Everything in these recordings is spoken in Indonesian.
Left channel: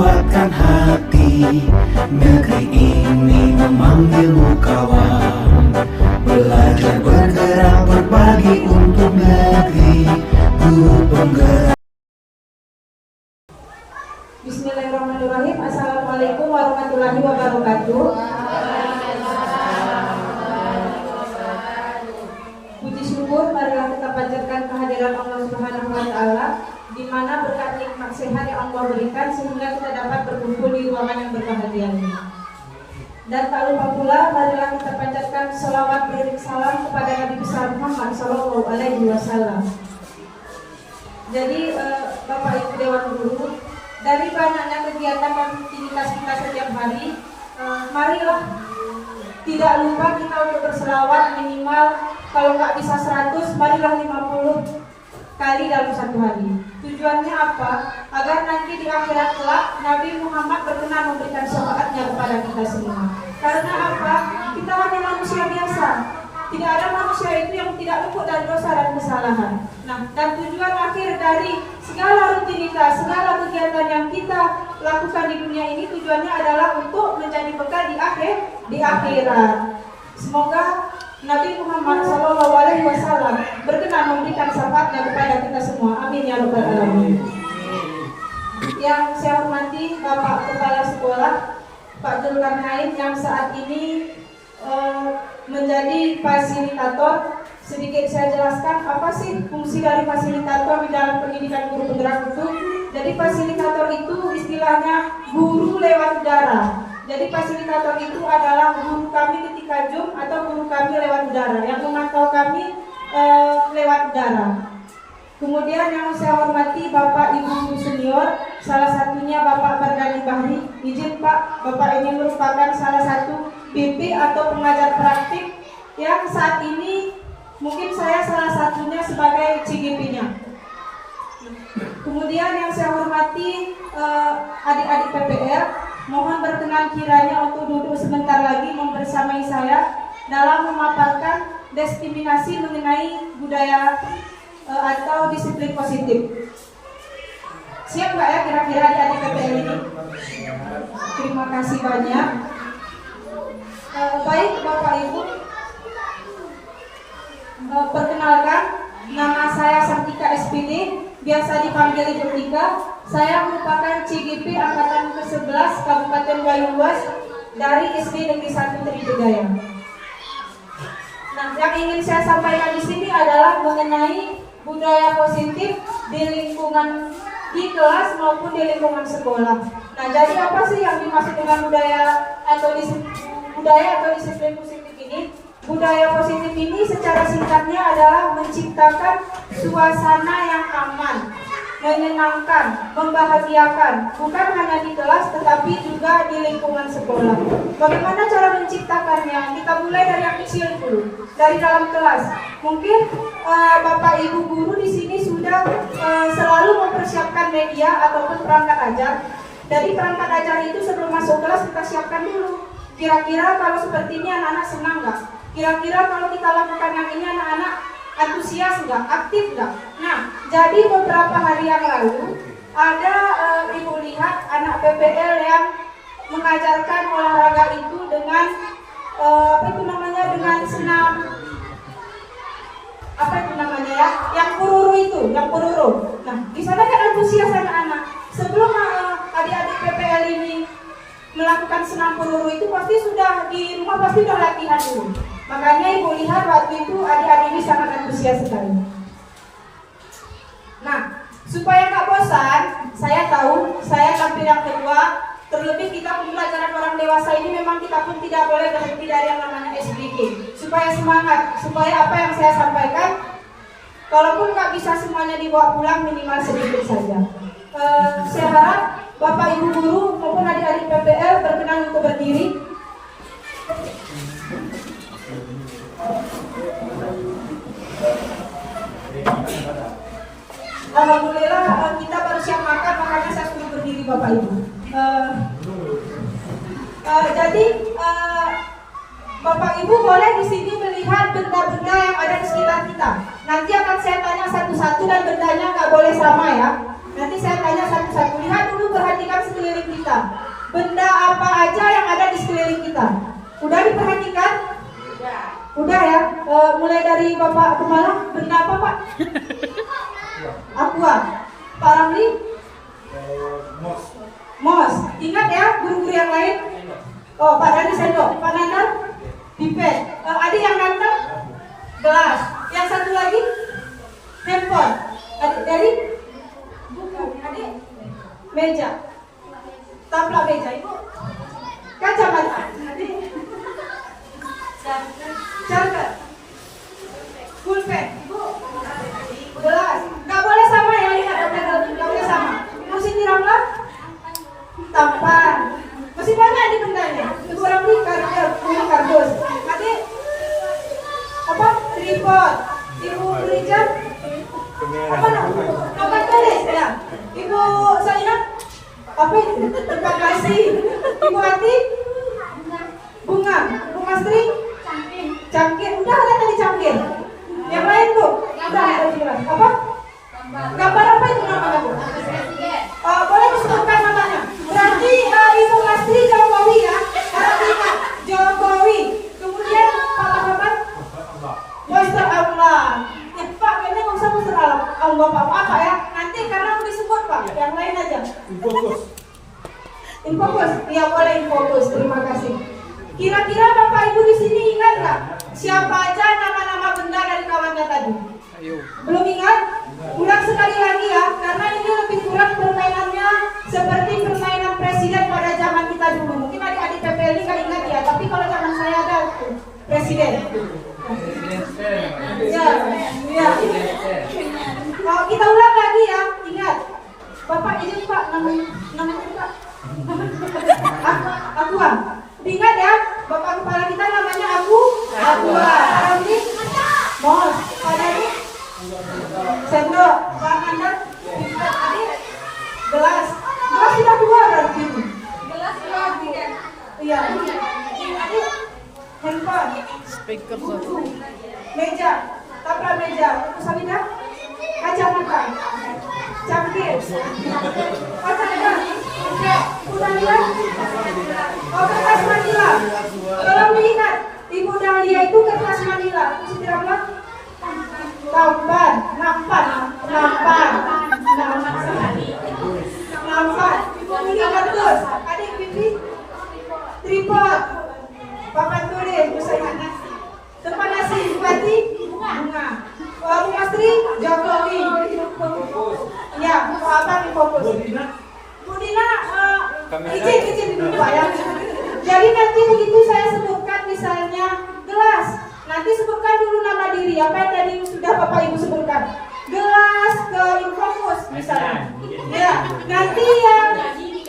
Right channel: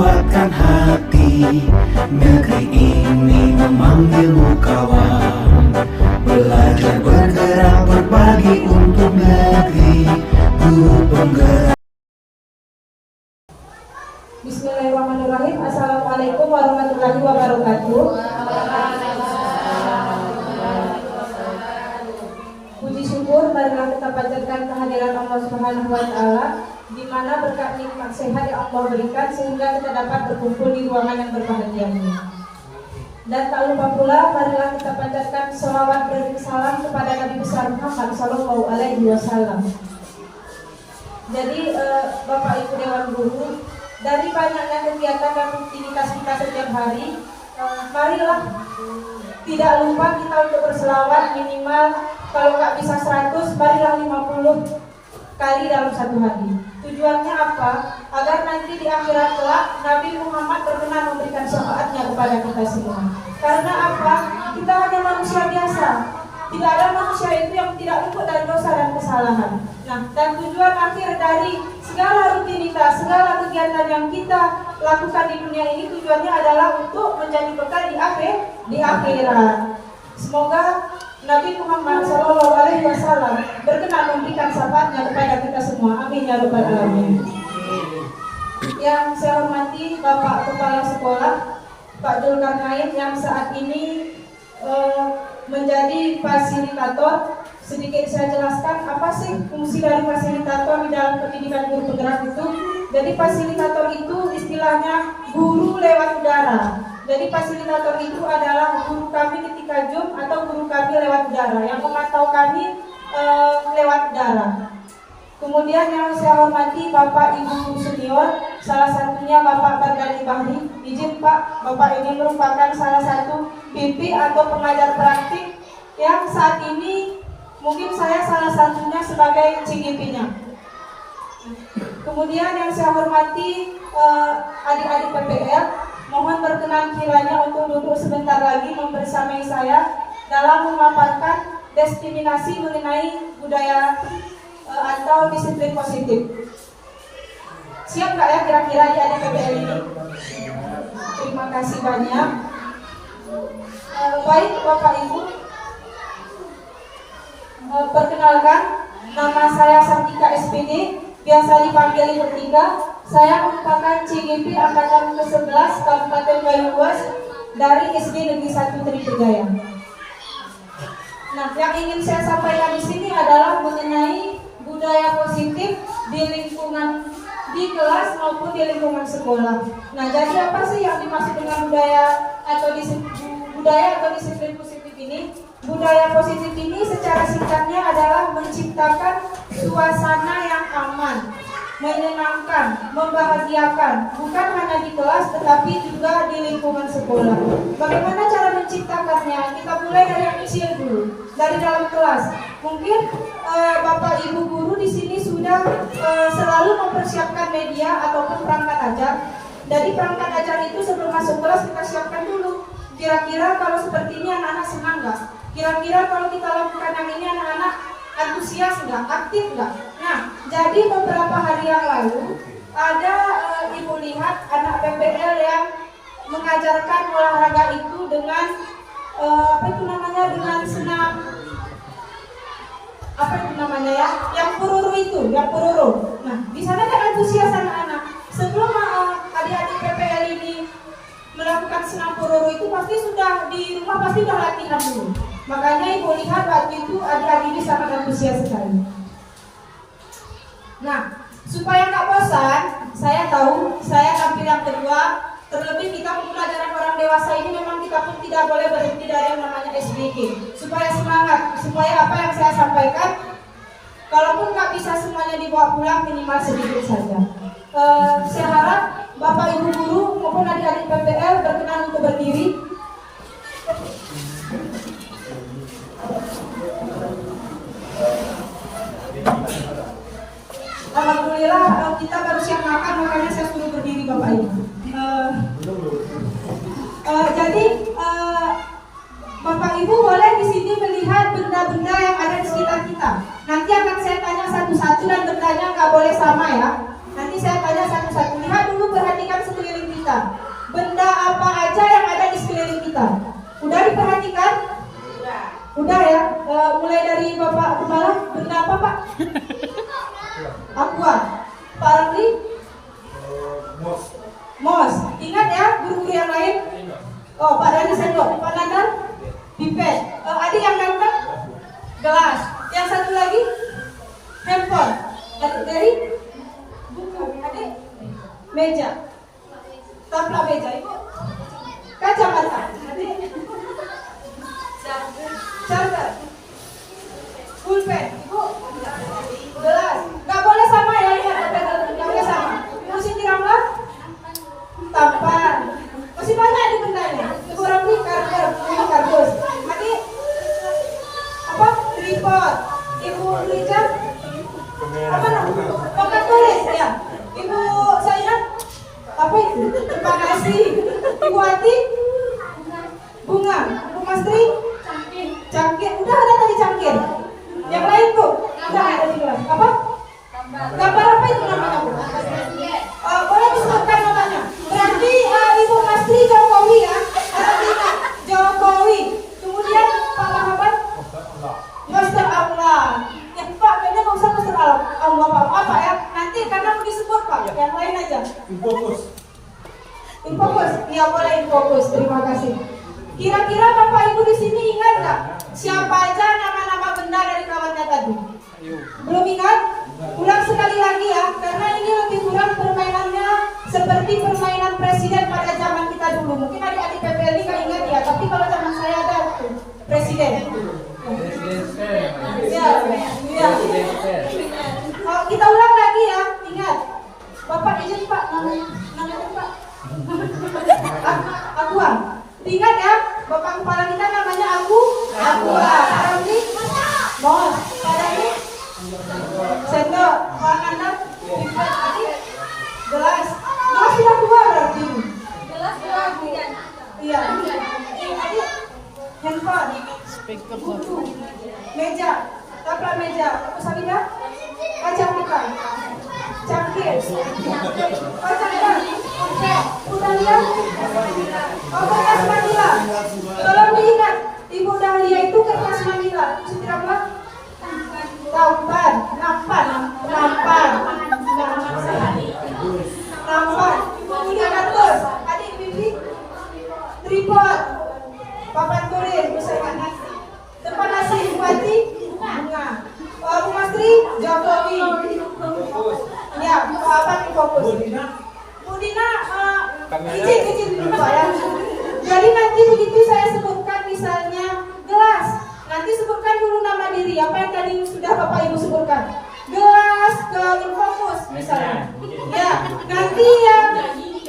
kuatkan hati. Negeri ini memanggilmu kawan. Belajar bergerak berbagi untuk negeri. Guru penggerak. Bismillahirrahmanirrahim. Assalamualaikum warahmatullahi wabarakatuh. Puji syukur marilah kita panjatkan kehadiran Allah Subhanahu wa taala, di mana berkat nikmat sehat yang Allah berikan sehingga kita dapat berkumpul di ruangan yang berbahagia ini. Dan tak lupa pula marilah kita panjatkan selawat beriring salam kepada Nabi besar Muhammad sallallahu alaihi wasallam. Jadi Bapak Ibu Dewan Guru, dari banyaknya kegiatan dan rutinitas kita setiap hari, marilah tidak lupa kita untuk berselawat minimal, kalau nggak bisa 100, marilah 50 kali dalam satu hari. Tujuannya apa? Agar nanti di akhirat kelak Nabi Muhammad berkenan memberikan syafaatnya kepada kita semua. Karena apa? Kita hanya manusia biasa. Tidak ada manusia itu yang tidak luput dari dosa dan kesalahan. Nah, dan tujuan akhir dari segala rutinitas, segala kegiatan yang kita lakukan di dunia ini, tujuannya adalah untuk menjadi bekal di akhirat. Semoga Nabi Muhammad SAW berkenan memberikan syafaatnya kepada kita semua. Amin ya rabbal alamin. Yang saya hormati Bapak Kepala Sekolah Pak Zulkarnain yang saat ini menjadi fasilitator. Sedikit saya jelaskan apa sih fungsi dari fasilitator di dalam pendidikan guru penggerak itu. Jadi fasilitator itu istilahnya guru lewat udara. Jadi fasilitator itu adalah guru kami ketika Zoom atau guru kami lewat udara yang memantau kami lewat udara. Kemudian yang saya hormati Bapak Ibu senior, salah satunya Bapak Mardani Bahri. Izin Pak, Bapak ini merupakan salah satu BP atau pengajar praktik yang saat ini mungkin saya salah satunya sebagai CGP-nya. Kemudian yang saya hormati adik-adik PPL, mohon berkenan kiranya untuk duduk sebentar lagi membersamai saya dalam memaparkan diskriminasi mengenai budaya atau disiplin positif. Siap nggak ya kira-kira adik-adik PPL ini? Terima kasih banyak. Baik Bapak Ibu, perkenalkan, nama saya Sartika SPD, biasa dipanggil Ibu Tika. Saya merupakan CGP Angkatan ke-11 Kabupaten Banyumas dari SD Negeri 1 Trijaya. Nah, yang ingin saya sampaikan di sini adalah mengenai budaya positif di lingkungan di kelas maupun di lingkungan sekolah. Nah, jadi apa sih yang dimaksud dengan budaya atau disiplin positif ini? Budaya positif ini secara singkatnya adalah menciptakan suasana yang aman, menyenangkan, membahagiakan, bukan hanya di kelas tetapi juga di lingkungan sekolah. Bagaimana cara menciptakannya? Kita mulai dari yang kecil dulu, dari dalam kelas. Mungkin Bapak Ibu guru di sini sudah selalu mempersiapkan media ataupun perangkat ajar. Dari perangkat ajar itu sebelum masuk kelas kita siapkan dulu. Kira-kira kalau seperti ini anak-anak senang nggak? Kira-kira kalau kita lakukan yang ini anak-anak antusias nggak? Aktif nggak? Nah, jadi beberapa hari yang lalu ada Ibu lihat anak PPL yang mengajarkan olahraga itu dengan dengan senam yang pururu itu, yang pururu. Nah, di sana kan antusias anak-anak. Sebelum adik-adik PPL ini melakukan senam pururu itu pasti sudah di rumah pasti sudah latihan dulu. Makanya Ibu lihat waktu itu adik-adik ini sangat antusias sekali. Nah, supaya nggak bosan, saya tahu saya tampil yang kedua. Terlebih kita pembelajaran orang dewasa ini memang kita pun tidak boleh berhenti dari yang namanya SDG. Supaya semangat, supaya apa yang saya sampaikan, kalaupun nggak bisa semuanya dibawa pulang, minimal sedikit saja. Saya harap Bapak Ibu guru maupun adik-adik PPL berkenan untuk berdiri. Alhamdulillah kita baru siap makan, makanya saya suruh berdiri Bapak Ibu. Jadi Bapak Ibu boleh di sini melihat benda-benda yang ada di sekitar kita. Nanti akan saya tanya satu-satu dan bendanya nggak boleh sama ya. Nanti saya tanya satu-satu. Lihat dulu, perhatikan sekeliling kita. Benda apa aja yang ada di sekeliling kita. Udah diperhatikan? Udah ya. Mulai dari Bapak Kepala, benda apa Pak? Aqua. Pak Ramli? Mos. Ingat ya guru-guru yang lain? Oh, Pak Dani sendok. Pak Nandar? Pipet. Adik yang ganteng? Gelas. Yang satu lagi? Handphone. Adik dari? Buku. Adik? Meja. Taplak meja. Ibu? Kacamata. Adik? Charger. Pulpen. Ibu? Gelas. Gak boleh sama ya, gak boleh sama. Masih dirambah? Tampan. Masih banyak di bendanya. Ibu Ramli kardus. Adik? Apa? Tripod. Ibu Rijal? Apa namanya? Papan tulis ya. Ibu Saina? Apa itu? Terima kasih. Ibu Ati? Bunga. Ibu Mastri? Cangkir. Udah ada tadi cangkir. Yang lain Bu? Udah ada jelas. Apa? Gambar apa itu namanya Bu? Boleh disebutkan namanya. Berarti Ibu Mastri Jokowi ya. Ingat Jokowi. Kemudian Pak Mahabat? Mr. Allah. Ya Pak, kayaknya nggak usah Mr. Allah Pak. Apa ya? Nanti karena mau disebut Pak. Yang lain aja. Infokus. Ya boleh Infokus. Terima kasih. Kira-kira Bapak Ibu di sini ingat nggak? Siapa aja nama-nama benda dari kawannya tadi? Belum ingat? Ulang sekali lagi ya, karena ini lebih kurang permainannya seperti permainan presiden pada zaman kita dulu. Mungkin adik-adik PPL ini nggak ingat ya, tapi kalau zaman saya ada presiden. Ya. Kalau kita ulang lagi ya, ingat. Bapak izin Pak, namanya Pak. Aqua. Ingat ya, Bapak Kepala kita namanya Aqua. Nanti Mos. Pak Dani? Sendok. Pak Nanda? Gelas. Gelas sudah dua berarti. Gelas dua. Iya. Adik? Handphone. Buku. Meja. Taplak meja. Sabina? Kacamata. Cangkir. Kacamata. Udah lihat? Kertas Manila. Tolong diingat, Ibu Dahlia itu kertas Manila. Sudah belum? Tampan, nampan. Ini kartus. Adik Bibi. Tripod. Papan tulis. Bisa ingat nasi. Tempat nasi Bupati. Bunga. Bu Mastri. Jokowi. Ya, apa di fokus? Bu Dina, izin dulu Pak ya. Jadi nanti begitu saya sebutkan misalnya gelas, nanti sebutkan dulu nama diri apa yang tadi sudah Bapak Ibu sebutkan. Gelas ke Infokus misalnya. Ya, nanti yang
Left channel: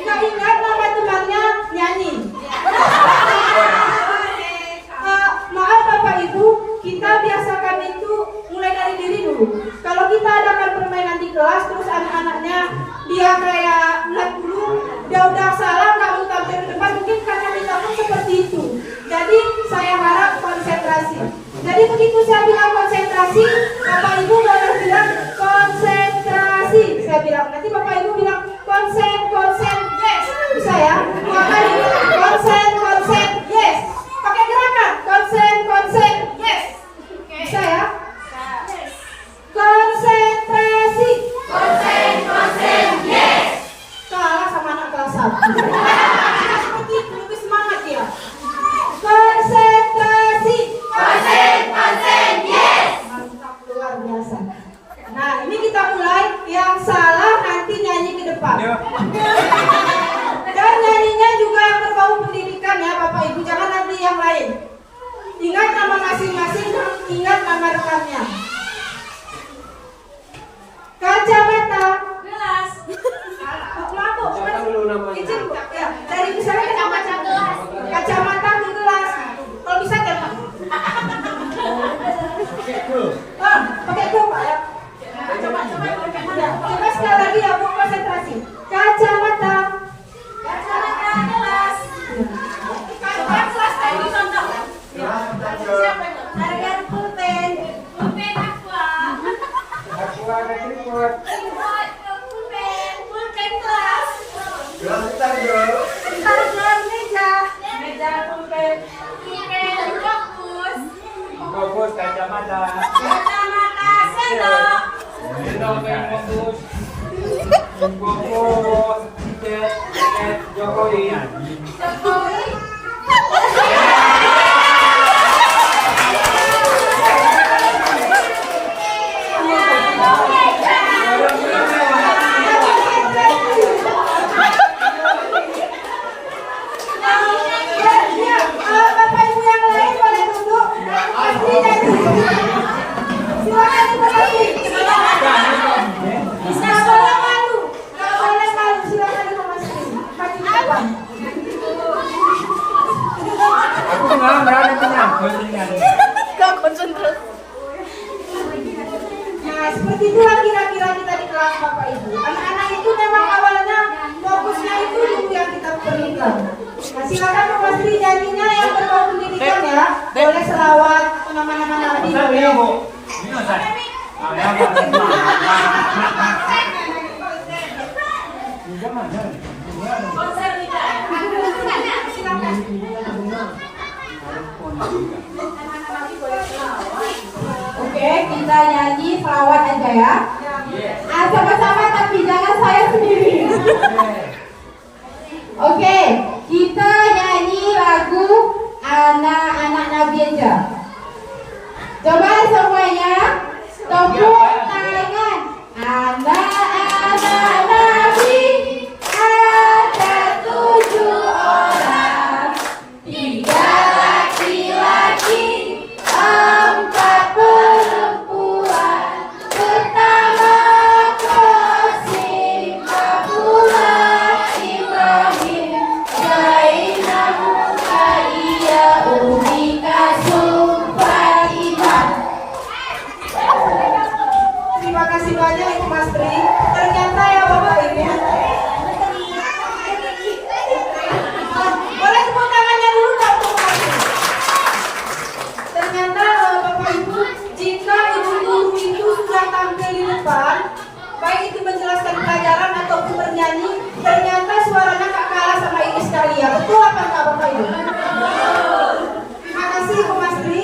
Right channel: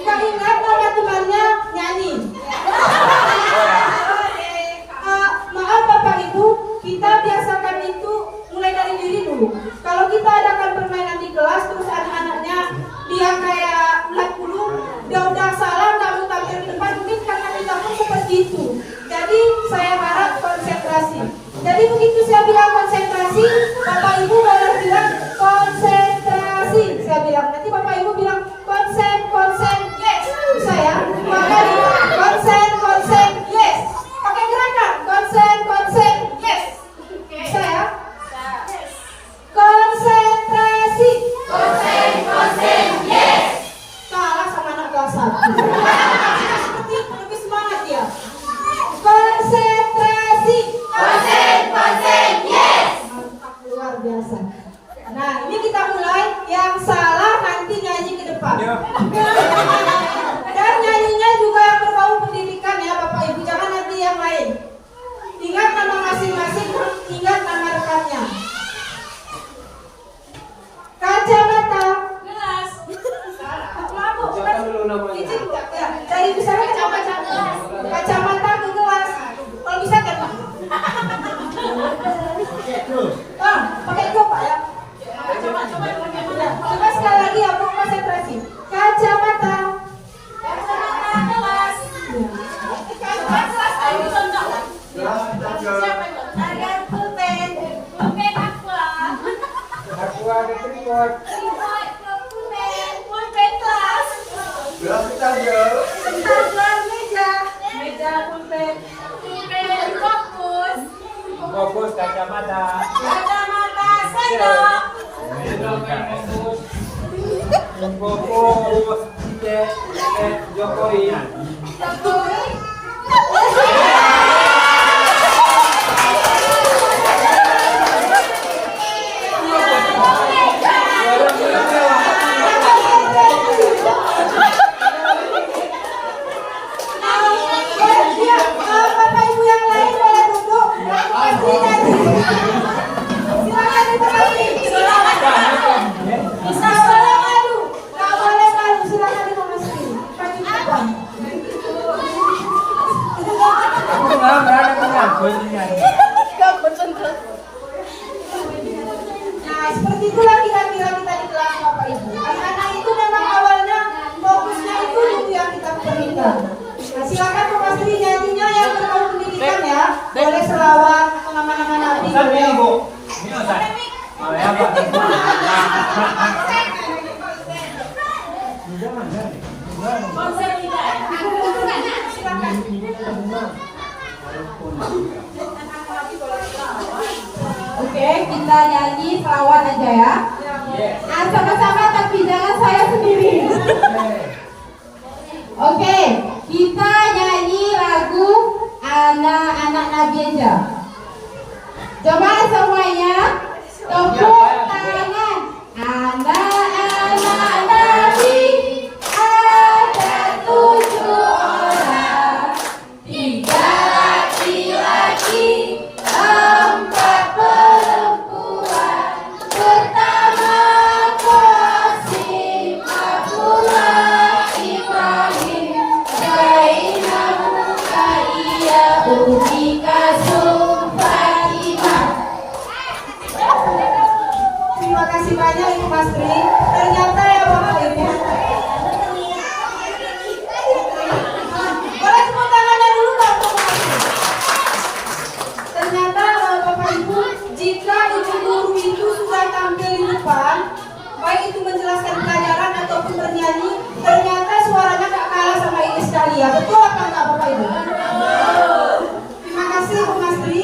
nggak ingat nama temannya nyanyi. Maaf Bapak Ibu, kita biasakan itu mulai dari diri dulu. Kalau kita adakan permainan di kelas terus anak-anaknya dia kayak ulang dulu, dia udah salah nggak mau tampil ke depan, mungkin karena kita pun seperti itu. Jadi saya harap konsentrasi. Jadi begitu saya bilang konsentrasi, Bapak Ibu boleh bilang konsentrasi. Saya bilang nanti Bapak Ibu bilang konsen, yes. Bisa ya? Makanya konsen, yes. Pakai gerakan konsen, yes. Bisa ya? Konsentrasi. Konsen, yes. Kalah sama anak kelas 1. Lebih semangat ya. Konsentrasi. Konsen, yes. Mantap, luar biasa. Nah, ini kita mulai. Yang salah nanti nyanyi ke depan. Dan nyanyinya juga yang berbau pendidikan ya Bapak Ibu. Jangan nanti yang lain. Ingat nama masing-masing, ingat nama rekannya. Kacamata. Gelas. Izin ya. Dari misalnya kacamata ke gelas. Kalau bisa kan Pak? Pakai itu Pak ya. Coba sekali lagi ya Bu, konsentrasi. Kacamata. Gelas. Gelas ayo contoh. Siapa itu? Harga pulpen Aqua. Ada tripod. Pulpen kelas. Gelas kita Fokus kacamata. Kacamata sendok. Fokus tiket Jokowi. Jokowi. Bapak Ibu yang lain boleh duduk. Silakan diperhati. Bisa boleh malu, nggak boleh malu. Silakan dimasukin. Kaki depan. Aku malah berada punya. Nah, seperti itulah kira-kira kita di kelas Bapak Ibu. Anak-anak itu memang awalnya fokusnya itu ilmu yang kita berikan. Nah, silakan Bapak Sri nyanyinya yang berbau pendidikan ya. Boleh selawat atau nama-nama nabi. Silakan. Oke, kita nyanyi selawat aja ya. Sama-sama tapi jangan saya sendiri. Oke, kita nyanyi lagu Anak-anak Nabi aja. Coba semuanya tepuk tangan. Anak-anak Nabi ada 7 orang, 3 laki-laki, 4 perempuan. Pertama Qasim, Abdullah, Ibrahim, Zainab, Ruqayyah, Umi Kalsum, Fatimah. Terima kasih banyak Ibu Mas Tri. Ternyata ya Bapak Ibu. Boleh tepuk tangannya dulu Pak untuk Mas Tri. Ternyata Bapak Ibu, jika ibu guru itu sudah tampil di depan, baik itu menjelaskan pelajaran ataupun bernyanyi, ternyata suaranya gak kalah sama Iis Dahlia. Betul apa enggak Bapak Ibu? Terima kasih Ibu Mas Tri.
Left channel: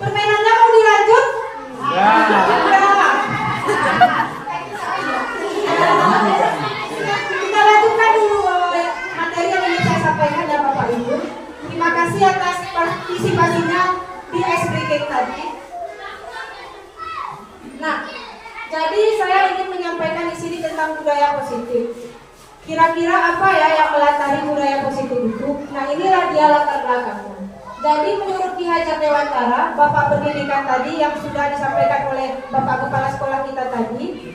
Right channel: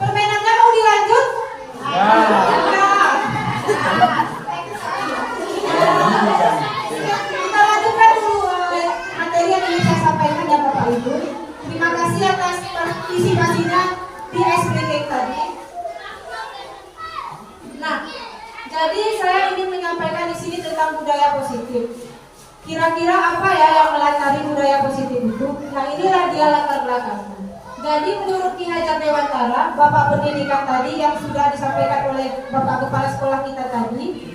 Permainannya mau dilanjut? Enggak. Kita lanjutkan dulu materi yang ingin saya sampaikan ya Bapak Ibu. Terima kasih atas partisipasinya di ice breaking tadi. Nah, jadi saya ingin menyampaikan di sini tentang budaya positif. Kira-kira apa ya yang melatari budaya positif itu? Nah, inilah dia latar belakangnya. Jadi menurut Ki Hajar Dewantara, Bapak Pendidikan tadi yang sudah disampaikan oleh Bapak Kepala Sekolah kita tadi,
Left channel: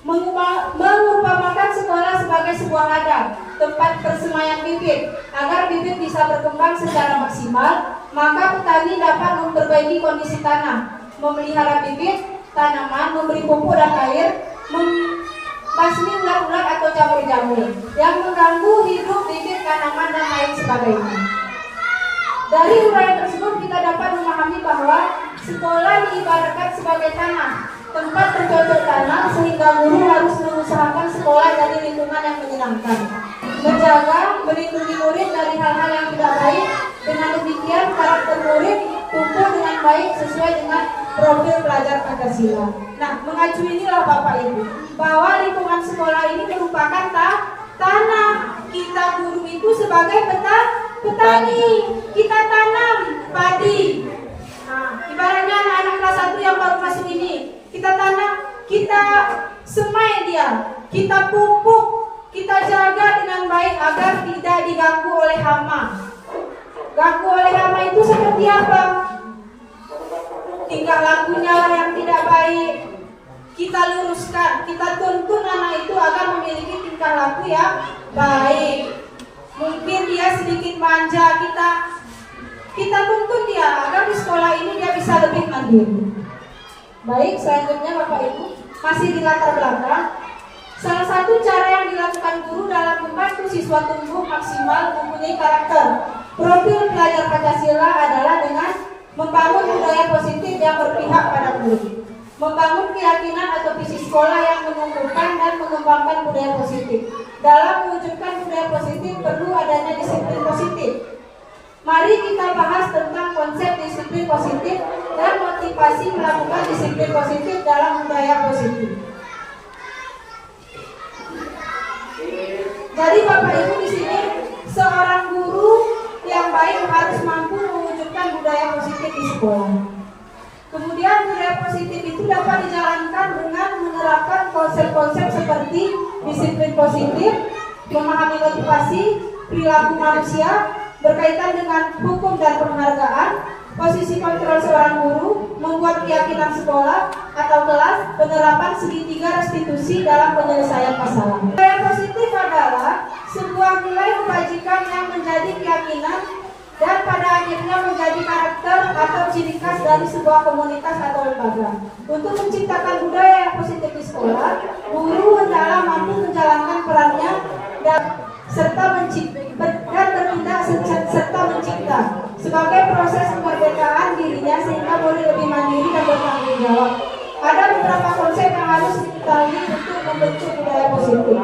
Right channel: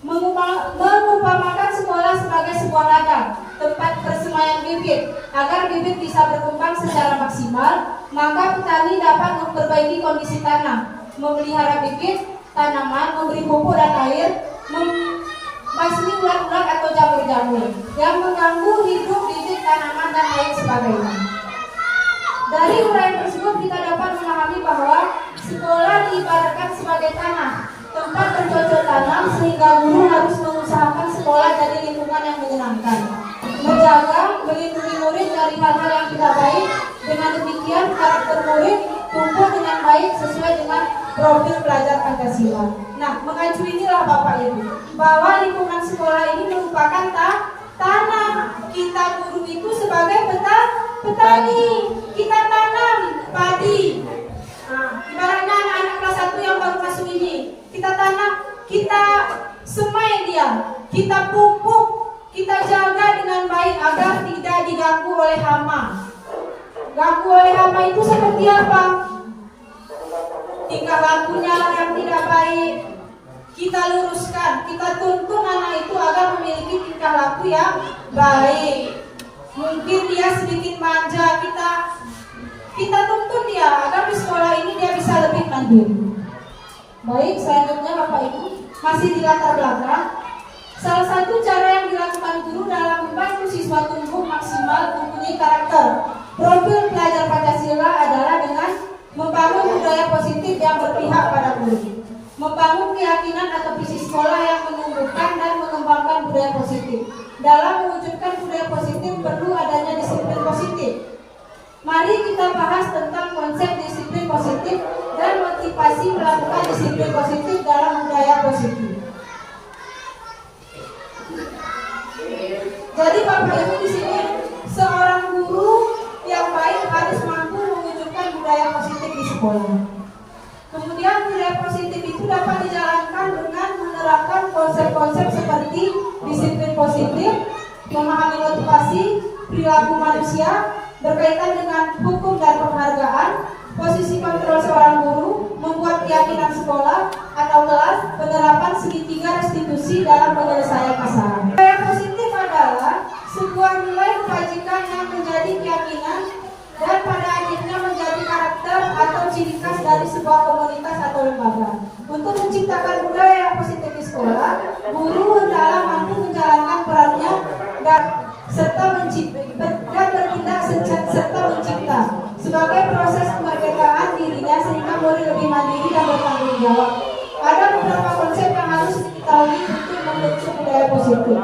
mengumpamakan sekolah sebagai sebuah ladang, tempat persemaian bibit. Agar bibit bisa berkembang secara maksimal, maka petani dapat memperbaiki kondisi tanah, memelihara bibit tanaman, memberi pupuk dan air, membasmi ulat-ulat atau jamur-jamur yang mengganggu hidup bibit tanaman dan lain sebagainya. Dari uraian tersebut kita dapat memahami bahwa sekolah diibaratkan sebagai tanah, tempat bercocok tanam, sehingga guru harus mengusahakan sekolah dari lingkungan yang menyenangkan, menjaga, melindungi murid dari hal-hal yang tidak baik. Dengan demikian karakter murid tumbuh dengan baik sesuai dengan profil pelajar Pancasila. Nah, mengacu inilah Bapak Ibu, bahwa lingkungan sekolah ini merupakan tanah. Kita guru itu sebagai petani, kita tanam padi. Nah, ibaratnya anak-anak kelas 1 yang baru masuk ini, kita tanam, kita semai dia, kita pupuk, kita jaga dengan baik agar tidak diganggu oleh hama. Ganggu oleh hama itu seperti apa? Tingkah lakunya yang tidak baik, kita luruskan, kita tuntun anak itu agar memiliki tingkah laku yang baik. Mungkin dia sedikit manja, kita tuntun dia agar di sekolah ini dia bisa lebih mandiri. Baik, selanjutnya Bapak Ibu, masih di latar belakang. Salah satu cara yang dilakukan guru dalam membantu siswa tumbuh maksimal mempunyai karakter profil pelajar Pancasila adalah dengan membangun budaya positif yang berpihak pada murid, membangun keyakinan atau visi sekolah yang menumbuhkan dan mengembangkan budaya positif. Dalam mewujudkan budaya positif perlu adanya disiplin positif. Mari kita bahas tentang konsep disiplin positif dan motivasi melakukan disiplin positif dalam budaya positif. Jadi Bapak Ibu di sini seorang guru yang baik harus mampu mewujudkan budaya positif di sekolah. Kemudian budaya positif itu dapat dijalankan dengan menerapkan konsep-konsep seperti disiplin positif, memahami motivasi, perilaku manusia, berkaitan dengan hukum dan penghargaan, posisi kontrol seorang guru, membuat keyakinan sekolah atau kelas, penerapan segitiga restitusi dalam penyelesaian masalah. Budaya positif adalah sebuah nilai kebajikan yang menjadi keyakinan dan pada akhirnya menjadi karakter atau ciri khas dari sebuah komunitas atau lembaga. Untuk menciptakan budaya yang positif di sekolah, guru hendaklah mampu menjalankan perannya dan bertindak serta mencipta sebagai proses kemerdekaan dirinya sehingga murid lebih mandiri dan bertanggung jawab. Ada beberapa konsep yang harus diketahui untuk membentuk budaya positif.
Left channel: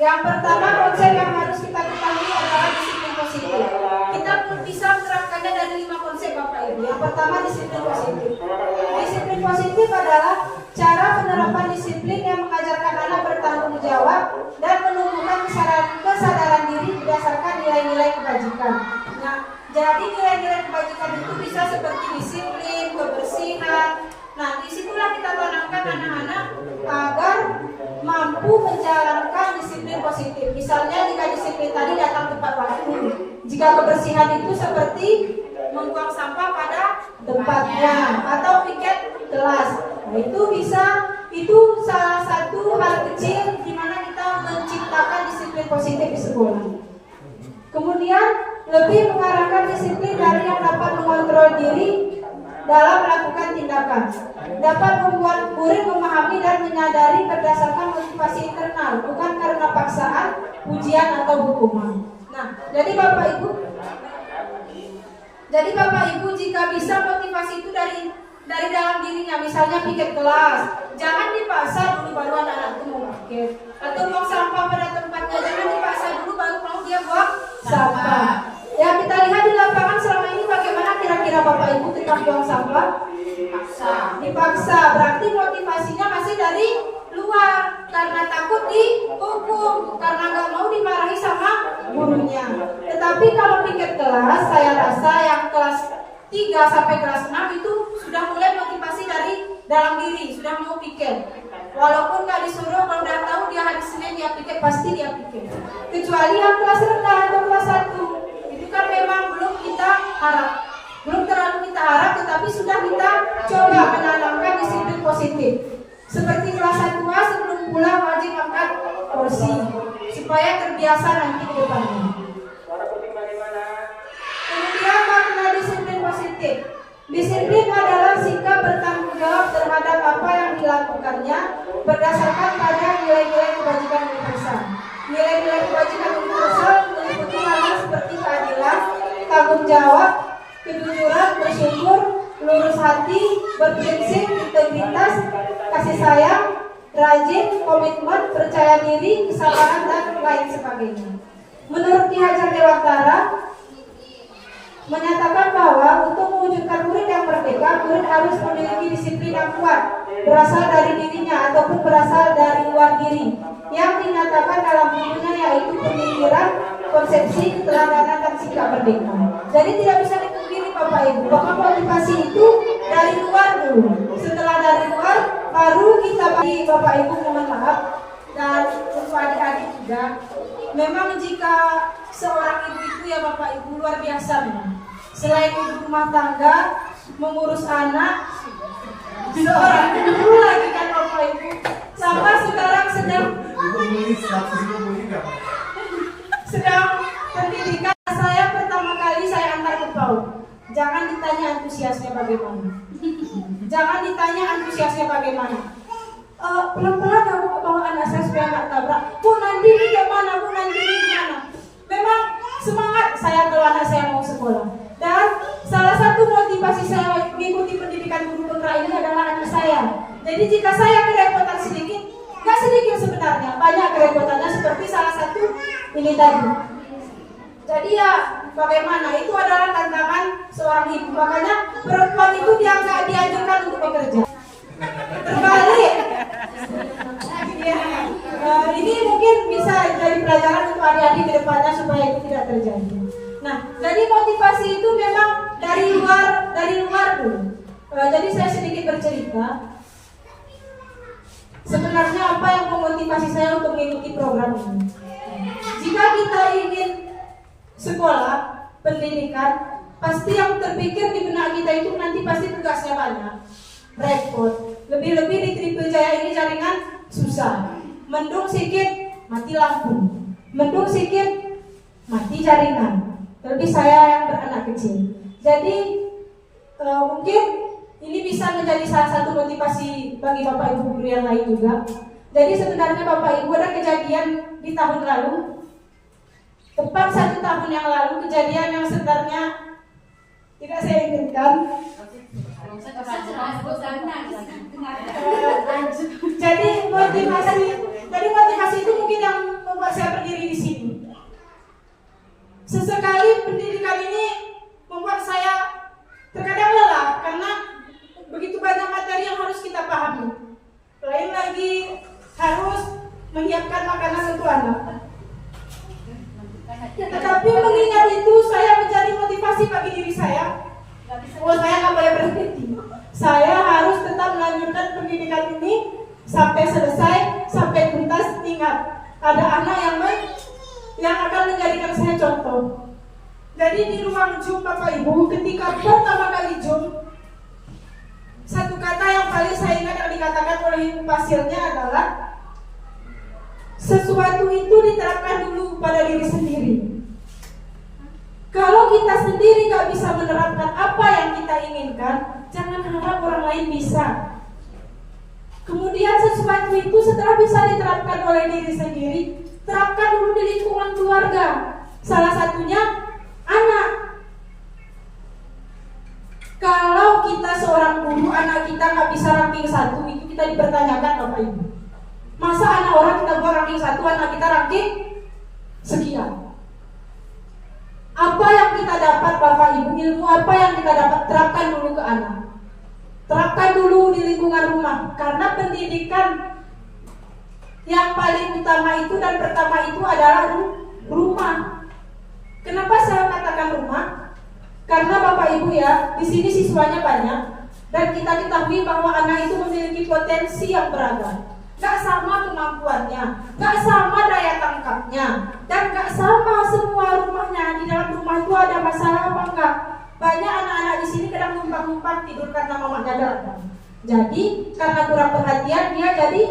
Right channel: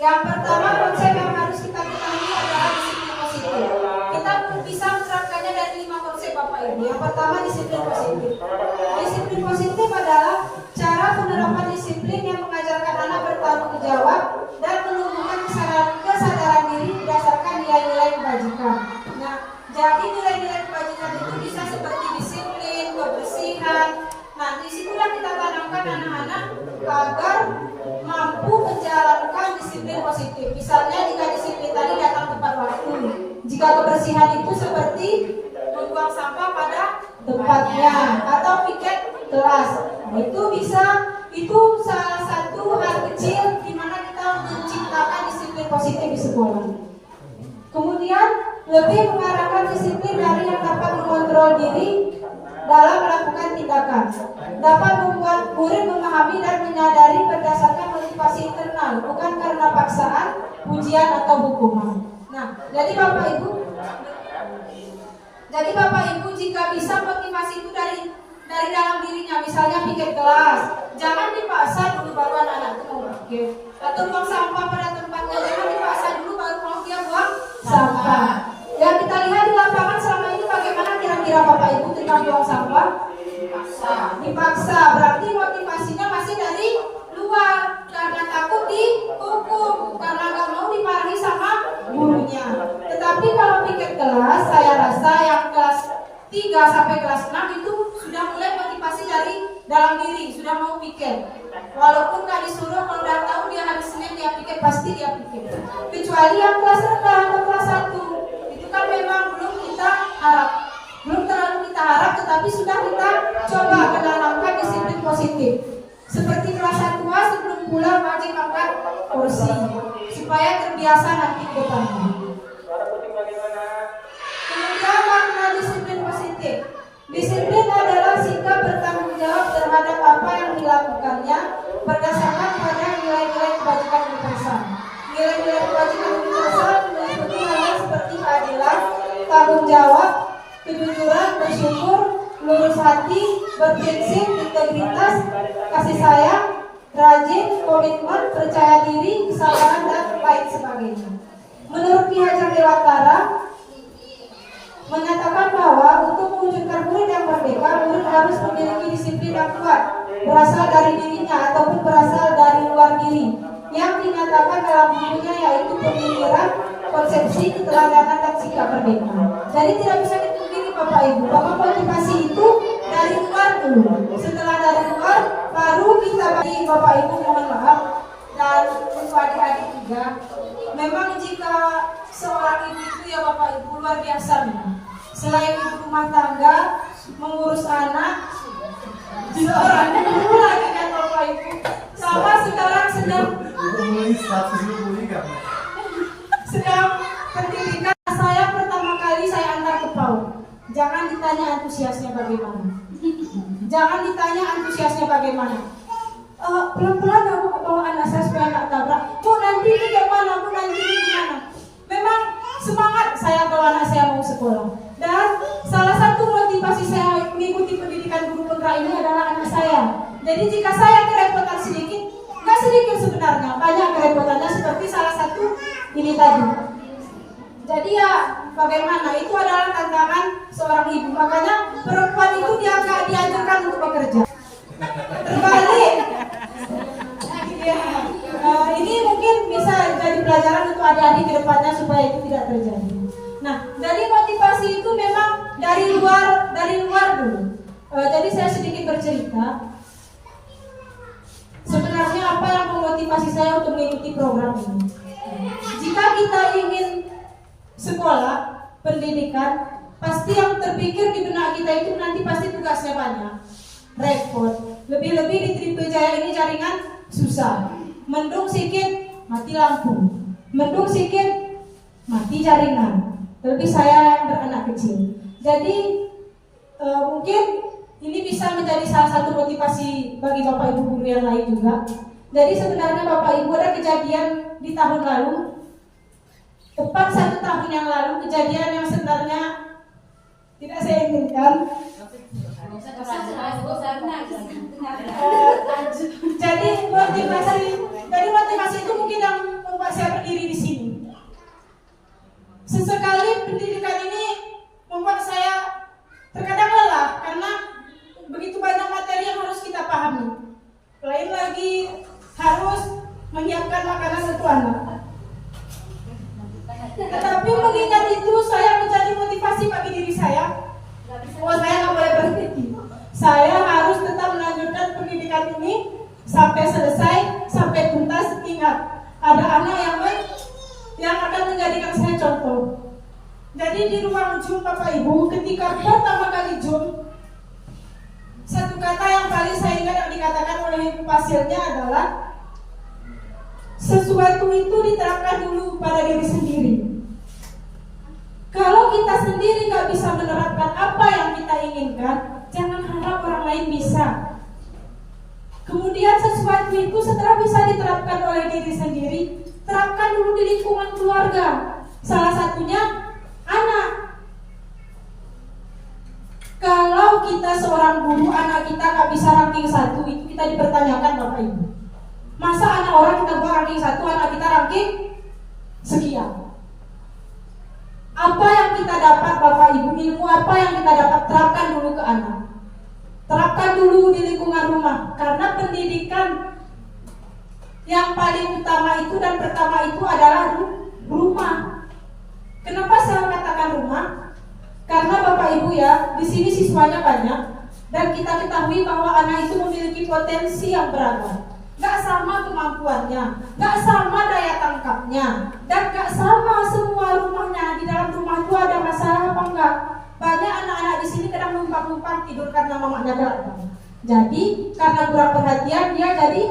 Yang pertama, konsep yang harus kita ketahui adalah disiplin positif. Kita pun bisa menerapkannya dari 5 konsep Bapak Ibu. Yang pertama, disiplin positif. Disiplin positif adalah cara penerapan disiplin yang mengajarkan anak bertanggung jawab dan menumbuhkan kesadaran diri berdasarkan nilai-nilai kebajikan. Nah, jadi nilai-nilai kebajikan itu bisa seperti disiplin, kebersihan. Nah, disitulah kita tanamkan anak-anak agar mampu menjalankan disiplin positif. Misalnya jika disiplin tadi datang tepat waktu, jika kebersihan itu seperti membuang sampah pada tempatnya atau piket kelas. Nah, itu salah satu hal kecil di mana kita menciptakan disiplin positif di sekolah. Kemudian lebih mengarahkan disiplin dari yang dapat mengontrol diri dalam melakukan tindakan, dapat membuat murid memahami dan menyadari berdasarkan motivasi internal, bukan karena paksaan, ujian atau hukuman. Nah, jadi Bapak Ibu jika bisa motivasi itu dari dalam dirinya, misalnya piket kelas, jangan dipaksa dulu baru anak-anak itu mau piket, atau buang sampah pada tempatnya, jangan dipaksa dulu baru mau dia buang sampah. Ya, kita lihat di lapangan selama ini bagaimana kira-kira Bapak Ibu ketika buang sampah? Dipaksa, berarti motivasinya masih dari luar karena takut dihukum, karena nggak mau dimarahi sama gurunya. Tetapi kalau piket kelas, saya rasa yang kelas 3 sampai kelas 6 itu sudah mulai motivasi dari dalam diri, sudah mau piket. Walaupun nggak disuruh, kalau udah tahu dia hari Senin dia piket, pasti dia piket. Kecuali yang kelas rendah atau kelas 1, itu kan memang belum terlalu kita harap, tetapi sudah kita coba menanamkan disiplin positif. Seperti kelas 1A sebelum pulang wajib angkat kursi supaya terbiasa nanti ke depannya. Kemudian makna disiplin positif. Disiplin adalah sikap bertanggung jawab terhadap apa yang dilakukannya berdasarkan pada nilai-nilai kebajikan universal. Nilai-nilai kebajikan universal meliputi hal seperti keadilan, tanggung jawab, kejujuran, bersyukur, lurus hati, berprinsip, integritas, kasih sayang, rajin, komitmen, percaya diri, kesabaran, dan lain sebagainya. Menurut Ki Hajar Dewantara menyatakan bahwa untuk mewujudkan murid yang merdeka, murid harus memiliki disiplin yang kuat, berasal dari dirinya ataupun berasal dari luar diri, yang dinyatakan dalam bukunya yaitu Pemikiran, Konsepsi, Keteladanan, dan Sikap Merdeka. Jadi tidak bisa dipungkiri Bapak Ibu bahwa motivasi itu dari luar dulu. Setelah dari luar, baru kita bagi Bapak Ibu mohon maaf dan untuk adik-adik juga. Memang jika seorang ibu itu ya Bapak Ibu luar biasa memang. Selain ibu rumah tangga, mengurus anak, seorang ibu lagi kan Bapak Ibu. Sama sekarang sedang pendidikan saya pertama kali saya antar ke PAUD. Jangan ditanya antusiasnya bagaimana. Jangan ditanya antusiasnya bagaimana. Pelan-pelan aku bawa anak saya supaya nggak tabrak. Bu nanti ini gimana? Bu nanti ini gimana? Memang semangat saya kalau anak saya mau sekolah. Dan salah satu motivasi saya mengikuti pendidikan guru putra ini adalah anak saya. Jadi jika saya kerepotan sedikit, nggak sedikit sebenarnya, banyak kerepotannya seperti salah satu ini tadi. Jadi ya bagaimana? Itu adalah tantangan seorang ibu. Makanya perempuan itu dia nggak dianjurkan untuk bekerja. Terbalik. Ya, ini mungkin bisa jadi pelajaran untuk adik-adik ke depannya supaya itu tidak terjadi. Nah, jadi motivasi itu memang dari luar dulu. Jadi saya sedikit bercerita. Sebenarnya apa yang memotivasi saya untuk mengikuti program ini? Jika kita ingin sekolah, pendidikan, pasti yang terpikir di benak kita itu nanti pasti tugasnya banyak, repot. Lebih-lebih di Tripejaya ini jaringan susah. Mendung sedikit mati lampu, mendung sedikit mati jaringan. Terlebih saya yang beranak kecil. Jadi mungkin ini bisa menjadi salah satu motivasi bagi Bapak Ibu guru yang lain juga. Jadi sebenarnya Bapak Ibu ada kejadian di tahun lalu, tepat 1 tahun yang lalu, kejadian yang sebenarnya tidak saya inginkan. Jadi motivasi itu mungkin yang membuat saya berdiri di sini. Sesekali pendidikan ini membuat saya terkadang lelah karena begitu banyak materi yang harus kita pahami. Lain lagi harus menyiapkan makanan untuk anak. Tetapi mengingat itu saya menjadi motivasi bagi diri saya. Saya nggak boleh berhenti. Saya harus tetap melanjutkan pendidikan ini sampai selesai, sampai tuntas. Ingat, ada anak yang akan menjadikan saya contoh. Jadi di ruang Zoom Bapak Ibu, ketika pertama kali Zoom, satu kata yang paling saya ingat yang dikatakan oleh ibu pasirnya adalah sesuatu itu diterapkan dulu pada diri sendiri. Kalau kita sendiri gak bisa menerapkan apa yang kita inginkan, jangan harap orang lain bisa. Kemudian sesuatu itu setelah bisa diterapkan oleh diri sendiri, terapkan dulu di lingkungan keluarga. Salah satunya anak. Kalau kita seorang guru, anak kita gak bisa ranking 1, itu kita dipertanyakan Bapak Ibu. Masa anak orang kita buat ranking 1, anak kita ranking sekian. Apa yang kita dapat Bapak Ibu, ilmu apa yang kita dapat, terapkan dulu ke anak. Terapkan dulu di lingkungan rumah. Karena pendidikan yang paling utama itu dan pertama itu adalah rumah. Kenapa saya katakan rumah? Karena Bapak Ibu ya, di sini siswanya banyak dan kita ketahui bahwa anak itu memiliki potensi yang beragam. Gak sama kemampuannya, gak sama daya tangkapnya, dan gak sama semua rumahnya. Di dalam rumah itu ada masalah apa enggak? Banyak anak-anak di sini kadang numpang-numpang tidur karena mamanya datang. Jadi karena kurang perhatian dia jadi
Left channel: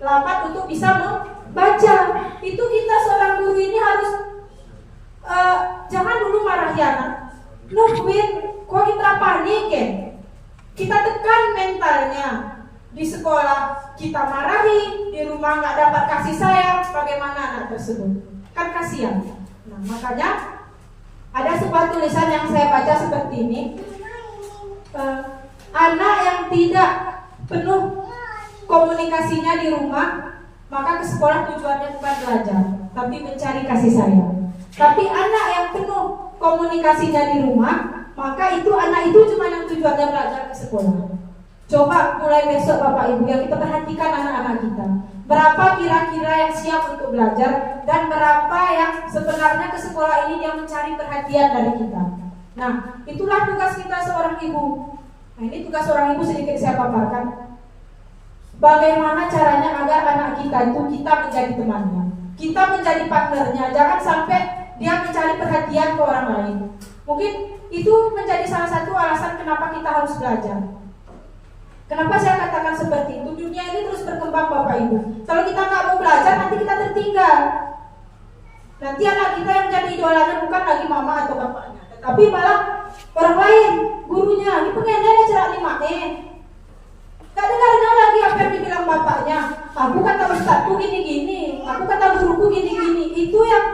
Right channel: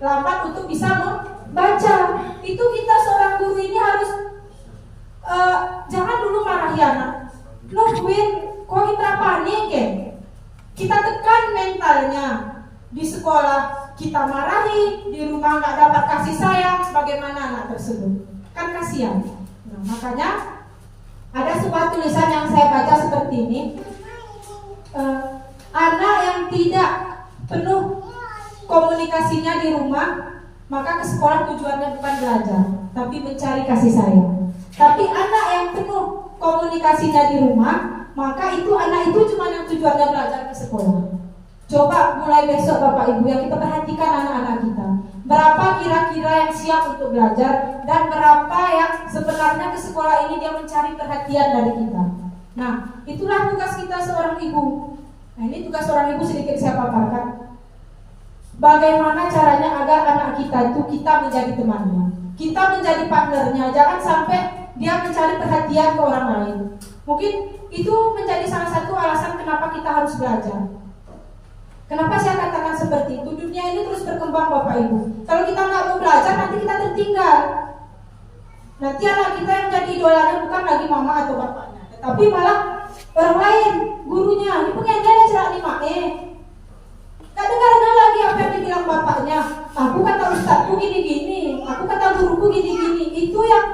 lambat untuk bisa membaca. Itu kita seorang guru ini harus jangan dulu marahi anak. Nungguin kok kita panik ya. Kita tekan mentalnya. Di sekolah kita marahi, di rumah nggak dapat kasih sayang, bagaimana anak tersebut? Kan kasihan. Nah, makanya ada sebuah tulisan yang saya baca seperti ini. Anak yang tidak penuh komunikasinya di rumah, maka ke sekolah tujuannya bukan belajar, tapi mencari kasih sayang. Tapi anak yang penuh komunikasinya di rumah, maka itu anak itu cuma yang tujuannya belajar ke sekolah. Coba mulai besok Bapak Ibu yang kita perhatikan anak-anak kita. Berapa kira-kira yang siap untuk belajar dan berapa yang sebenarnya ke sekolah ini dia mencari perhatian dari kita. Nah, itulah tugas kita seorang ibu. Nah, ini tugas seorang ibu sedikit saya paparkan. Bagaimana caranya agar anak kita itu kita menjadi temannya, kita menjadi partnernya. Jangan sampai dia mencari perhatian ke orang lain. Mungkin itu menjadi salah satu alasan kenapa kita harus belajar. Kenapa saya katakan seperti itu? Dunia ini terus berkembang Bapak Ibu. Kalau kita nggak mau belajar, nanti kita tertinggal. Nanti anak kita yang jadi idolanya bukan lagi mama atau bapaknya, tetapi malah orang lain, gurunya. Ini pengennya cerak di mak. Gak dengar lagi apa yang dibilang bapaknya. Aku kata ustadku gini-gini, aku kata guruku gini-gini. Itu yang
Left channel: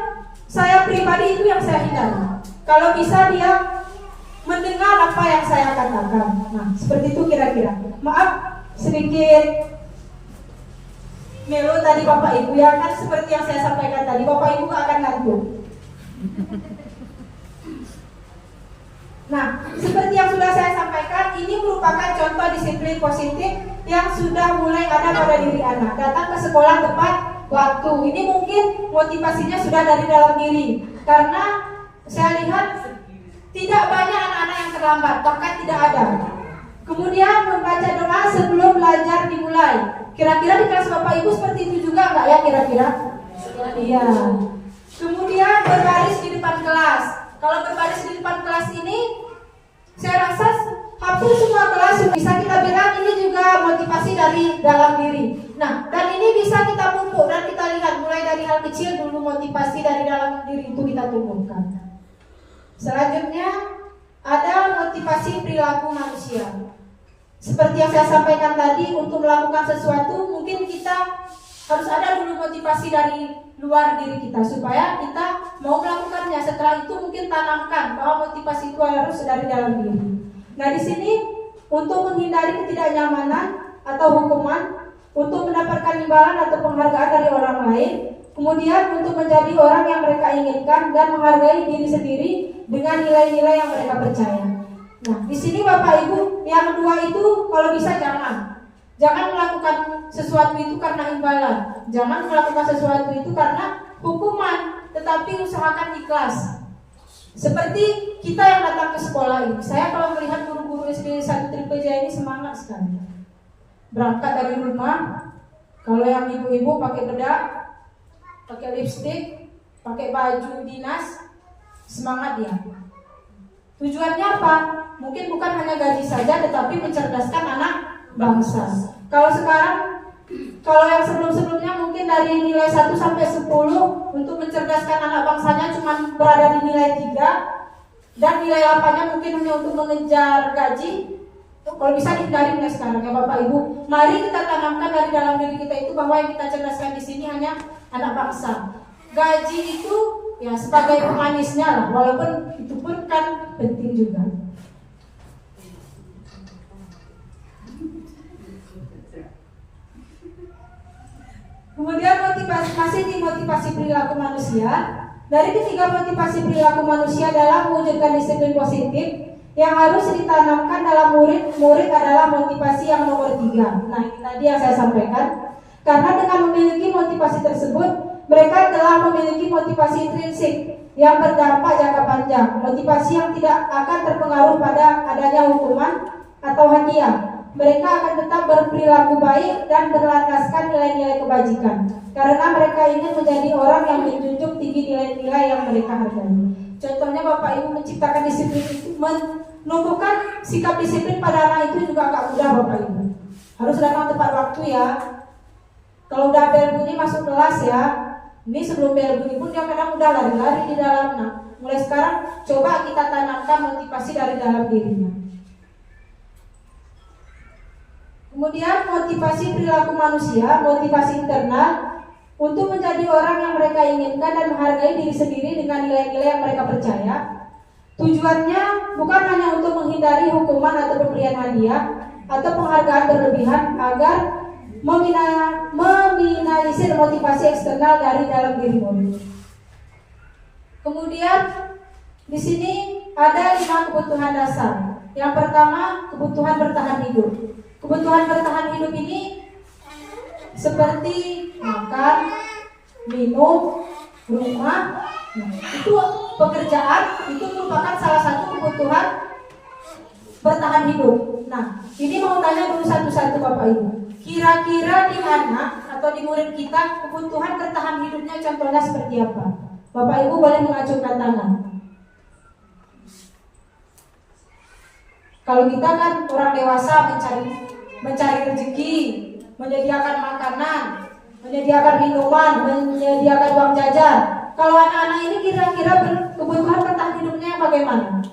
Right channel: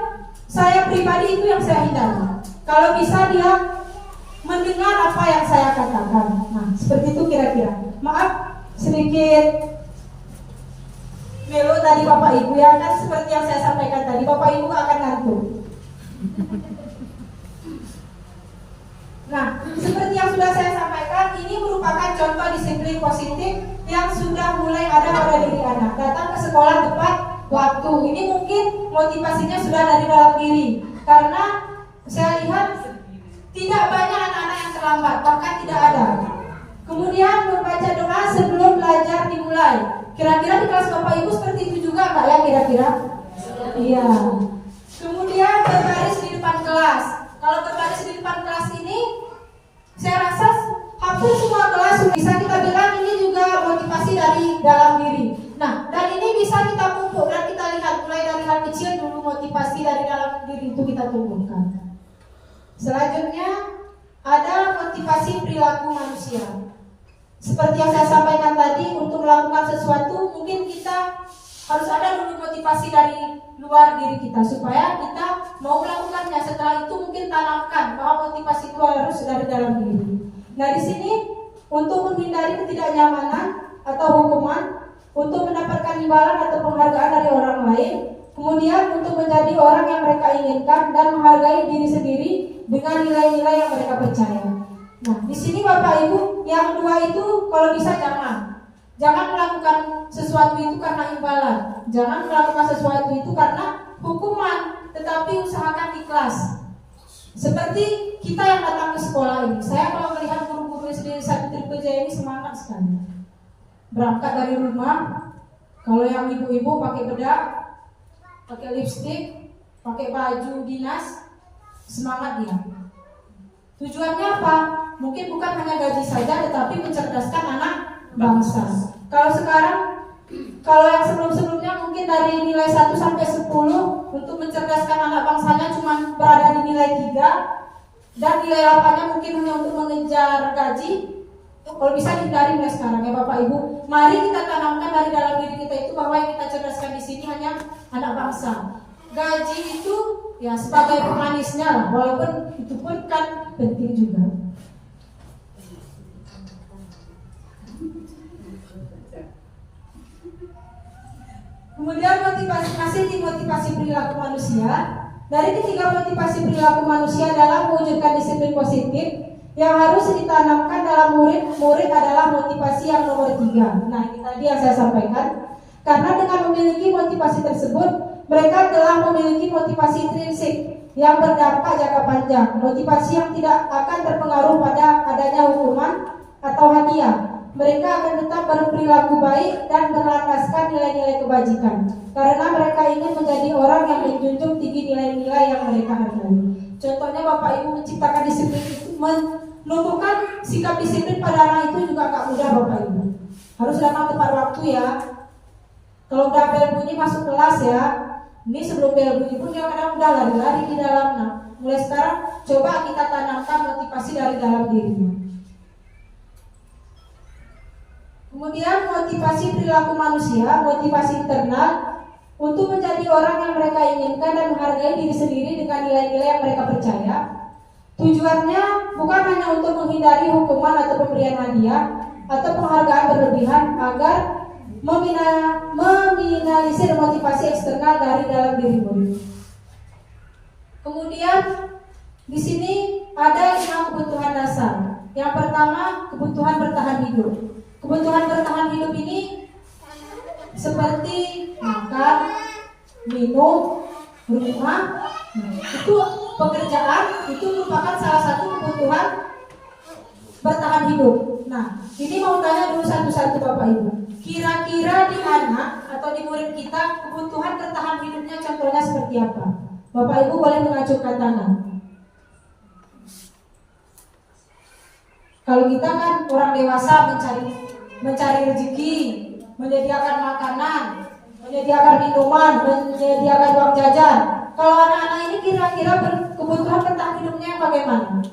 saya pribadi, itu yang saya hindari. Kalau bisa dia mendengar apa yang saya katakan. Nah, seperti itu kira-kira. Maaf sedikit melo tadi Bapak Ibu ya, kan seperti yang saya sampaikan tadi, Bapak Ibu akan ngantuk. Nah, seperti yang sudah saya sampaikan, ini merupakan contoh disiplin positif yang sudah mulai ada pada diri anak. Datang ke sekolah tepat waktu. Ini mungkin motivasinya sudah dari dalam diri. Karena saya lihat tidak banyak anak-anak yang terlambat, bahkan tidak ada. Kemudian membaca doa sebelum belajar dimulai. Kira-kira di kelas Bapak Ibu seperti itu juga nggak ya kira-kira? Iya. Kemudian berbaris di depan kelas. Kalau berbaris di depan kelas ini, saya rasa hampir semua kelas bisa kita bilang ini juga motivasi dari dalam diri. Nah, dan ini bisa kita pupuk dan kita lihat mulai dari hal kecil dulu motivasi dari dalam diri itu kita tumbuhkan. Selanjutnya ada motivasi perilaku manusia. Seperti yang saya sampaikan tadi, untuk melakukan sesuatu mungkin kita harus ada dulu motivasi dari luar diri kita supaya kita mau melakukannya. Setelah itu mungkin tanamkan bahwa motivasi itu harus dari dalam diri. Nah, di sini untuk menghindari ketidaknyamanan atau hukuman, untuk mendapatkan imbalan atau penghargaan dari orang lain, kemudian untuk menjadi orang yang mereka inginkan dan menghargai diri sendiri dengan nilai-nilai yang mereka percaya. Nah, di sini Bapak Ibu, yang kedua itu kalau bisa jangan melakukan sesuatu itu karena imbalan. Jangan melakukan sesuatu itu karena hukuman, tetapi usahakan ikhlas. Seperti kita yang datang ke sekolah ini. Saya kalau melihat guru-guru SD 1 Tripeja ini semangat sekali. Berangkat dari rumah, kalau yang ibu-ibu pakai bedak, pakai lipstik, pakai baju dinas, semangat dia. Tujuannya apa? Mungkin bukan hanya gaji saja, tetapi mencerdaskan anak bangsa. Kalau sekarang, kalau yang sebelum-sebelumnya mungkin dari nilai 1 sampai 10 untuk mencerdaskan anak bangsanya cuma berada di nilai 3, dan nilai 8-nya mungkin hanya untuk mengejar gaji. Kalau bisa dihindari mulai sekarang ya Bapak Ibu. Mari kita tanamkan dari dalam diri kita itu bahwa yang kita cerdaskan di sini hanya anak bangsa. Gaji itu ya sebagai pemanisnya lah, walaupun itu pun kan penting juga. Kemudian motivasi perilaku manusia. Dari ketiga motivasi perilaku manusia dalam mewujudkan disiplin positif, yang harus ditanamkan dalam murid adalah motivasi yang nomor 3. Nah, ini tadi yang saya sampaikan. Karena dengan memiliki motivasi tersebut, mereka telah memiliki motivasi intrinsik yang berdampak jangka panjang, motivasi yang tidak akan terpengaruh pada adanya hukuman atau hadiah. Mereka akan tetap berperilaku baik dan berlandaskan nilai-nilai kebajikan, karena mereka ingin menjadi orang yang menjunjung tinggi nilai-nilai yang mereka hargai. Contohnya Bapak Ibu menciptakan disiplin itu, menumbuhkan sikap disiplin pada anak itu juga agak mudah Bapak Ibu. Harus datang tepat waktu ya. Kalau udah bel bunyi masuk kelas ya. Ini sebelum bel bunyi pun dia kadang udah lari-lari di dalam. Nah, mulai sekarang coba kita tanamkan motivasi dari dalam dirinya. Kemudian motivasi perilaku manusia, motivasi internal untuk menjadi orang yang mereka inginkan dan menghargai diri sendiri dengan nilai-nilai yang mereka percaya. Tujuannya bukan hanya untuk menghindari hukuman atau pemberian hadiah atau penghargaan berlebihan, agar meminimalisir motivasi eksternal dari dalam diri murid. Kemudian di sini ada 5 kebutuhan dasar. Yang pertama, kebutuhan bertahan hidup. Kebutuhan bertahan hidup ini seperti makan, minum, rumah, itu pekerjaan, itu merupakan salah satu kebutuhan bertahan hidup. Nah, ini mau tanya dulu satu-satu Bapak Ibu. Kira-kira di mana atau di murid kita kebutuhan bertahan hidupnya contohnya seperti apa? Bapak Ibu boleh mengacungkan tangan. Kalau kita kan orang dewasa mencari rezeki, menyediakan makanan, menyediakan minuman, menyediakan uang jajan. Kalau anak-anak ini kira-kira kebutuhan bertahan hidupnya bagaimana?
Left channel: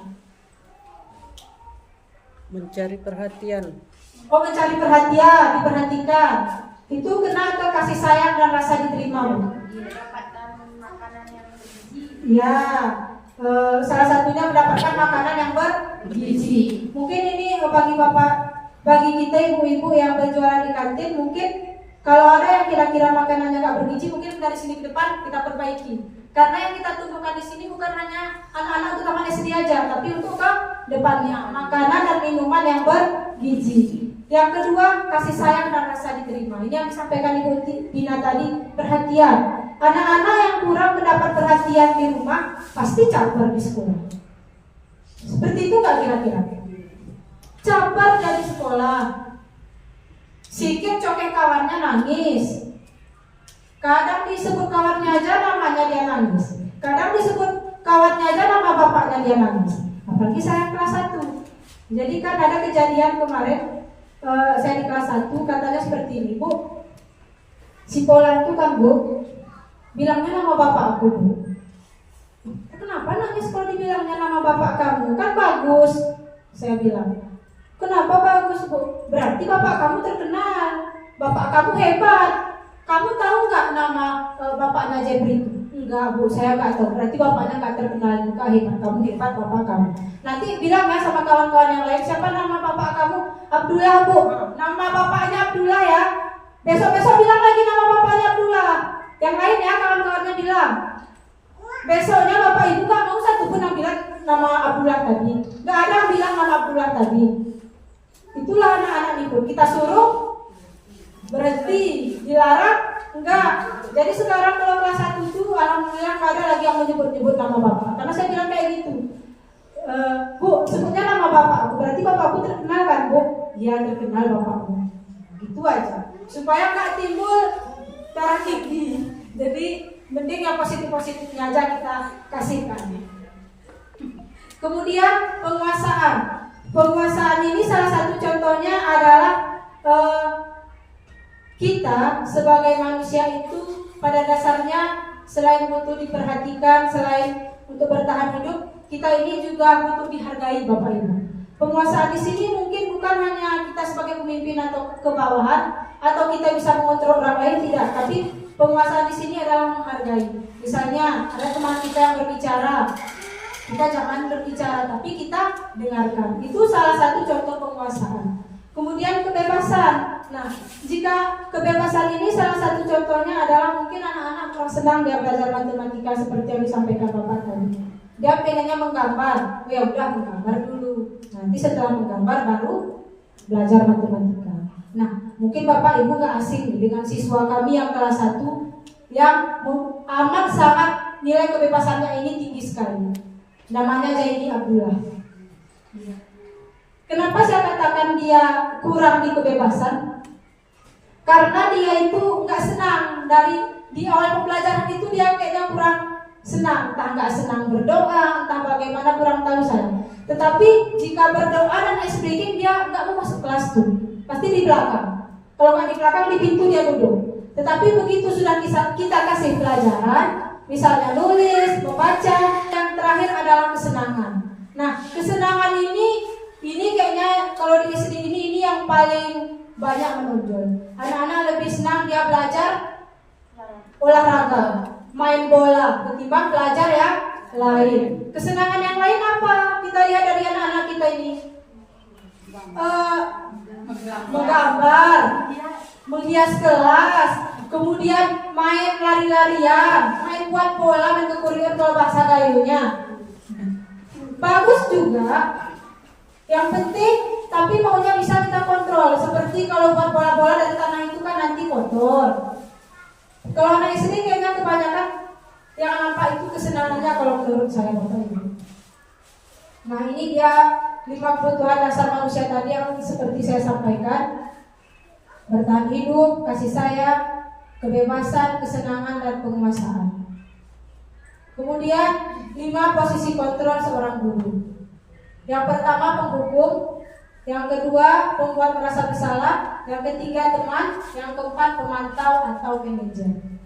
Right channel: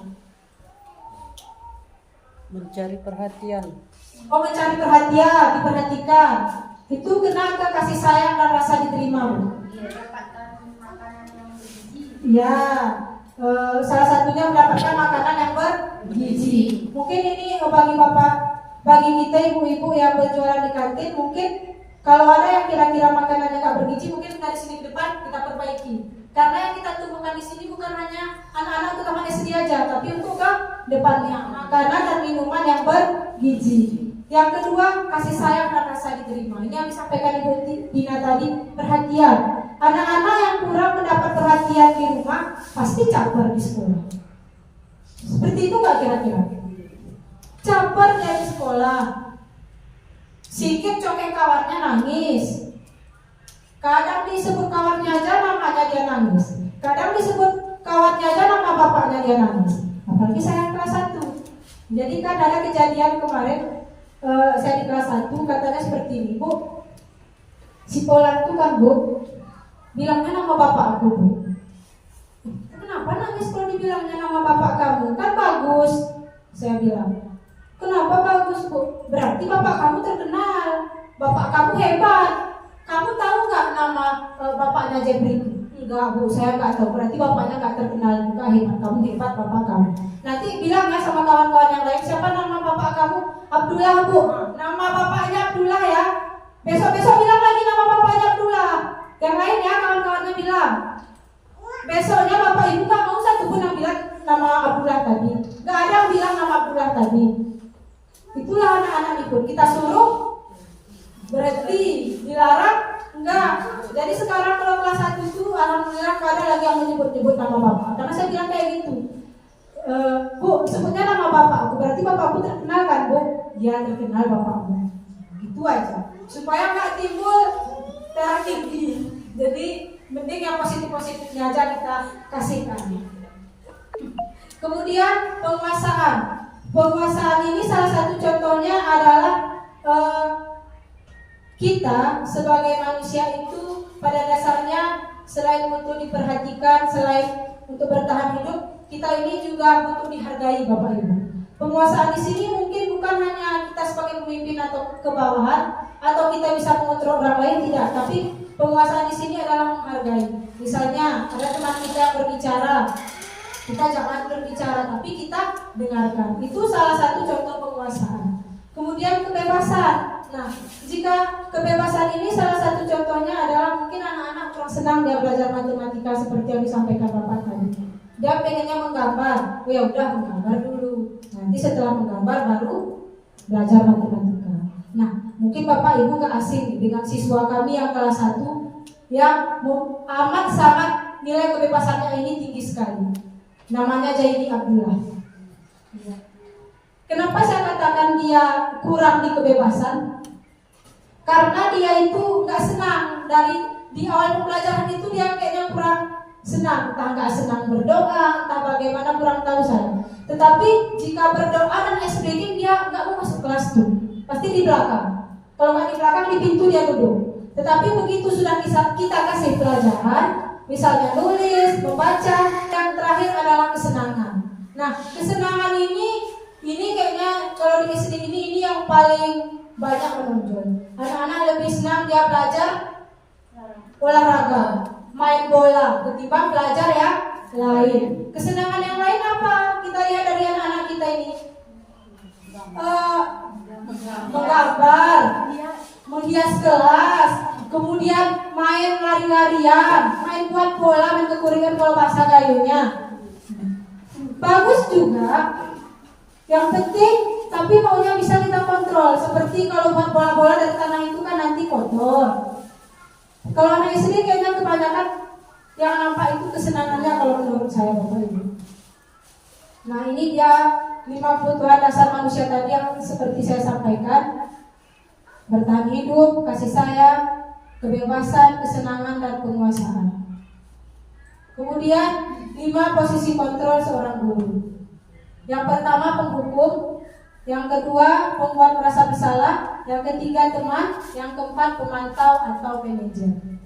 Mencari perhatian. Oh, mencari perhatian, diperhatikan. Itu kena ke kasih sayang dan rasa diterima. Dapatkan makanan yang bergizi. Ya, salah satunya mendapatkan makanan yang bergizi. Mungkin ini bagi bapak, bagi kita ibu-ibu yang berjualan di kantin, mungkin Kalau ada yang kira-kira makanannya nggak bergizi, mungkin dari sini ke depan kita perbaiki. Karena yang kita tumbuhkan di sini bukan hanya anak-anak untuk taman SD aja, tapi untuk ke depannya makanan dan minuman yang bergizi. Yang kedua, kasih sayang dan rasa diterima. Ini yang disampaikan Ibu Dina tadi, perhatian. Anak-anak yang kurang mendapat perhatian di rumah pasti caper di sekolah. Seperti itu nggak kira-kira? Caper dari sekolah. Sikit cokek kawannya nangis. Kadang disebut kawannya aja namanya dia nangis. Kadang disebut kawannya aja nama bapaknya dia nangis. Apalagi saya kelas 1. Jadi kan ada kejadian kemarin, saya di kelas 1 katanya seperti ini, Bu. Si Polan itu kan, Bu, bilangnya nama bapak aku, Bu. Kenapa nangis kalau dibilangnya nama bapak kamu? Kan bagus. Saya bilang, kenapa bagus, Bu? Berarti bapak kamu terkenal, bapak kamu hebat. Kamu tahu nggak nama bapaknya Jepri? Enggak, Bu, saya nggak tahu. Berarti bapaknya nggak terkenal juga, hebat. Kamu hebat, bapak kamu. Nanti bilang ya sama kawan-kawan yang lain, siapa nama bapak kamu? Abdullah, Bu. Nama bapaknya Abdullah ya. Besok-besok bilang lagi nama bapaknya Abdullah. Yang lain ya, kawan-kawannya bilang. Besoknya bapak ibu nggak mau satu pun yang bilang nama Abdullah tadi. Nggak ada yang bilang nama Abdullah tadi. Itulah anak-anak itu. Kita suruh berhenti, dilarang, enggak. Jadi sekarang kalau kelas 1 itu alhamdulillah nggak ada lagi yang menyebut-nyebut nama bapak. Karena saya bilang kayak gitu. Bu, sebutnya nama bapakku. Berarti bapakku terkenal kan, Bu? Iya, terkenal bapakku. Gitu aja. Supaya nggak timbul darah tinggi. Jadi mending yang positif-positifnya aja kita kasihkan. Kemudian penguasaan. Penguasaan ini salah satu contohnya adalah kita sebagai manusia itu pada dasarnya selain untuk diperhatikan, selain untuk bertahan hidup, kita ini juga untuk dihargai, Bapak Ibu. Penguasaan di sini mungkin bukan hanya kita sebagai pemimpin atau kebawahan atau kita bisa mengontrol orang lain, tidak, tapi penguasaan di sini adalah menghargai. Misalnya ada teman kita yang berbicara, kita jangan berbicara tapi kita dengarkan. Itu salah satu contoh penguasaan. Kemudian kebebasan. Nah, jika kebebasan ini salah satu contohnya adalah mungkin anak-anak kurang senang dia belajar matematika seperti yang disampaikan Bapak tadi. Dia pengennya menggambar, ya udah menggambar dulu. Nanti setelah menggambar baru belajar matematika. Nah, mungkin Bapak Ibu nggak asing dengan siswa kami yang kelas 1 yang amat sangat nilai kebebasannya ini tinggi sekali. Namanya Zaini Abdullah. Kenapa saya katakan dia kurang di kebebasan? Karena dia itu nggak senang di awal pembelajaran itu dia kayaknya kurang senang, entah nggak senang berdoa, entah bagaimana kurang tahu saya. Tetapi jika berdoa dan ice breaking dia nggak mau masuk kelas tuh, pasti di belakang. Kalau nggak di belakang di pintu dia duduk. Tetapi begitu sudah kita kasih pelajaran, misalnya nulis, membaca, yang terakhir adalah kesenangan. Nah, kesenangan ini kayaknya kalau di SD ini yang paling banyak menonjol. Anak-anak lebih senang dia belajar olahraga, main bola, ketimbang belajar yang lain. Kesenangan yang lain apa? Kita lihat dari anak-anak kita ini. Menggambar, menghias kelas, kemudian main lari-larian, main buat bola, main kekuringan kalau bahasa gayunya. Bagus juga. Yang penting, tapi maunya bisa kita kontrol. Seperti kalau buat bola-bola dari tanah itu kan nanti kotor. Kalau anak istri kayaknya kebanyakan yang nampak itu kesenangannya kalau menurut saya, Bapak Ibu. Nah, ini dia 5 kebutuhan dasar manusia tadi yang seperti saya sampaikan. Bertahan hidup, kasih sayang, kebebasan, kesenangan, dan penguasaan. Kemudian 5 posisi kontrol seorang guru. Yang pertama penghukum, yang kedua pembuat merasa bersalah, yang ketiga teman, yang keempat pemantau atau manajer.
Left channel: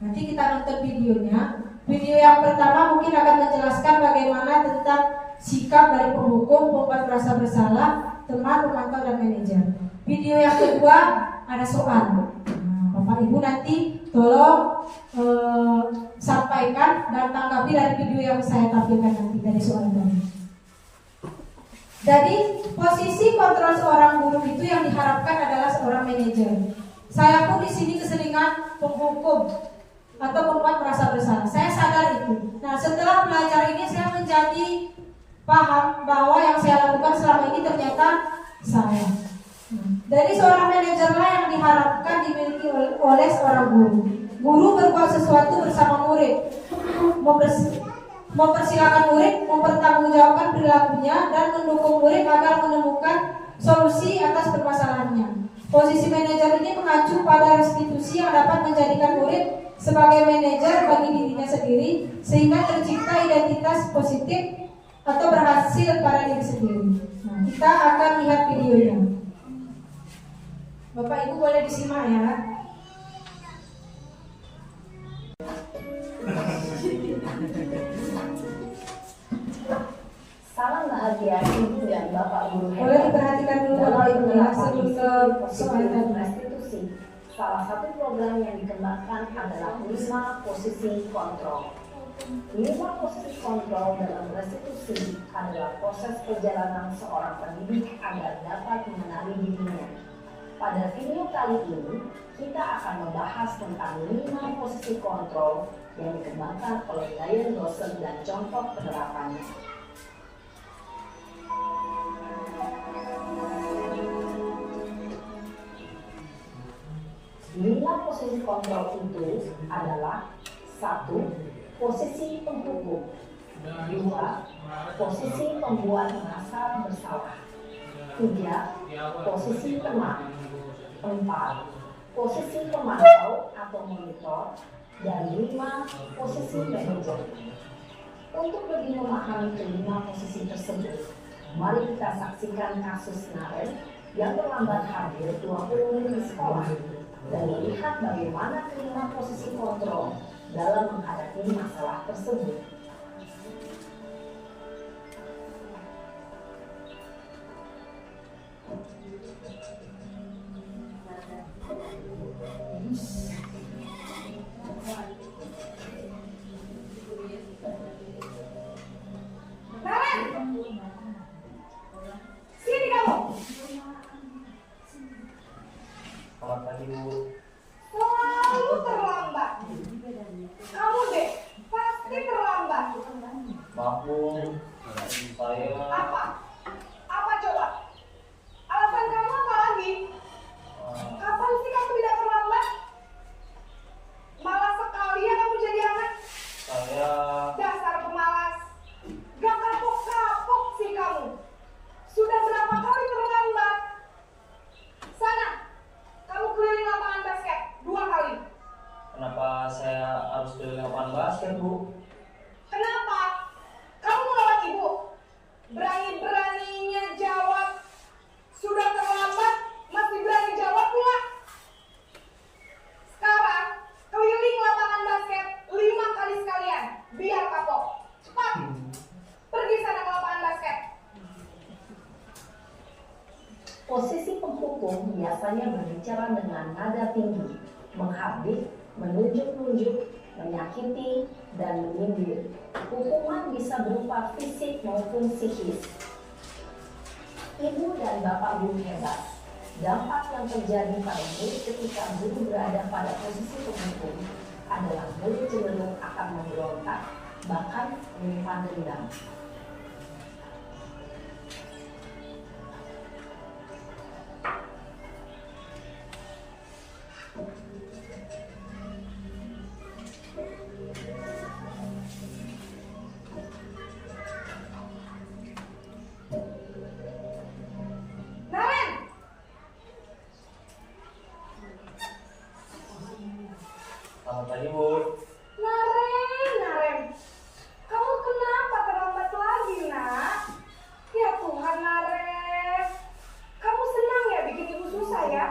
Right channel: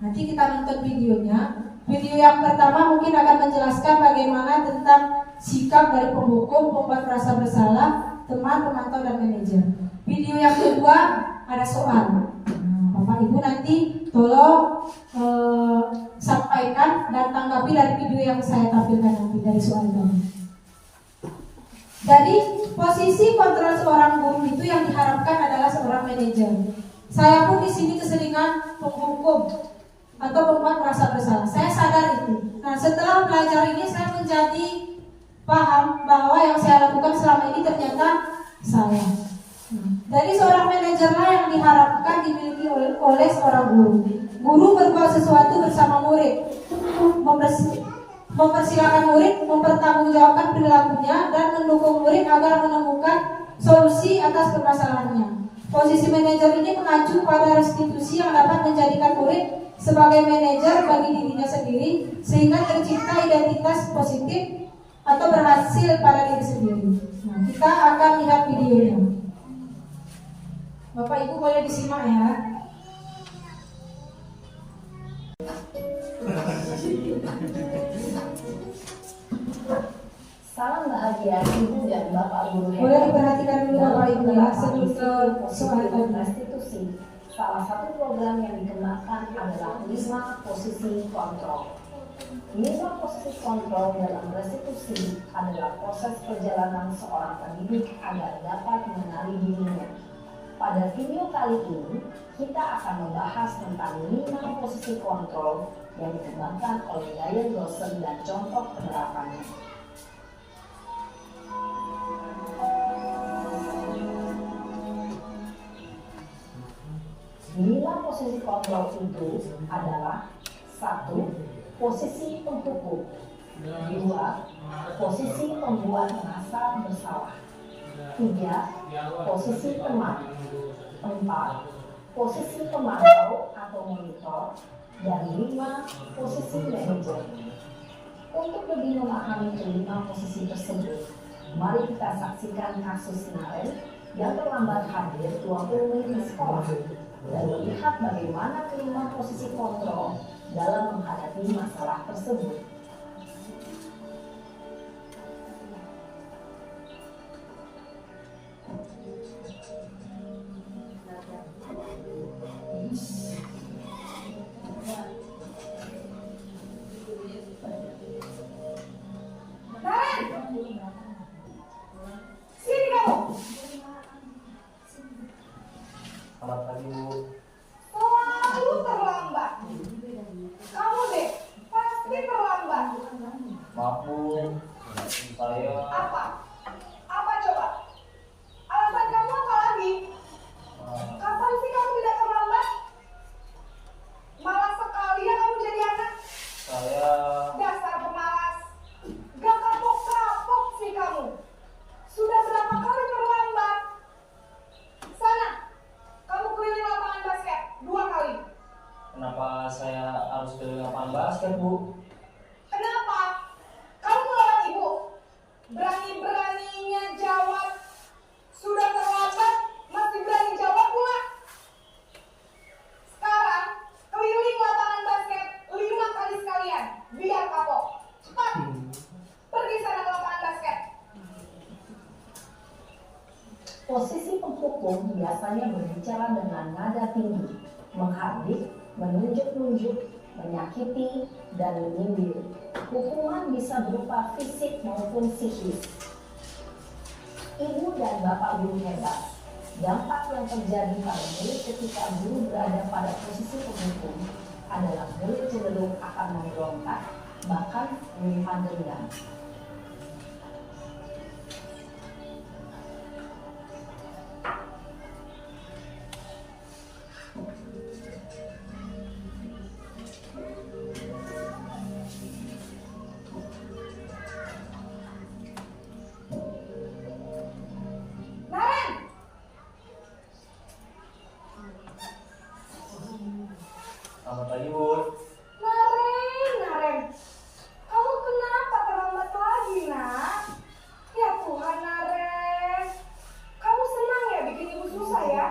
Nanti kita nonton videonya. Video yang pertama mungkin akan menjelaskan bagaimana tentang sikap dari penghukum, pembuat merasa bersalah, teman, pemantau, dan manajer. Video yang kedua ada soal. Bapak Ibu nanti tolong sampaikan dan tanggapi dari video yang saya tampilkan nanti dari soal tadi. Jadi posisi kontrol seorang guru itu yang diharapkan adalah seorang manajer. Saya pun di sini keseringan menghukum atau membuat merasa bersalah. Saya sadar itu. Nah, setelah belajar ini saya menjadi paham bahwa yang saya lakukan selama ini ternyata salah. Dari seorang manajerlah yang diharapkan dimiliki oleh seorang guru. Guru berbuat sesuatu bersama murid, mempersilakan murid mempertanggungjawabkan perilakunya dan mendukung murid agar menemukan solusi atas permasalahannya. Posisi manajer ini mengacu pada restitusi yang dapat menjadikan murid sebagai manajer bagi dirinya sendiri sehingga tercipta identitas positif atau berhasil pada diri sendiri. Nah, kita akan lihat videonya. Bapak Ibu boleh disimak ya. Salam bahagia Ibu dan Bapak Guru Boleh hebat. diperhatikan dulu Bapak Ibu ya sebelum ke soal tadi. Restitusi. Salah satu program yang dikembangkan adalah 5 posisi kontrol. 5 posisi kontrol dalam restitusi adalah proses perjalanan seorang pendidik agar dapat mengenali dirinya. Pada video kali ini, kita akan membahas tentang 5 posisi kontrol yang dikembangkan oleh Diane Dawson dan contoh penerapannya. Lima posisi kontrol itu adalah 1. Posisi penghukum, 2. Posisi pembuat merasa bersalah, 3. Posisi teman, 4. Posisi pemantau atau monitor, dan 5. Posisi manajer. Untuk lebih memahami kelima posisi tersebut, mari kita saksikan kasus Naren yang terlambat hadir 20 menit di sekolah dan melihat bagaimana kelima posisi kontrol dalam menghadapi masalah tersebut. Sini kamu. Selamat pagi Bu. Selalu terlambat. Kamu deh, pasti terlambat. Maaf Bu, saya Apa? Apa coba? Alasan kamu apa lagi? Kapan sih kamu tidak terlambat? Malas sekali ya kamu jadi anak. saya Dasar pemalas. Gak kapok-kapok sih kamu. Sudah berapa kali terlambat? Sana, kamu keliling lapangan basket 2 kali. kenapa saya harus keliling lapangan basket Bu? Kenapa? Kamu melawan ibu? Berani-beraninya jawab. Sudah terlambat, masih berani jawab pula. Sekarang, keliling lapangan basket 5 kali sekalian. Biar kapok. Cepat. Pergi sana ke lapangan basket. Posisi penghukum biasanya berbicara dengan nada tinggi, menghardik, menunjuk-nunjuk, menyakiti, dan menyindir. Hukuman bisa berupa fisik maupun psikis. Ibu dan Bapak Guru hebat. Dampak yang terjadi pada murid ketika guru berada pada posisi penghukum adalah murid cenderung akan memberontak, bahkan menyimpan dendam. Naren! Selamat pagi Bu. Naren, kamu kenapa terlambat lagi, nak? Ya Tuhan, Naren, kamu senang ya bikin ibu susah ya?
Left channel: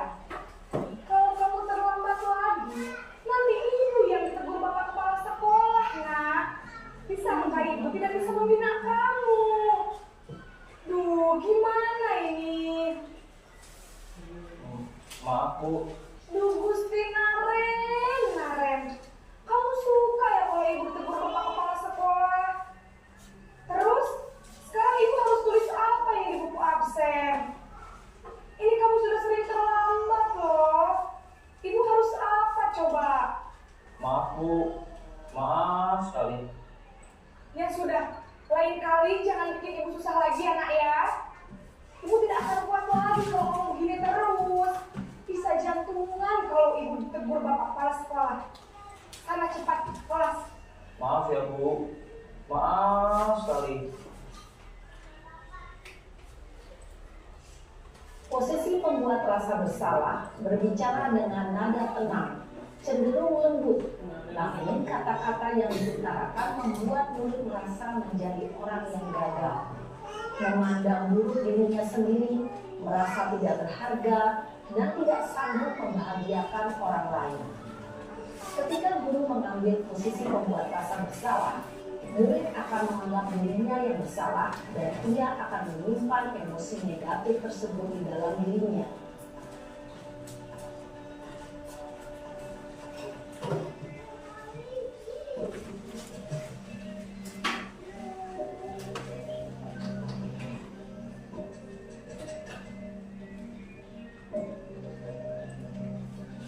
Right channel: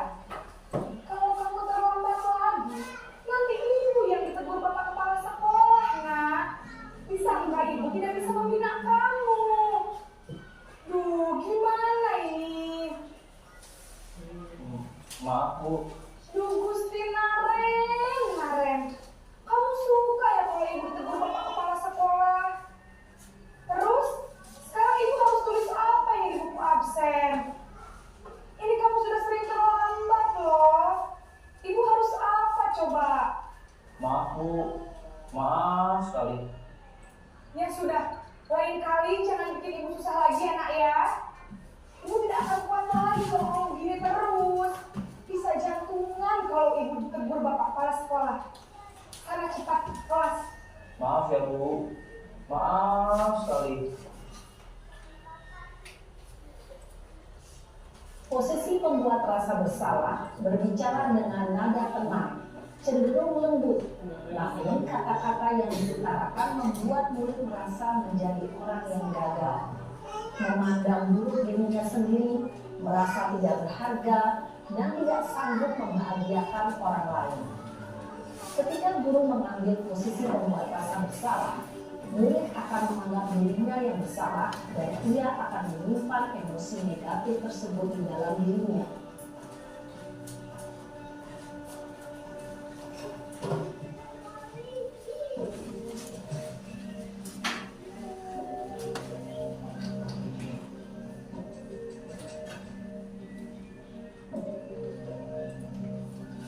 Kalau kamu terlambat lagi, nanti ibu yang ditegur bapak kepala sekolah, nak. Disangka ibu tidak bisa membina kamu. Duh, gimana ini? Maaf Bu, Duh, Gusti Naren, kamu Maaf Bu, maaf sekali. Ya sudah, lain kali jangan bikin ibu susah lagi ya nak ya. Ibu tidak akan kuat lagi kalau kamu gini terus. Bisa jantungan kalau ibu ditegur bapak kepala sekolah. Sana cepat kelas. Maaf ya Bu, maaf sekali. Posisi pembuat rasa bersalah berbicara dengan nada tenang, cenderung lembut, namun kata-kata yang diutarakan membuat murid merasa menjadi orang yang gagal. Memandang buruk dirinya sendiri, merasa tidak berharga, dan tidak sanggup membahagiakan orang lain. Ketika guru mengambil posisi pembuat rasa bersalah, murid akan menganggap dirinya yang bersalah dan ia akan menyimpan emosi negatif tersebut di dalam dirinya.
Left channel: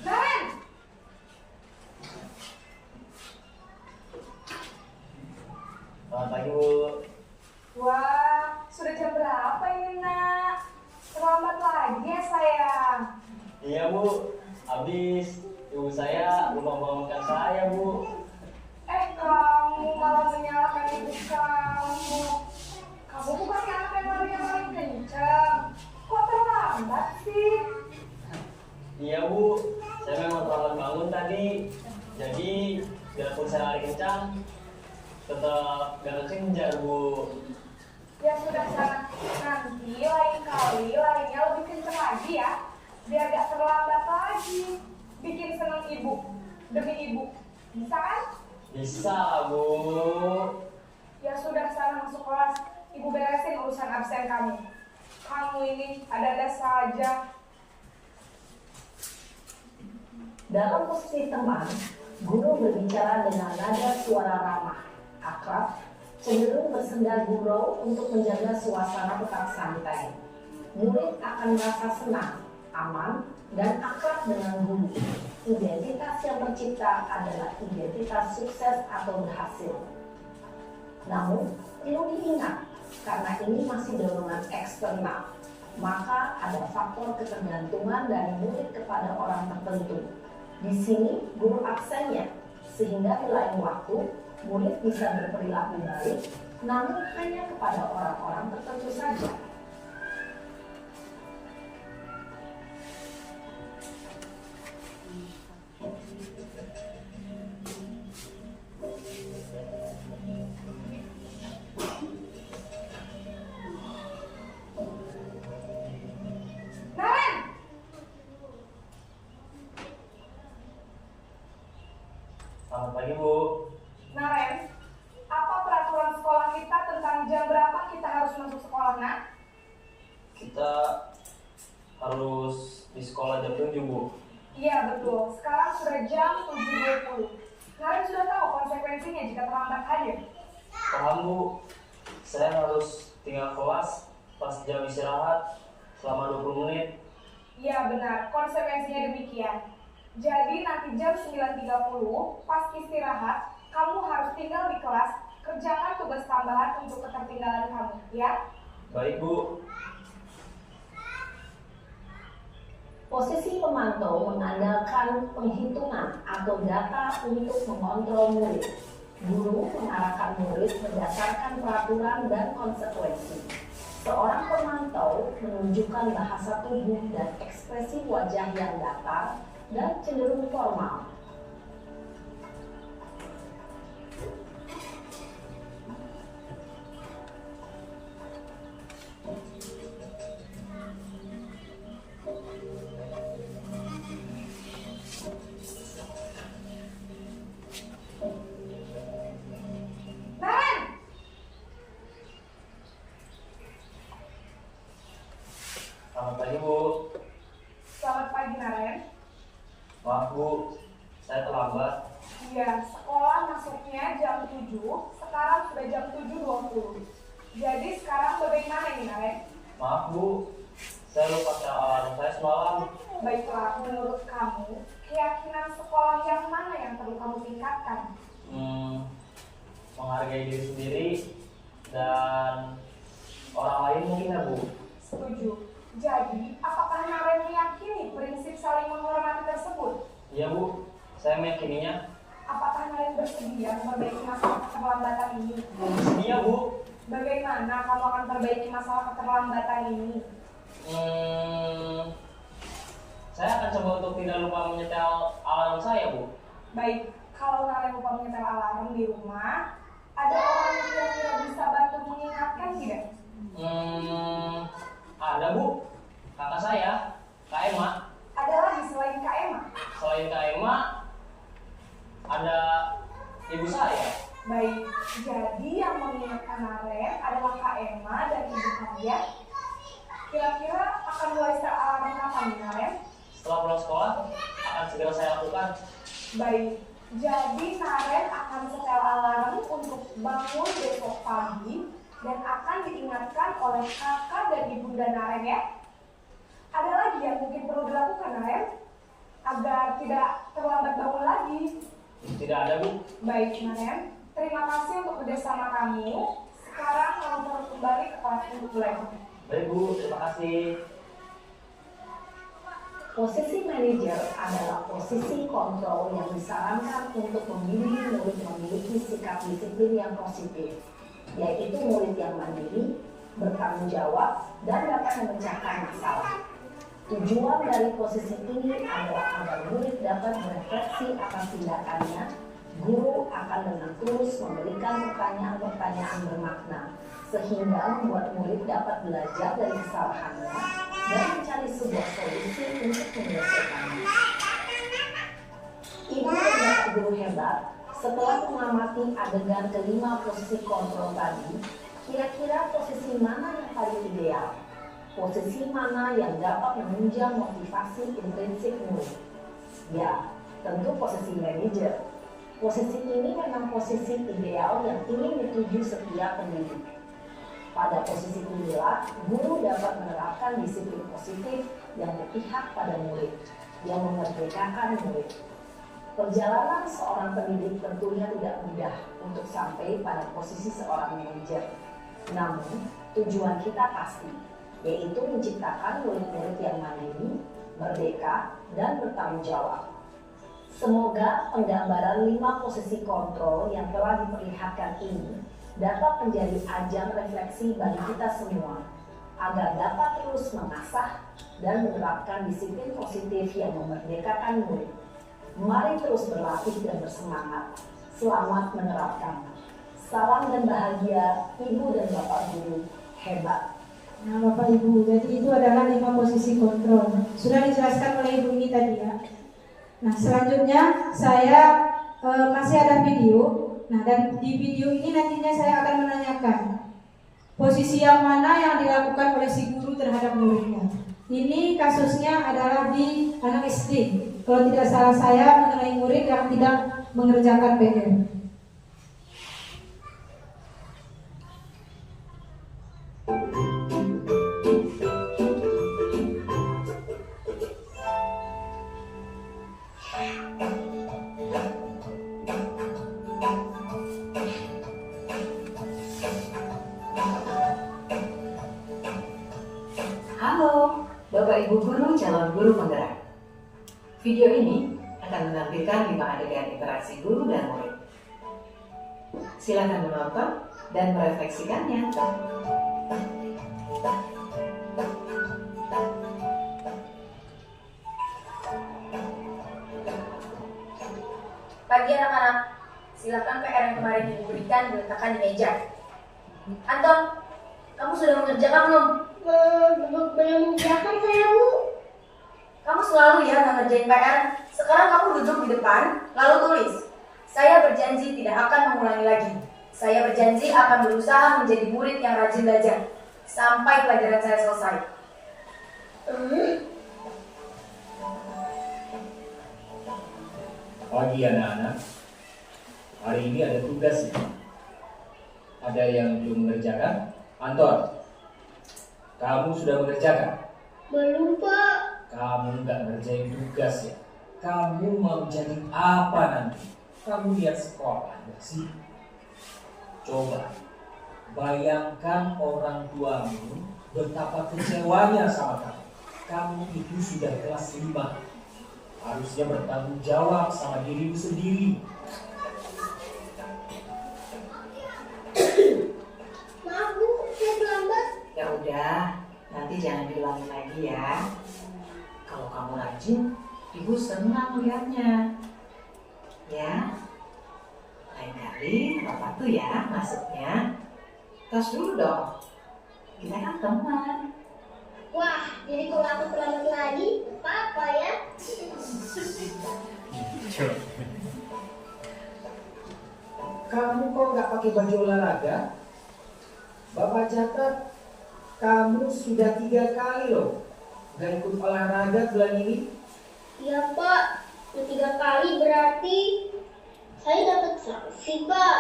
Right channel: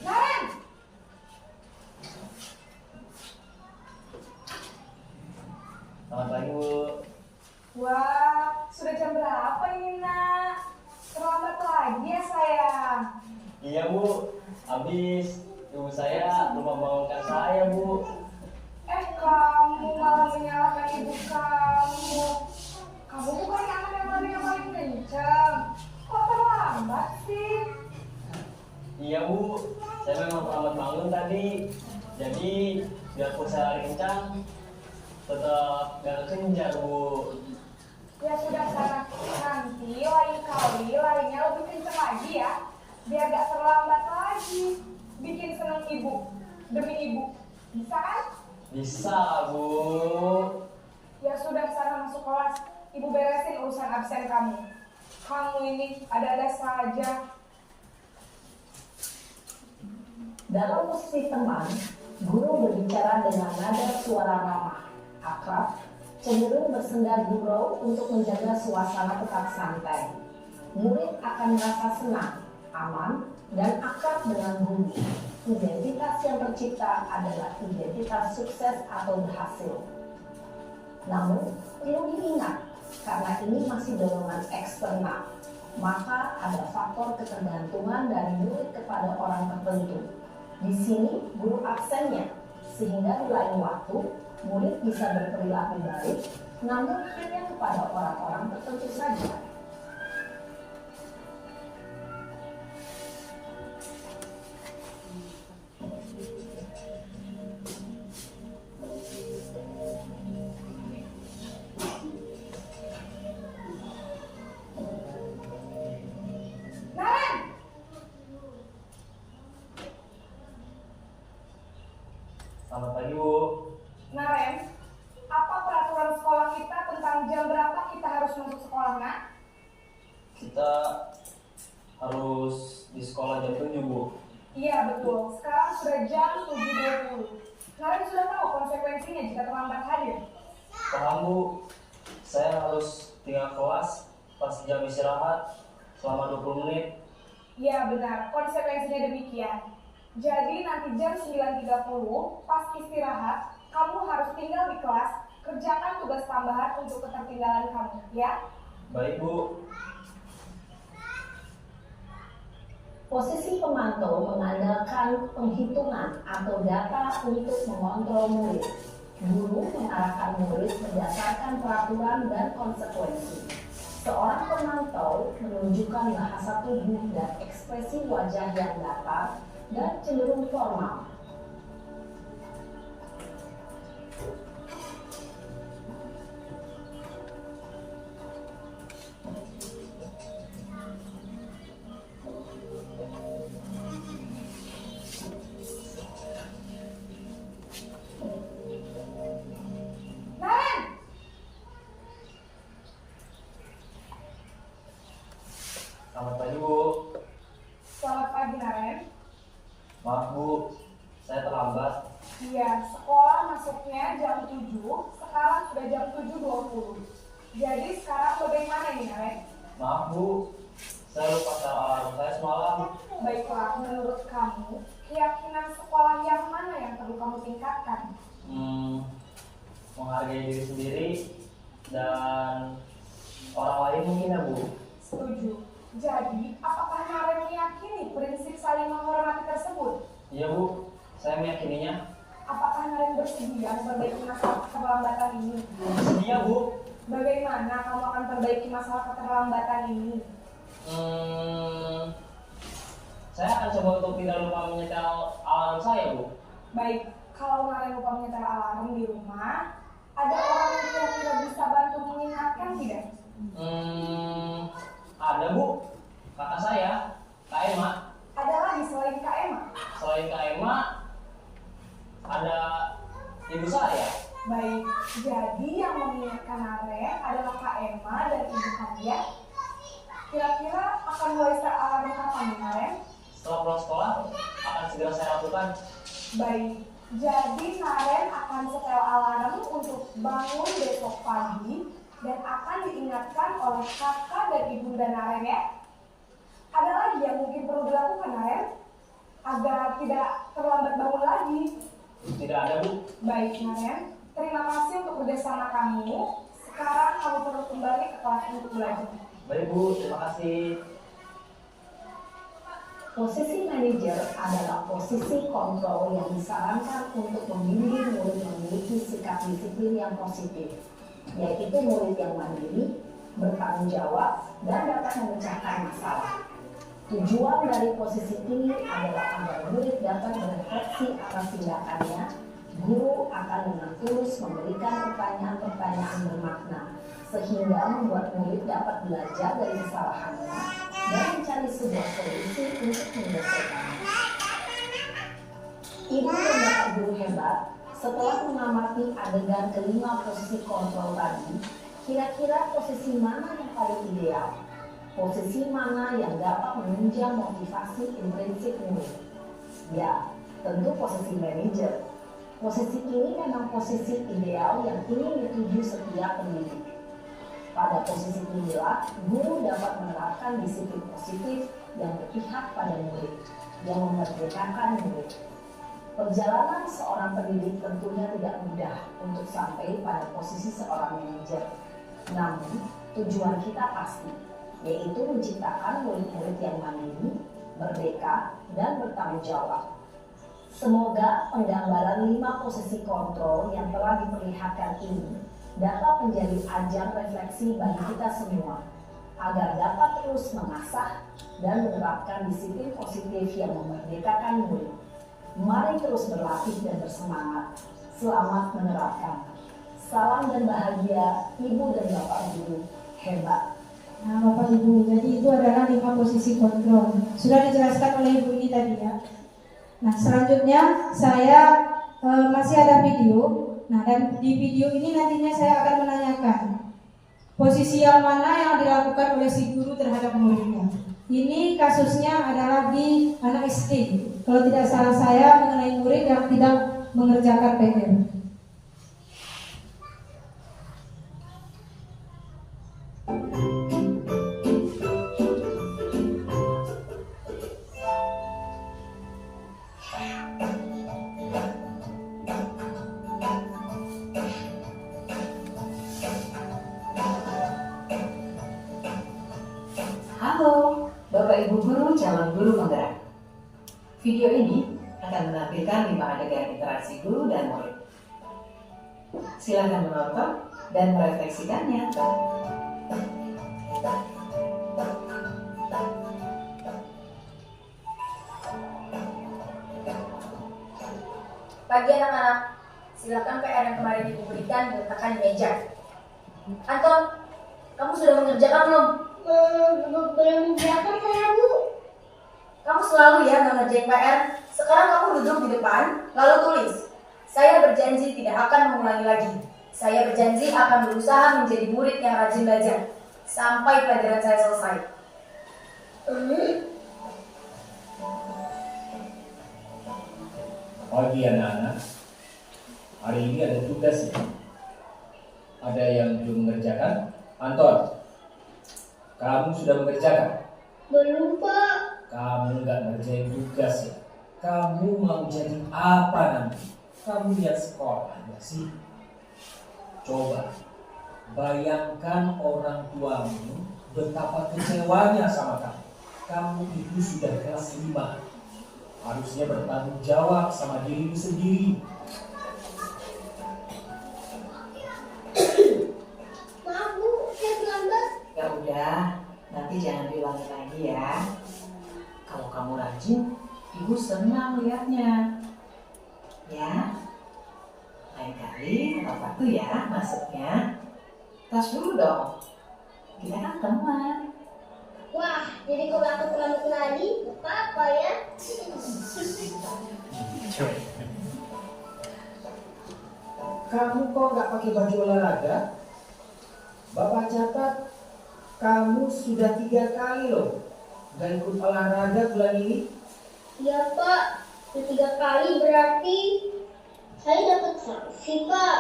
Naren! Selamat pagi Bu. Wah, sudah jam berapa ini nak? Terlambat lagi ya sayang. Iya Bu, habis ibu saya lupa bangunkan saya Bu. Kamu malah menyalahkan ibu kamu. Kamu bukan anak yang paling kencang. Kok terlambat sih? Iya Bu, saya memang terlambat bangun tadi. Jadi biarpun saya lari kencang, tetap gak kekejar Bu. Ya sudah sana, nanti lain kali larinya lebih kencang lagi ya. Biar gak terlambat lagi. Bikin seneng ibu, demi ibu. Bisa kan? Bisa Bu. Ya sudah sana masuk kelas. Ibu beresin urusan absen kamu. Kamu ini ada-ada saja. Dalam posisi teman, guru berbicara dengan nada suara ramah, akrab, cenderung bersenda gurau untuk menjaga suasana tetap santai. Murid akan merasa senang, aman, dan akrab dengan guru. Identitas yang tercipta adalah identitas sukses atau berhasil. Namun, perlu diingat, karena ini masih dorongan eksternal, maka ada faktor ketergantungan dari murid kepada orang tertentu. Di sini guru absennya, sehingga di lain waktu murid bisa berperilaku baik, namun hanya kepada orang-orang tertentu saja. Naren! Selamat pagi Bu. Naren, apa peraturan sekolah kita tentang jam berapa kita harus masuk sekolah, nak? Kita harus di sekolah jam 7 Bu. Iya betul, sekarang sudah jam 7.20. Naren sudah tahu konsekuensinya jika terlambat hadir. Paham Bu, saya harus tinggal kelas pas jam istirahat selama 20 menit. Iya benar, konsekuensinya demikian. Jadi nanti jam 9.30 pas istirahat, kamu harus tinggal di kelas, kerjakan tugas tambahan untuk ketertinggalan kamu, ya? Baik Bu. Posisi pemantau mengandalkan penghitungan atau data untuk mengontrol murid. Guru mengarahkan murid berdasarkan peraturan dan konsekuensi. Seorang pemantau menunjukkan bahasa tubuh dan ekspresi wajah yang datar dan cenderung formal. Naren! Selamat pagi Bu. Selamat pagi, Naren. Maaf Bu, saya terlambat. Iya, sekolah masuknya jam 7, sekarang sudah jam 7.20. Jadi sekarang bagaimana nih, Naren? Maaf Bu, saya lupa set alarm saya semalam. Baiklah, menurut kamu, keyakinan sekolah yang mana yang perlu kamu diperlihatkan? Menghargai diri sendiri dan orang lain mungkin ya, Bu. Setuju. Jadi, apakah Naren meyakini prinsip saling menghormati tersebut? Iya, Bu. Saya meyakininya. Apakah Naren bersedia memperbaiki masalah keterlambatan ini? Bersedia, Bu. Bagaimana kamu akan perbaiki masalah keterlambatan ini? Saya akan coba untuk tidak lupa menyetel alarm saya, Bu. Baik, kalau Naren lupa menyetel alarm di rumah, ada orang yang kira-kira bisa bantu mengingatkan tidak? Ada, Bu. Kakak saya, Kak Emma. Ada lagi selain Kak Emma? Selain Kak Emma, ada ibu saya. Baik, jadi yang mengingatkan Naren adalah Kak Emma dan Ibu Hadia. Kira-kira akan mulai start alarm kapan nih, Naren? Setelah pulang sekolah, akan segera saya lakukan. Baik, jadi Naren akan setel alarm untuk bangun besok pagi dan akan diingatkan oleh kakak dan ibunda Naren ya. Ada lagi yang mungkin perlu dilakukan Naren agar tidak terlambat bangun lagi? Tidak ada, Bu. Baik Naren, terima kasih untuk kerjasama kamu. Sekarang kamu perlu kembali ke kelas untuk belajar. Baik, Bu. Terima kasih. Posisi manajer adalah posisi kontrol yang disarankan untuk membimbing murid memiliki sikap disiplin yang positif, yaitu murid yang mandiri, bertanggung jawab, dan dapat memecahkan masalah. Tujuan dari posisi ini adalah agar murid dapat berefleksi atas tindakannya. Guru akan dengan tulus memberikan pertanyaan-pertanyaan bermakna, sehingga membuat murid dapat belajar dari kesalahannya dan mencari sebuah solusi untuk menyelesaikannya. Ibu dan bapak guru hebat, setelah mengamati adegan kelima posisi kontrol tadi, kira-kira posisi mana yang paling ideal? Posisi mana yang dapat menunjang motivasi intrinsik murid? Ya, tentu posisi manajer. Posisi ini memang posisi ideal yang ingin dituju setiap pendidik. Pada posisi inilah, guru dapat menerapkan disiplin positif yang berpihak pada murid, yang memerdekakan murid. Perjalanan seorang pendidik tentunya tidak mudah untuk sampai pada posisi seorang manajer. Namun, tujuan kita pasti, yaitu menciptakan murid-murid yang mandiri, merdeka, dan bertanggung jawab. Semoga penggambaran 5 posisi kontrol yang telah diperlihatkan ini dapat menjadi ajang refleksi bagi kita semua, agar dapat terus mengasah dan menerapkan disiplin positif yang memerdekakan murid. Mari terus berlatih dan bersemangat. Selamat menerapkan. Salam dan bahagia, Ibu dan Bapak Guru hebat. Nah, Bapak Ibu, jadi itu adalah 5 posisi kontrol. Sudah dijelaskan oleh Ibu ini tadi ya. Nah, selanjutnya saya masih ada video. Nah, dan di video ini nantinya saya akan menanyakan posisi yang mana yang dilakukan oleh si guru terhadap muridnya. Ini kasusnya adalah di anak SD. Kalau tidak salah saya mengenai murid yang tidak mengerjakan PR. Halo, Bapak Ibu Guru calon guru penggerak. Video ini akan menampilkan 5 adegan interaksi guru dan murid. Silakan menonton dan merefleksikannya. Pagi anak-anak, silakan PR yang kemarin Ibu berikan diletakkan di meja. Anton, kamu sudah mengerjakan belum? Belum mengerjakan saya, Bu. Kamu selalu ya mengerjain PR. Sekarang kamu duduk di depan, lalu tulis. Saya berjanji tidak akan mengulangi lagi. Saya berjanji akan berusaha menjadi murid yang rajin belajar sampai pelajaran saya selesai. Pagi anak-anak, hari ini ada tugas ya. Ada yang belum mengerjakan? Anton, kamu sudah mengerjakan? Belum, Pak. Kamu nggak ngerjain tugas ya? Kamu mau jadi apa nanti? Kamu lihat sekolah nggak sih? Coba bayangkan orang tuamu betapa kecewanya sama kamu. Kamu itu sudah kelas 5. Harusnya bertanggung jawab sama dirimu sendiri. Maaf Bu, saya terlambat. Ya udah, nanti jangan diulangi lagi ya. Kalau kamu rajin, ibu senang lihatnya. Ya, lain kali apa tuh ya masuknya. Tas dulu dong. Kita kan teman. Wah, jadi kalau aku terlambat lagi, apa ya? Kamu kok nggak pakai baju olahraga? Bapak catat kamu sudah 3 kali loh nggak ikut olahraga bulan ini. Iya Pak, udah 3 kali berarti saya dapat sanksi Pak.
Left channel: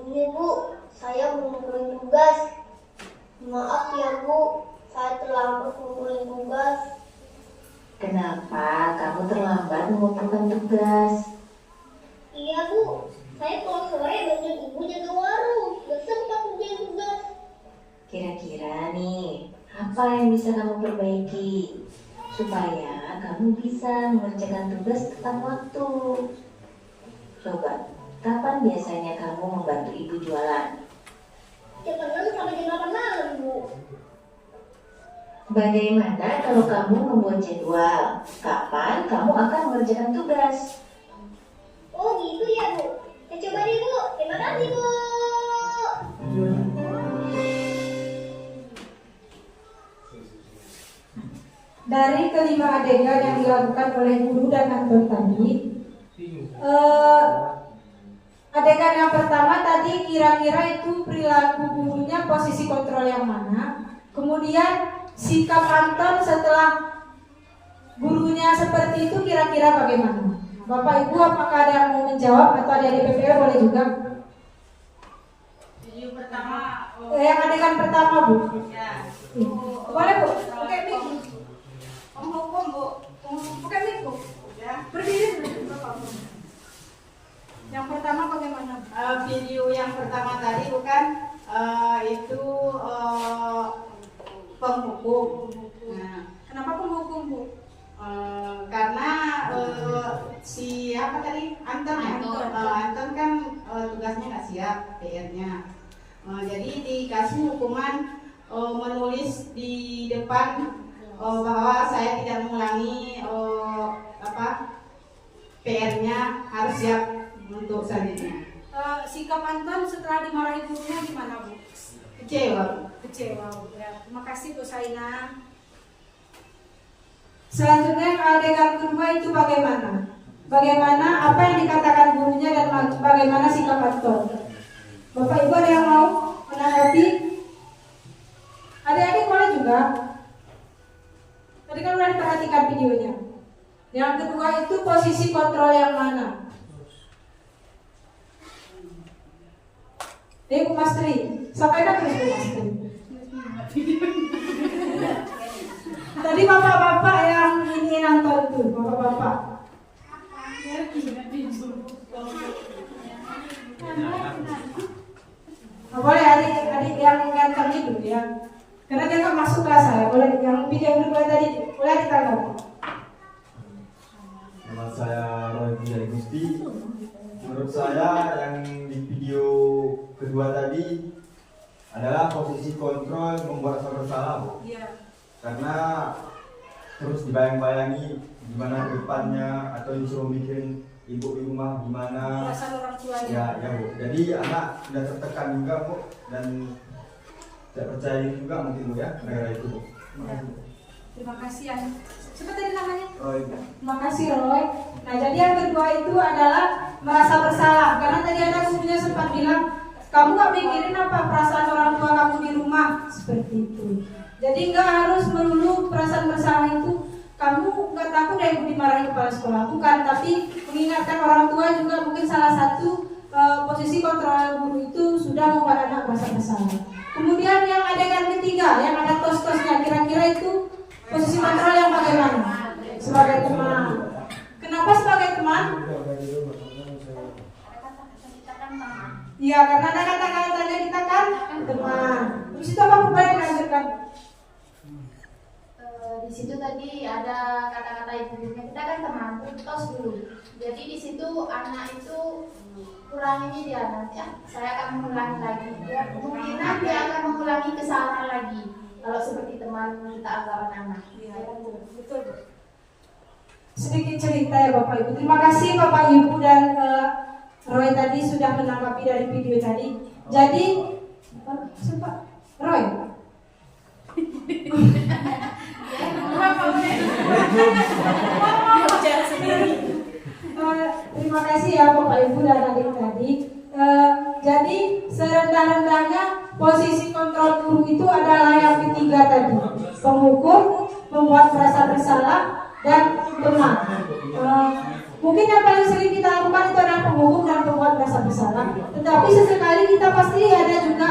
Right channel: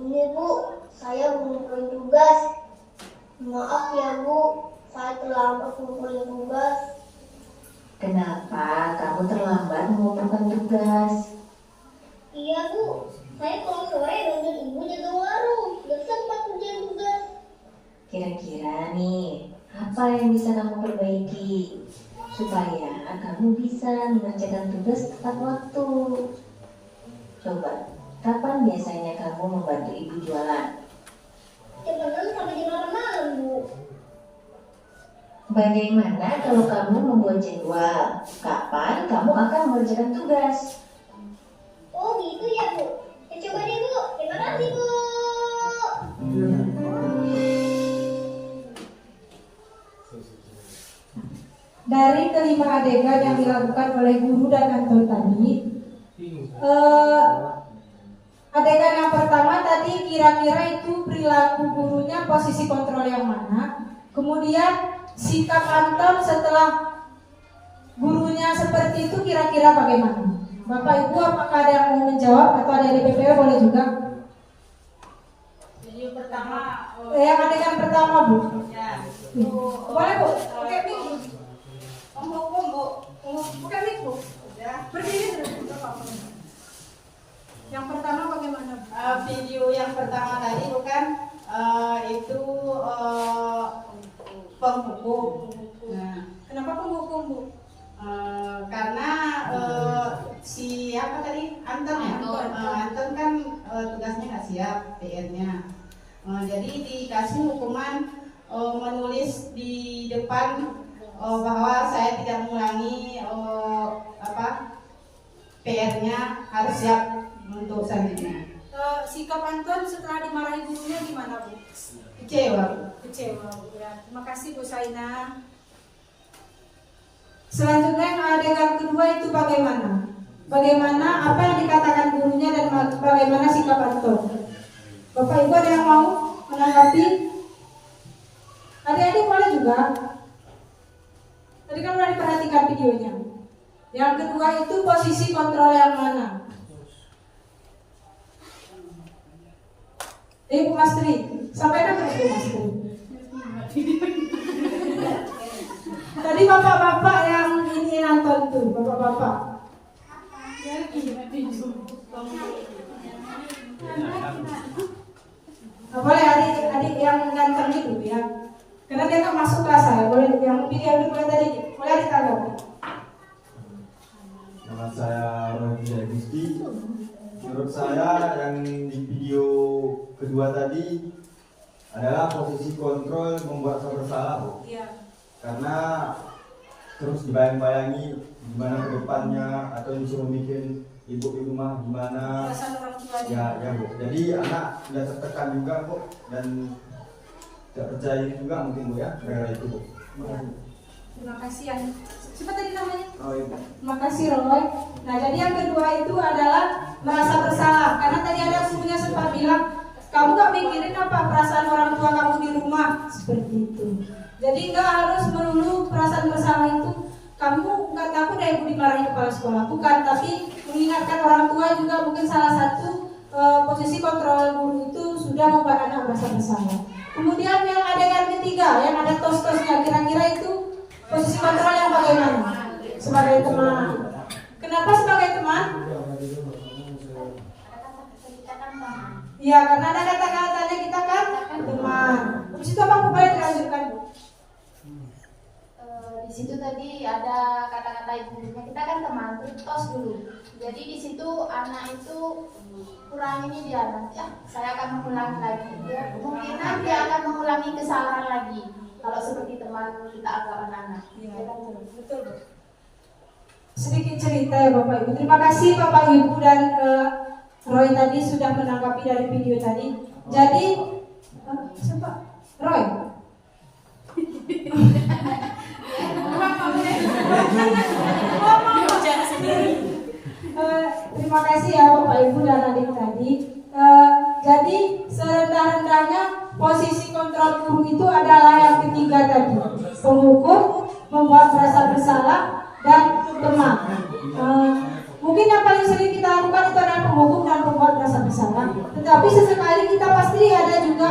Ini Bu, saya mengumpulin tugas. Maaf ya Bu, saya terlambat mengumpulin tugas. Kenapa kamu terlambat mengumpulkan tugas? Iya Bu, saya kalau sore bantuin ibu jaga warung, gak sempat kerjain tugas. Kira-kira nih, apa yang bisa kamu perbaiki supaya kamu bisa mengerjakan tugas tepat waktu? Coba, kapan biasanya kamu membantu ibu jualan? Jam 6 sampai jam 8 malam Bu. Bagaimana kalau kamu membuat jadwal? Kapan kamu akan mengerjakan tugas? Oh gitu ya Bu, saya coba deh Bu, terima kasih Bu. Dari kelima adegan yang dilakukan oleh guru dan Anton tadi, adegan yang pertama tadi kira-kira itu perilaku gurunya posisi kontrol yang mana. Kemudian sikap Anton setelah gurunya seperti itu kira-kira bagaimana? Bapak Ibu apakah ada yang mau menjawab atau ada di PPW boleh juga? Jadi pertama Yang adegan pertama Bu. ya. Boleh Bu, oke mic. Hukum Bu. Oke mic Bu. Ya. Berdiri. Yang pertama bagaimana? Video yang pertama tadi bukan itu penghukum. Nah, Kenapa penghukum Bu? karena siapa tadi Anton ya? Anton kan tugasnya nggak siap PR-nya. Jadi dikasih hukuman menulis di depan bahwa saya tidak mengulangi PR-nya, harus siap untuk selanjutnya. Sikap Anton setelah dimarahi gurunya gimana Bu? Kecewa Bu. Kecewa Bu ya. Terima kasih Bu Saina. Selanjutnya yang adegan kedua itu bagaimana? Bagaimana apa yang dikatakan gurunya dan bagaimana sikap Anton? Bapak Ibu ada yang mau menanggapi? Adik-adik boleh juga. Tadi kan sudah diperhatikan videonya. Yang kedua itu posisi kontrol yang mana? Ibu Mastri, sampaikan terus Bu Mastri. Tadi bapak-bapak yang ini nonton tuh, bapak-bapak. Boleh adik-adik yang ganteng itu ya. Karena dia nggak masuk kelas saya. Boleh yang video dulu boleh tadi, boleh ditanggapi. Nama saya Roy Gusti. Menurut saya yang di video kedua tadi adalah posisi kontrol membuat saya bersalah, Bu. Iya. Karena terus dibayang-bayangi gimana ke depannya atau disuruh bikin ibu di rumah gimana. Perasaan orang tuanya. Ya Bu. Jadi anak sudah tertekan juga, Bu, dan tidak percaya juga mungkin, Bu, ya, gara-gara itu, Bu. Terima kasih, Bu. Terima kasih yang siapa tadi namanya? Roy. Terima kasih Roy. Nah jadi yang kedua itu adalah merasa bersalah. Karena tadi ada gurunya sempat bilang, kamu gak mikirin apa perasaan orang tua kamu di rumah, seperti itu. Jadi nggak harus melulu perasaan bersalah itu. Kamu nggak takut ya ibu dimarahi kepala sekolah, bukan. Tapi mengingatkan orang tua juga mungkin salah satu posisi kontrol guru itu sudah membuat anak merasa bersalah. Kemudian yang adegan ketiga, yang ada tos-tosnya, kira-kira itu Posisi kontrol yang bagaimana? Sebagai teman. Kenapa sebagai teman? Iya, karena ada kata-katanya kita kan teman. Terus itu apa boleh dilanjutkan? Di situ tadi ada kata-kata ibunya, kita kan teman, terus dulu. Jadi di situ anak itu ulangi ini dia nanti, saya akan mengulangi lagi. Kemungkinan dia akan mengulangi kesalahan lagi. Kalau seperti teman kita agak anak. Iya, betul. Sedikit cerita ya Bapak Ibu. Terima kasih Bapak Ibu dan Roy tadi sudah menanggapi dari video tadi. Jadi, Roy. Terima kasih ya Bapak Ibu dan adik tadi. Jadi serendah-rendahnya posisi kontrol guru itu adalah yang ketiga tadi, penghukum, membuat merasa bersalah, dan teman. Mungkin yang paling sering kita lakukan itu adalah penghukum dan membuat merasa bersalah. Tetapi sesekali kita pasti ada juga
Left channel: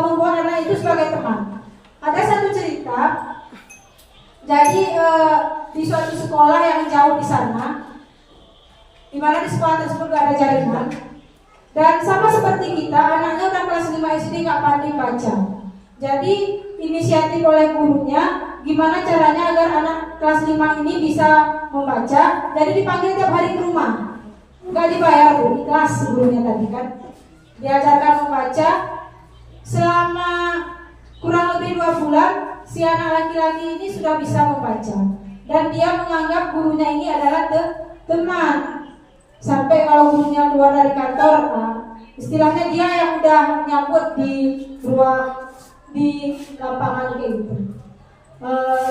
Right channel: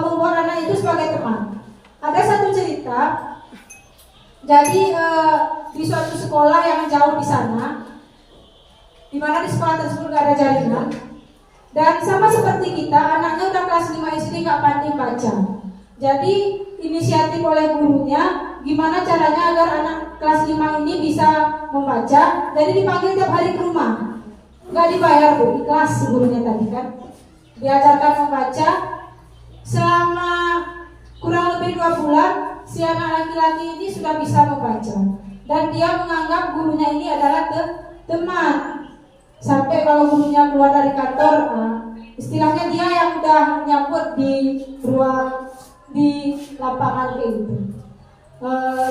membuat anak itu sebagai teman. Ada satu cerita. Jadi di suatu sekolah yang jauh di sana, di mana di sekolah tersebut gak ada jaringan, dan sama seperti kita, anaknya udah kelas 5 SD gak pandai baca. Jadi inisiatif oleh gurunya, gimana caranya agar anak kelas 5 ini bisa membaca. Jadi dipanggil tiap hari ke rumah, gak dibayar tuh, ikhlas gurunya tadi kan. Diajarkan membaca selama kurang lebih 2 bulan. Si anak laki-laki ini sudah bisa membaca dan dia menganggap gurunya ini adalah teman. Sampai kalau gurunya keluar dari kantor, istilahnya dia yang udah nyambut di ruang, di lapangan kayak gitu.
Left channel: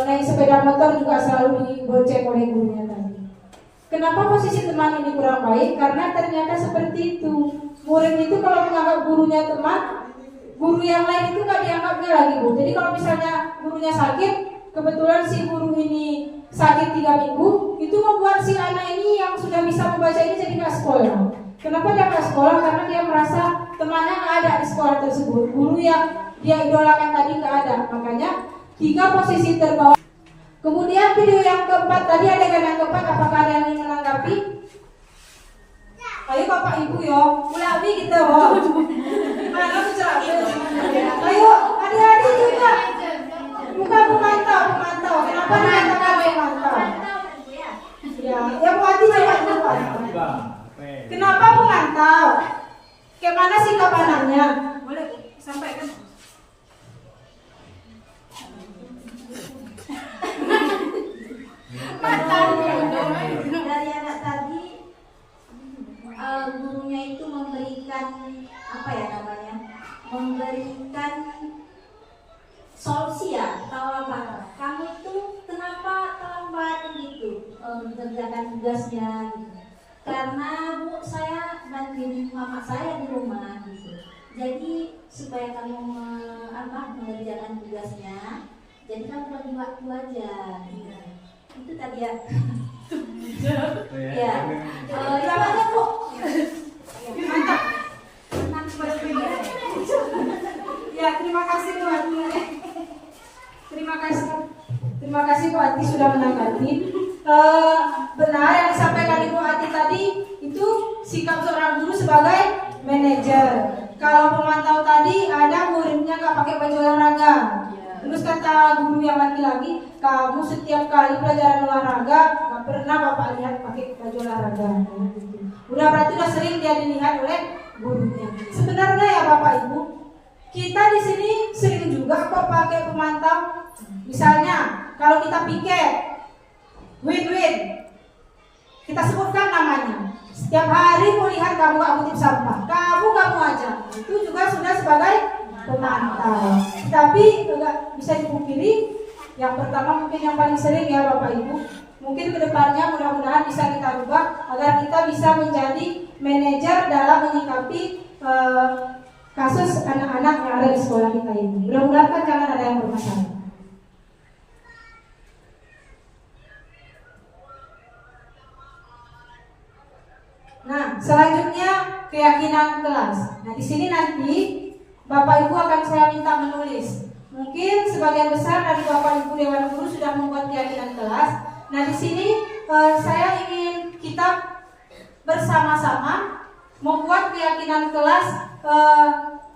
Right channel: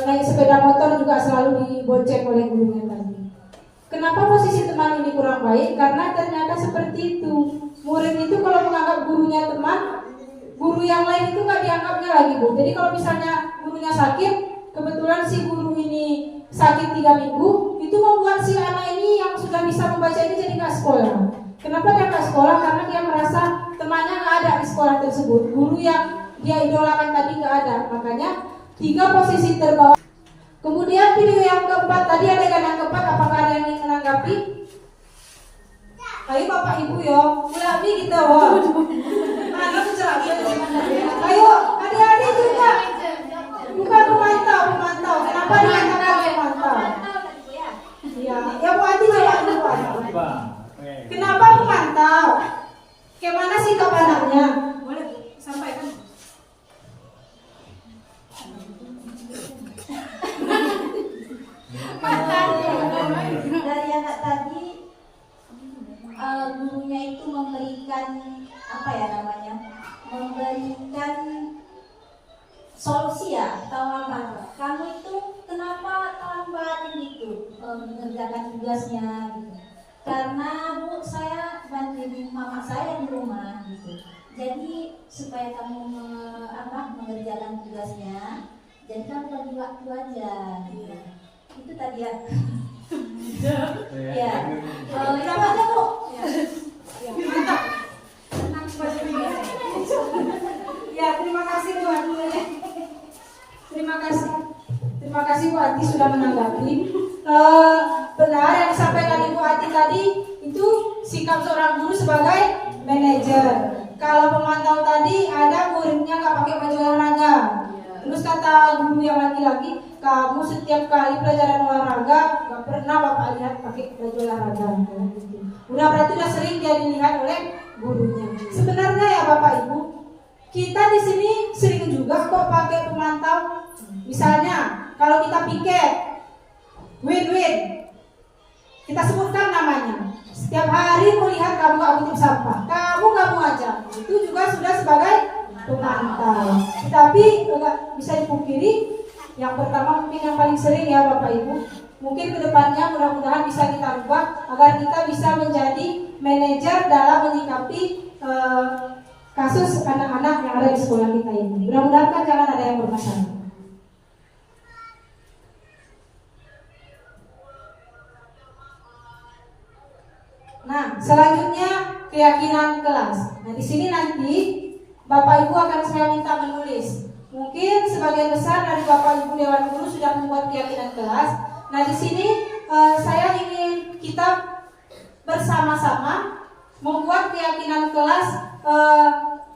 Naik sepeda motor juga selalu dibonceng oleh gurunya tadi. Kenapa posisi teman ini kurang baik? Karena ternyata seperti itu. Murid itu kalau menganggap gurunya teman, guru yang lain itu gak dianggapnya lagi Bu. Jadi kalau misalnya gurunya sakit, kebetulan si guru ini sakit 3 minggu, itu membuat si anak ini yang sudah bisa membaca ini jadi gak sekolah. Kenapa dia gak sekolah? Karena dia merasa temannya gak ada di sekolah tersebut. Guru yang dia idolakan tadi gak ada. Makanya 3 posisi terbawah. Kemudian video yang keempat, tadi adegan yang keempat, apakah ada yang ingin menanggapi? Ayo Bapak Ibu yo, mulai kita wah. Mana bicara? Ayo adik-adik juga. Bukan pemantau. Kenapa dikatakan pemantau? Ya Bu Adi coba dulu. Kenapa pemantau? Gimana sih pandangannya? Boleh sampaikan. Dari anak tadi, gurunya itu memberikan memberikan solusi ya, atau apa? Kamu itu kenapa terlambat gitu mengerjakan tugasnya gitu? Karena Bu, saya bantuin mama saya di rumah gitu. Jadi supaya kamu mengerjakan tugasnya, jadi kamu bagi waktu aja gitu. Itu tadi ya. Ya. Itu aja Bu. Mantap. Ya, terima kasih Bu Ati. Terima kasih Bu Ati sudah menanggapi. Benar yang disampaikan Ibu Ati tadi itu sikap seorang guru sebagai manajer. Kalau pemantau tadi ada muridnya nggak pakai baju olahraga. Terus kata guru yang laki-laki, kamu setiap kali pelajaran olahraga nggak pernah Bapak lihat pakai baju olahraga. Udah berarti udah sering dia dilihat oleh gurunya. Sebenarnya ya Bapak Ibu, kita di sini sering juga kok pakai pemantau. Misalnya kalau kita piket, win-win, kita sebutkan namanya. Setiap hari melihat kamu gak kutip sampah, kamu gak mau aja, itu juga sudah sebagai pemantau. Tapi enggak bisa dipungkiri. Yang pertama mungkin yang paling sering ya Bapak Ibu. Mungkin kedepannya mudah-mudahan bisa kita ubah agar kita bisa menjadi manajer dalam menyikapi kasus anak-anak yang ada di sekolah kita ini. Mudah-mudahan kan jangan ada yang bermasalah. Nah, selanjutnya keyakinan kelas. Nah, di sini nanti Bapak Ibu akan saya minta menulis Mungkin sebagian besar dari Bapak Ibu Dewan Guru sudah membuat keyakinan kelas. Nah, di sini saya ingin kita bersama-sama membuat keyakinan kelas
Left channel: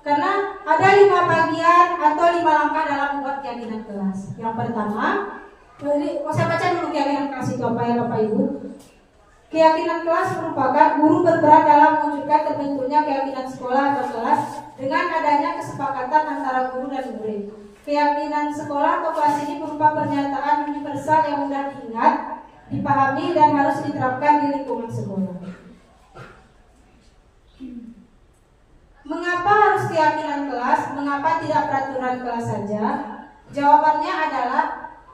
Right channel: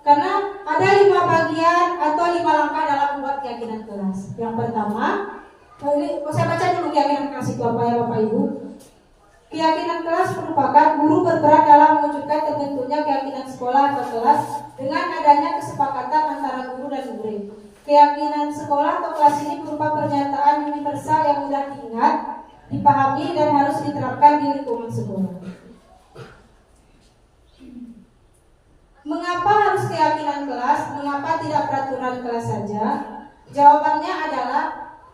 karena ada 5 bagian atau 5 langkah dalam membuat keyakinan kelas. Yang pertama, saya baca dulu keyakinan kelas itu apa ya Bapak Ibu. Keyakinan kelas merupakan guru berperan dalam mewujudkan terbentuknya keyakinan sekolah atau kelas dengan adanya kesepakatan antara guru dan murid. Keyakinan sekolah atau kelas ini berupa pernyataan universal yang mudah diingat, dipahami, dan harus diterapkan di lingkungan sekolah. Mengapa harus keyakinan kelas? Mengapa tidak peraturan kelas saja? Jawabannya adalah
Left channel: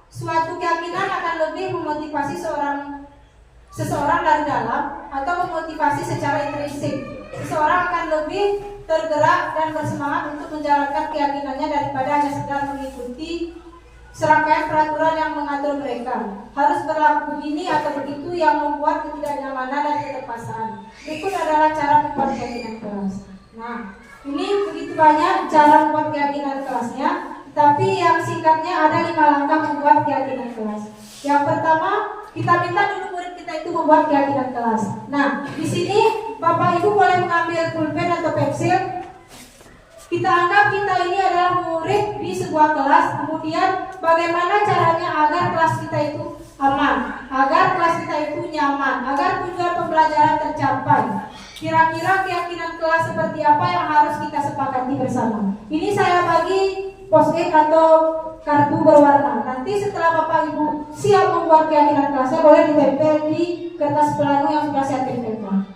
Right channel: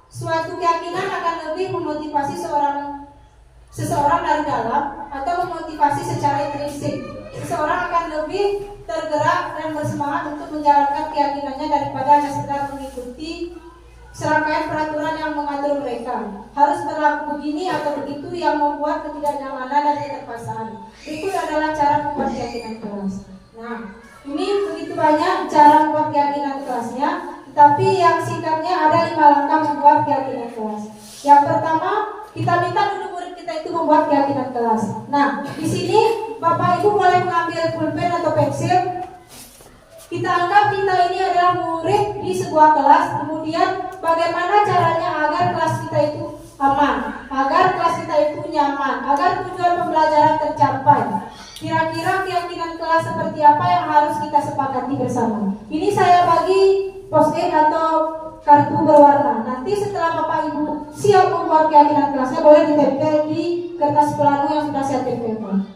suatu keyakinan akan lebih memotivasi seseorang dari dalam atau memotivasi secara intrinsik. Seseorang akan lebih tergerak dan bersemangat untuk menjalankan keyakinannya daripada hanya sekedar mengikuti serangkaian peraturan yang mengatur mereka. Harus berlaku begini atau begitu yang membuat ketidaknyamanan dan keterpaksaan. Berikut adalah cara membuat keyakinan kelas. Nah, ini begitu banyak cara membuat keyakinan kelasnya, tetapi yang singkatnya ada 5 langkah membuat keyakinan kelas. Yang pertama, kita minta dulu murid kita itu membuat keyakinan kelas. Nah, di sini Bapak Ibu boleh mengambil pulpen atau pensil. Kita anggap kita ini adalah murid di sebuah kelas. Kemudian bagaimana caranya agar kelas kita itu aman, agar kelas kita itu nyaman, agar tujuan pembelajaran tercapai. Kira-kira keyakinan kelas seperti apa yang harus kita sepakati bersama. Ini saya bagi post-it atau kartu berwarna. Nanti setelah Bapak Ibu siap membuat keyakinan kelasnya, boleh ditempel di kertas plano yang sudah saya tempelkan.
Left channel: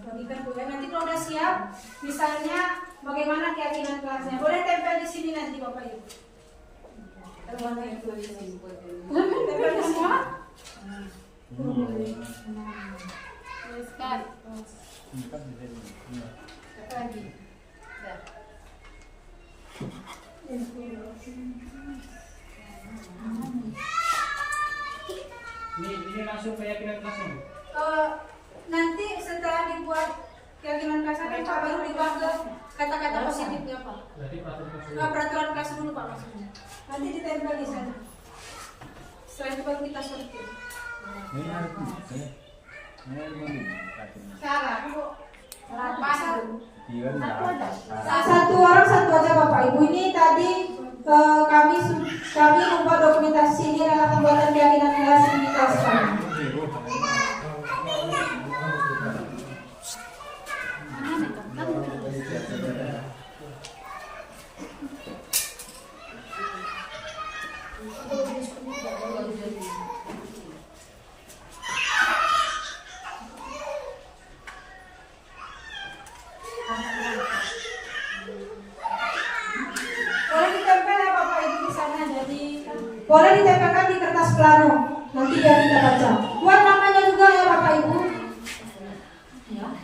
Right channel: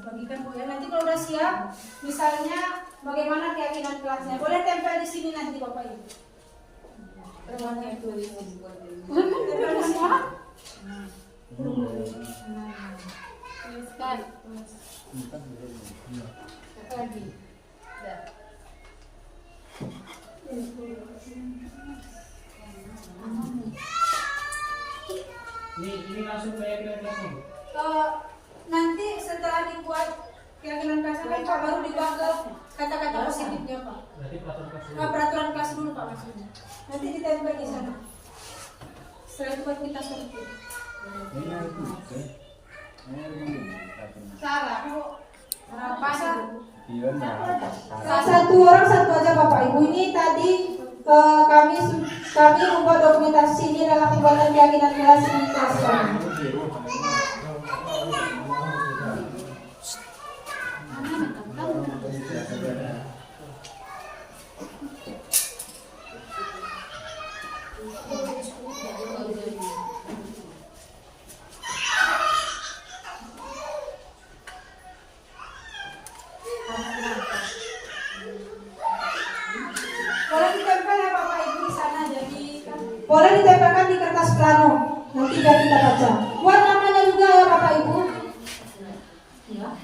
Bagikan boleh. Nanti kalau udah siap, misalnya bagaimana keyakinan kelasnya, boleh tempel di sini nanti Bapak Ibu. Tempel di semua. Lagi. Ini langsung keyakinan kelasnya. Nanti setelah dibuat keyakinan kelasnya Pak, baru dibuat kata-kata positifnya Pak. Berarti Peraturan kelas dulu Pak maksudnya. Nanti ditempel di sana. Setelah itu baru kita sortir. Sarah, Bu. Satu orang satu aja Bapak Ibu. Ini tadi kami membuat dokumentasi ini dalam pembuatan keyakinan kelas di kelas kami. Boleh ditempel ya Bapak Ibu di sana, jadi boleh ditempelkan di kertas plano. Nanti biar kita baca. Buat namanya juga ya Bapak Ibu. Ya.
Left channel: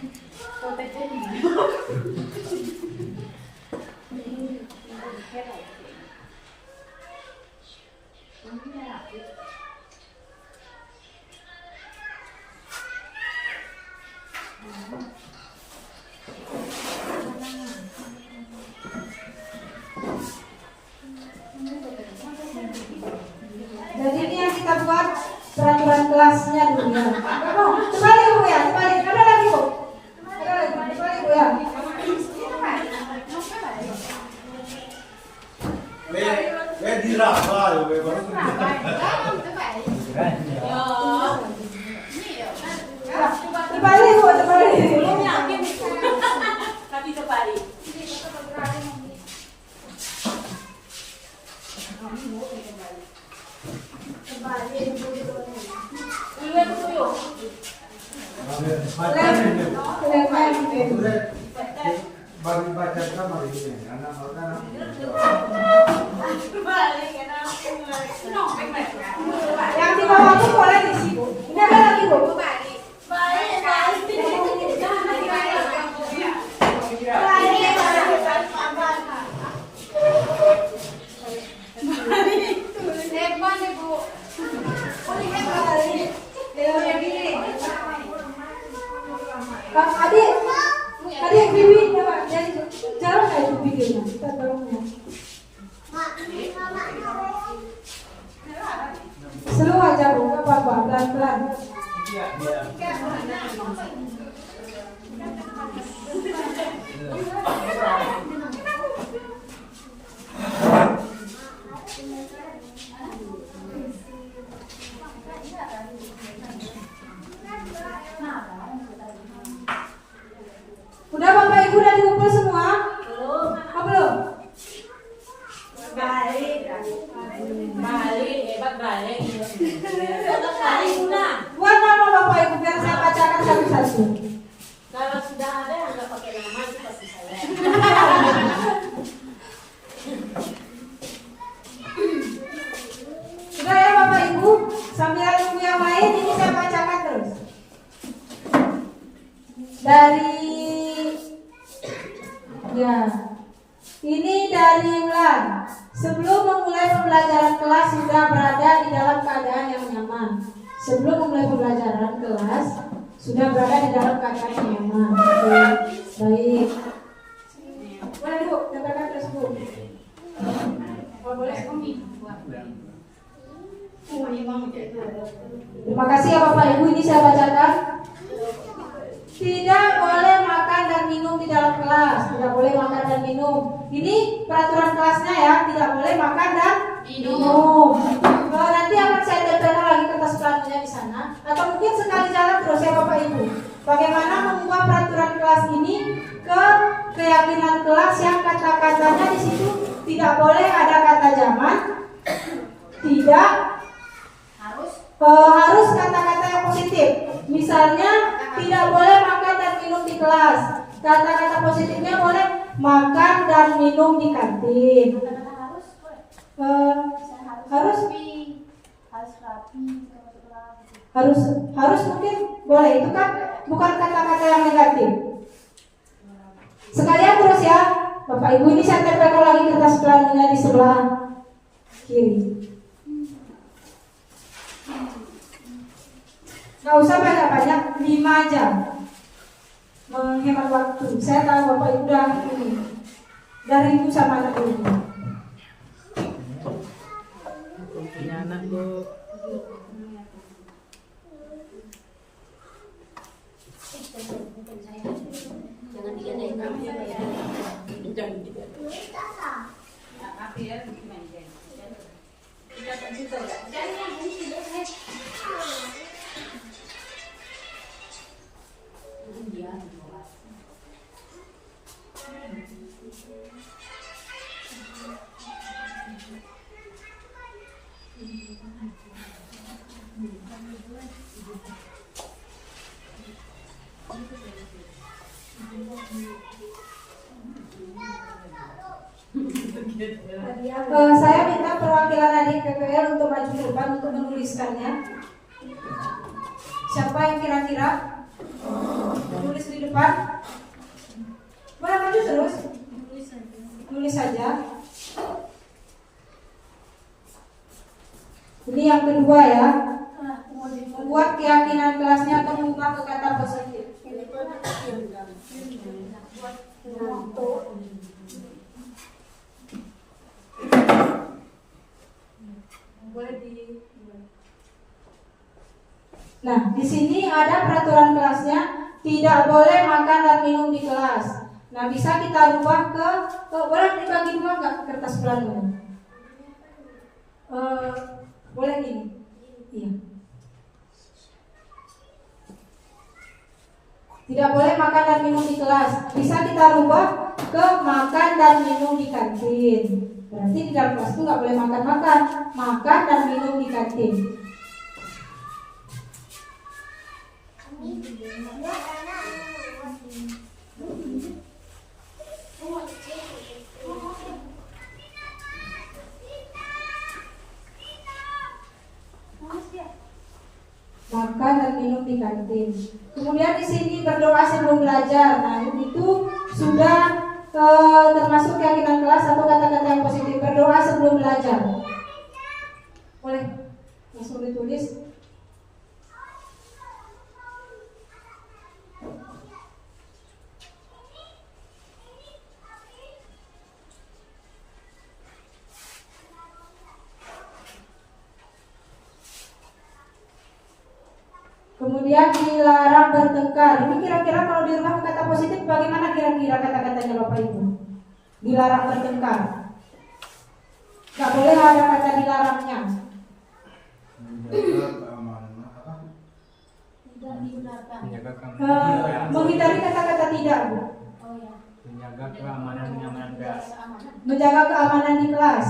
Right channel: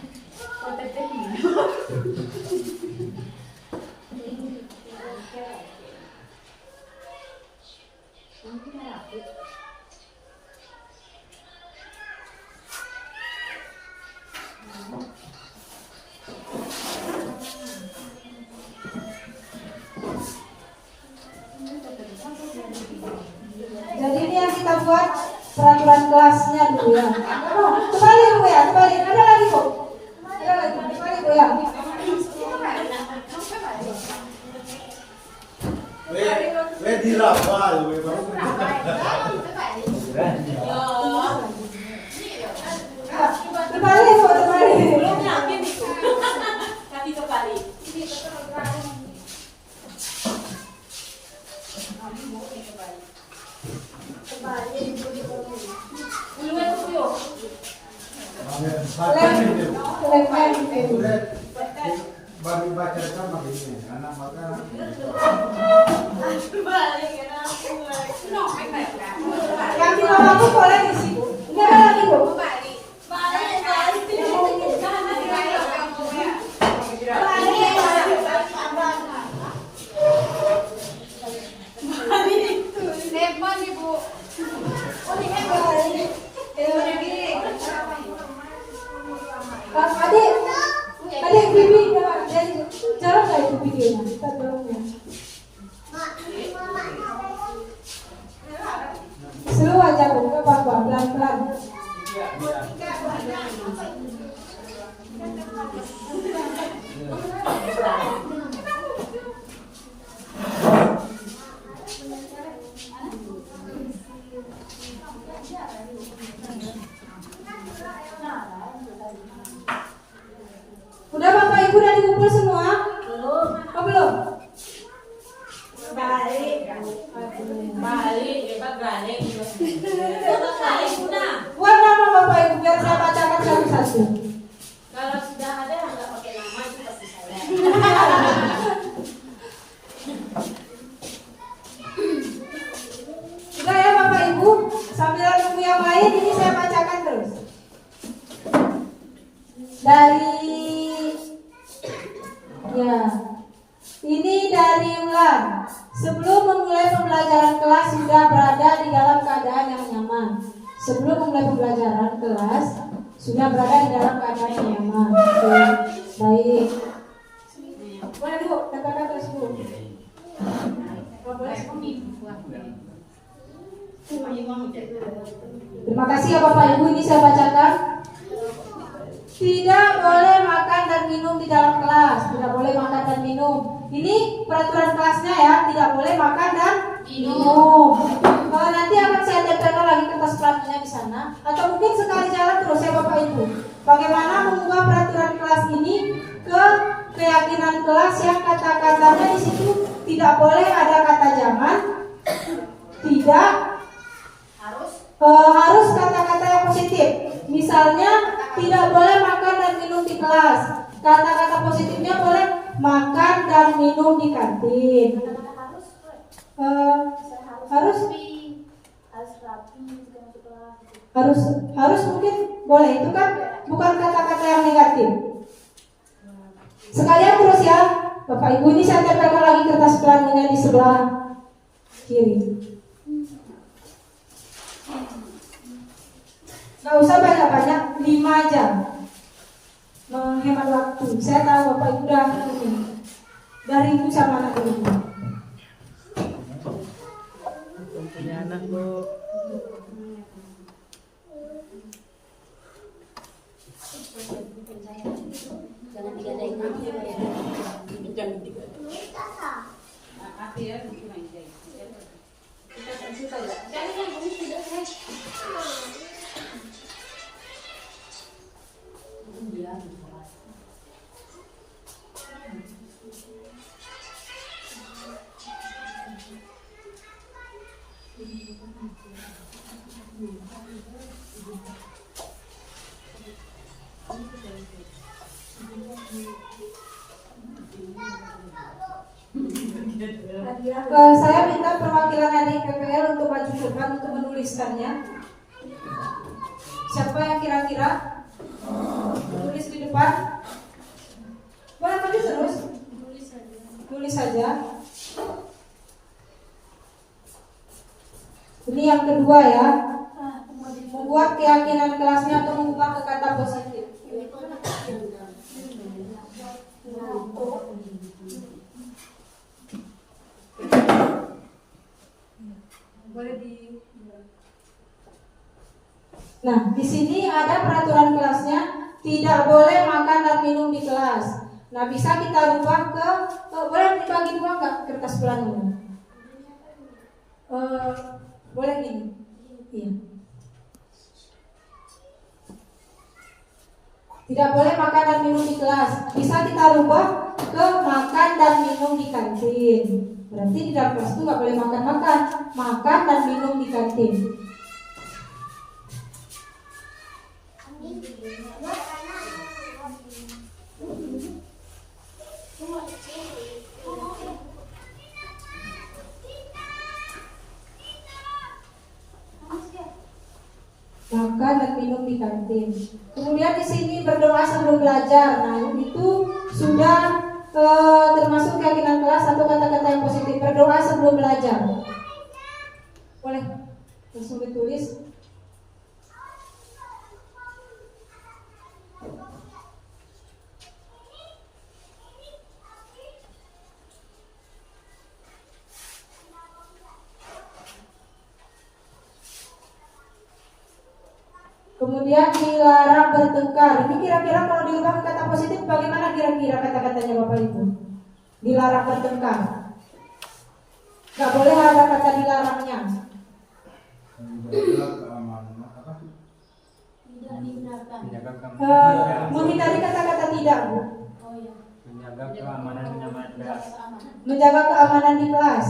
Jadi ini yang kita buat peraturan kelasnya dulu ya. Oh, kembali Bu ya, kembali. Ada lagi Bu? Ada lagi, kembali Bu ya. We dirapal, we baru. Kembali Bu, kembali. Bagi baca kamar ini, anak makanan. Yang di bawah aku boleh di situ. Ini ada lagi bu. Adik Bibi, jauh nggak itu videonya? Kita tolongnya. Slow aja bu, nggak apa-apa, pelan-pelan. Udah Bapak Ibu udah dikumpul semua? Belum. Oh, belum? Balik, hebat balik. Buat nama Bapak Ibu biar saya bacakan satu-satu. Kalau sudah ada yang nggak pakai nama itu pasti saya. Sudah ya Bapak Ibu, sambil nunggu yang lain ini saya bacakan terus. Ini dari Ulan. Sebelum memulai pembelajaran kelas sudah berada di dalam keadaan yang nyaman. Sebelum memulai pembelajaran kelas sudah berada di dalam keadaan yang nyaman. Oke, baik. Boleh Bu, katakan terus Bu. Oh, boleh. Terima kasih ya Bapak Ibu, ini saya bacakan. Tidak boleh makan dan minum di dalam kelas. Tidak boleh makan dan minum. Ini peraturan kelasnya ya. Tidak boleh makan dan minum. Kalau nanti akan saya tempelkan lagi kertas pelajarannya di sana. Atau mungkin sekali jalan terus ya Bapak Ibu. Bagaimana mengubah peraturan kelas ini ke keyakinan kelas yang kata-katanya di situ tidak boleh ada kata zaman. Tidak harus kata-kata yang positif. Misalnya tidak boleh makan dan minum di kelas. Kata-kata positifnya boleh makan dan minum di kantin. Harus mungkin boleh. Itu kan bukan kata-kata yang negatif. Sekalian terus ya Bapak Ibu, ini saya tempelkan lagi kertas plannya di sebelah kiri. Nggak usah banyak-banyak, 5 jam menghemat waktu. Saya tahu Bapak Ibu udah ini dari ibu sama anak ibu. Belum punya anak Bu. Jangan digadain ya. Jangan digadain. Saya minta perwakilan adik PPL untuk maju ke depan untuk menuliskannya. Siapa yang kira-kira menulis di depan? Boleh maju terus. Tulis saja. Ini yang kedua ya. Membuat keyakinan kelasnya atau mengubah ke kata positif. Nah, di sini ada peraturan kelasnya, tidak boleh makan dan minum di kelas. Nah, bisa kita rubah ke boleh dibagi dua nggak kertas plannya? Boleh gini, iya. Tidak boleh makan dan minum di kelas. Bisa kita rubah ke makan dan minum di kantin. Berarti di dalam kelas itu nggak boleh makan dan minum di kantin. makan dan minum di kantin. Kemudian di sini berdoa sebelum belajar. Nah, itu sudah termasuk keyakinan kelas atau kata-kata yang positif. Berdoa sebelum belajar. Boleh langsung ditulis. Kemudian dilarang bertengkar. Ini kira-kira kalau dirubah ke kata positif, bagaimana kira-kira kata-katanya Bapak Ibu? Dilarang bertengkar. Gak boleh ada kata dilarangnya. Tidak digunakan. Menghindari kata-kata tidak, Bu. Oh ya. Menjaga keamanan kelas. Menjaga keamanan di kelas.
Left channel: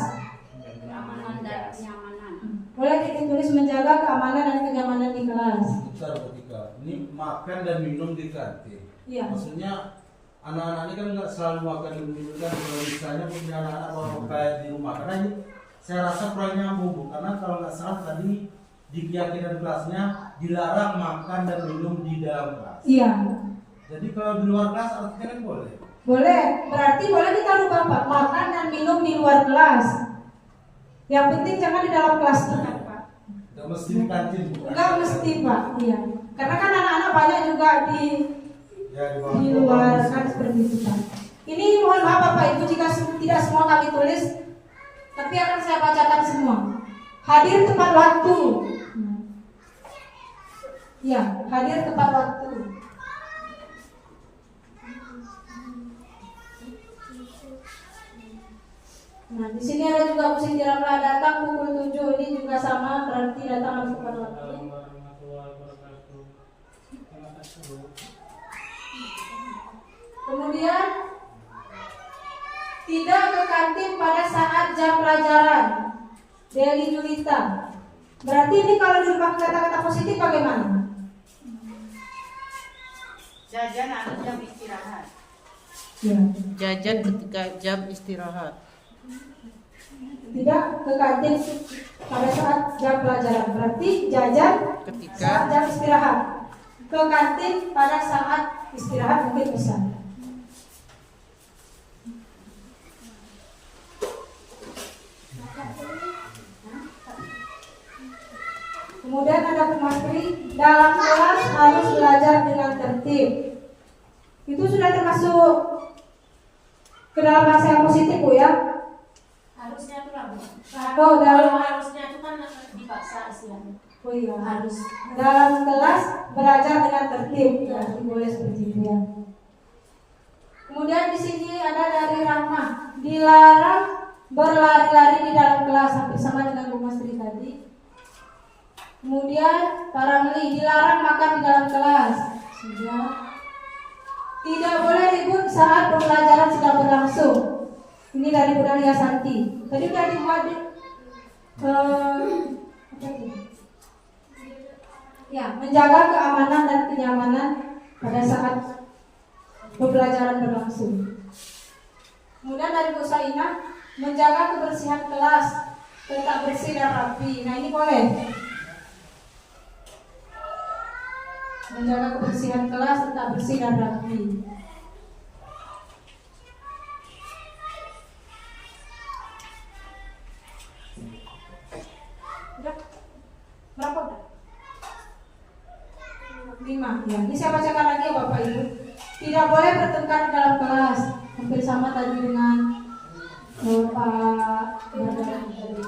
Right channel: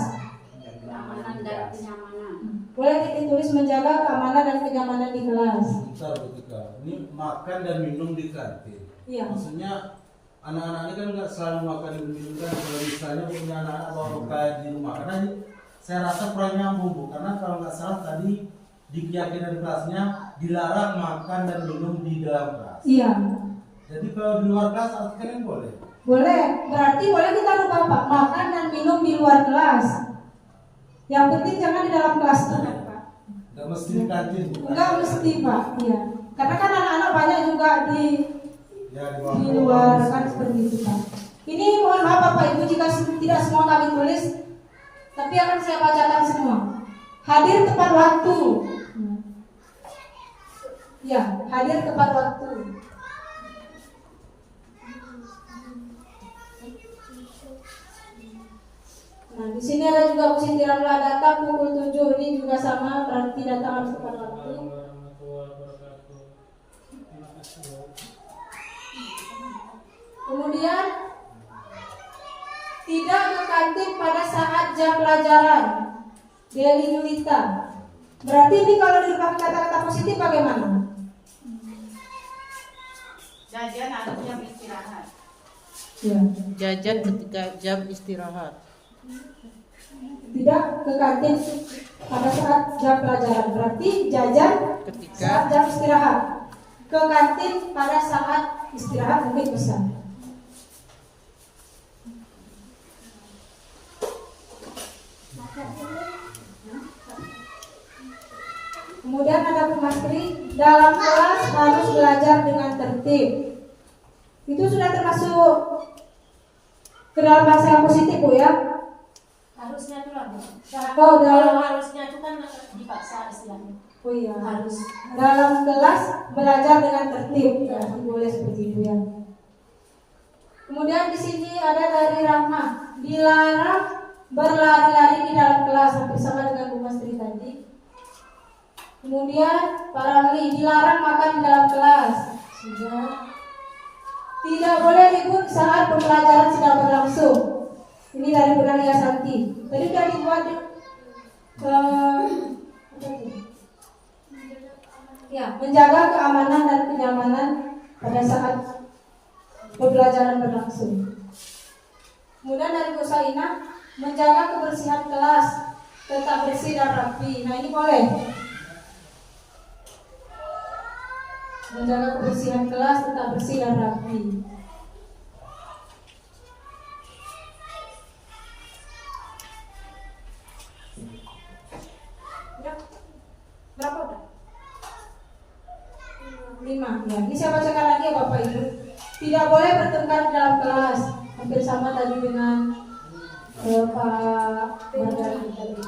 Keamanan dan kenyamanan. Boleh ditulis menjaga keamanan dan kenyamanan di kelas. Bentar Bu Tika, ini makan dan minum di kantin. Iya. Maksudnya anak-anak ini kan nggak selalu makan dan minum kan, kalau misalnya punya anak-anak atau kayak di rumah, karena ini saya rasa kurang nyambung Bu, karena kalau nggak salah tadi di keyakinan kelasnya dilarang makan dan minum di dalam kelas. Iya. Jadi kalau di luar kelas artinya kan boleh. Boleh, berarti boleh kita rubah Pak, makan dan minum di luar kelas. Yang penting jangan di dalam kelas Pak. Nggak mesti di kantin bukan? Nggak mesti Pak, iya. Karena kan anak-anak banyak juga di bawah luar kan seperti itu Pak. Ini mohon maaf Bapak Ibu jika tidak semua kami tulis, tapi akan saya bacakan semua. Hadir tepat waktu. Ya, hadir tepat waktu. Nah, di sini ada juga Bu Siti Ramlah datang pukul 7. Ini juga sama, berarti datang harus tepat waktu. Kemudian tidak ke kantin pada saat jam pelajaran. Deli Julita. Berarti ini kalau dirubah kata-kata positif bagaimana? Jajan atau jam istirahat. Ya. Jajan ketika jam istirahat. Tidak ke kantin pada saat jam pelajaran. Berarti jajan Ketika saat jam istirahat. Ke kantin pada saat istirahat mungkin bisa. Kemudian ada Pemastri, dalam kelas harus belajar dengan tertib. Itu sudah termasuk ke dalam bahasa yang positif Bu ya? Harusnya tuh lah Bu. Oh, dalam harusnya itu kan dipaksa istilahnya. Oh iya, Harus. dalam kelas belajar dengan tertib, ya, boleh seperti itu ya. Kemudian di sini ada dari Rahmah, dilarang berlari-lari di dalam kelas, hampir sama dengan Bu Mastri tadi. Kemudian para Meli, dilarang makan di dalam kelas. Sudah. Tidak boleh ribut saat pembelajaran sedang berlangsung. Ini dari Bu Nadia Santi. Tadi sudah dibuat apa itu? Ya, menjaga keamanan dan kenyamanan pada saat pembelajaran berlangsung. Kemudian dari Bu Saina, menjaga kebersihan kelas, tetap bersih dan rapi. Nah ini boleh. Menjaga kebersihan kelas, tetap bersih dan rapi. Berapa udah? 5 ya. Ini saya bacakan lagi ya Bapak Ibu. Tidak boleh bertengkar dalam kelas. Hampir sama tadi dengan Pak Bardari tadi.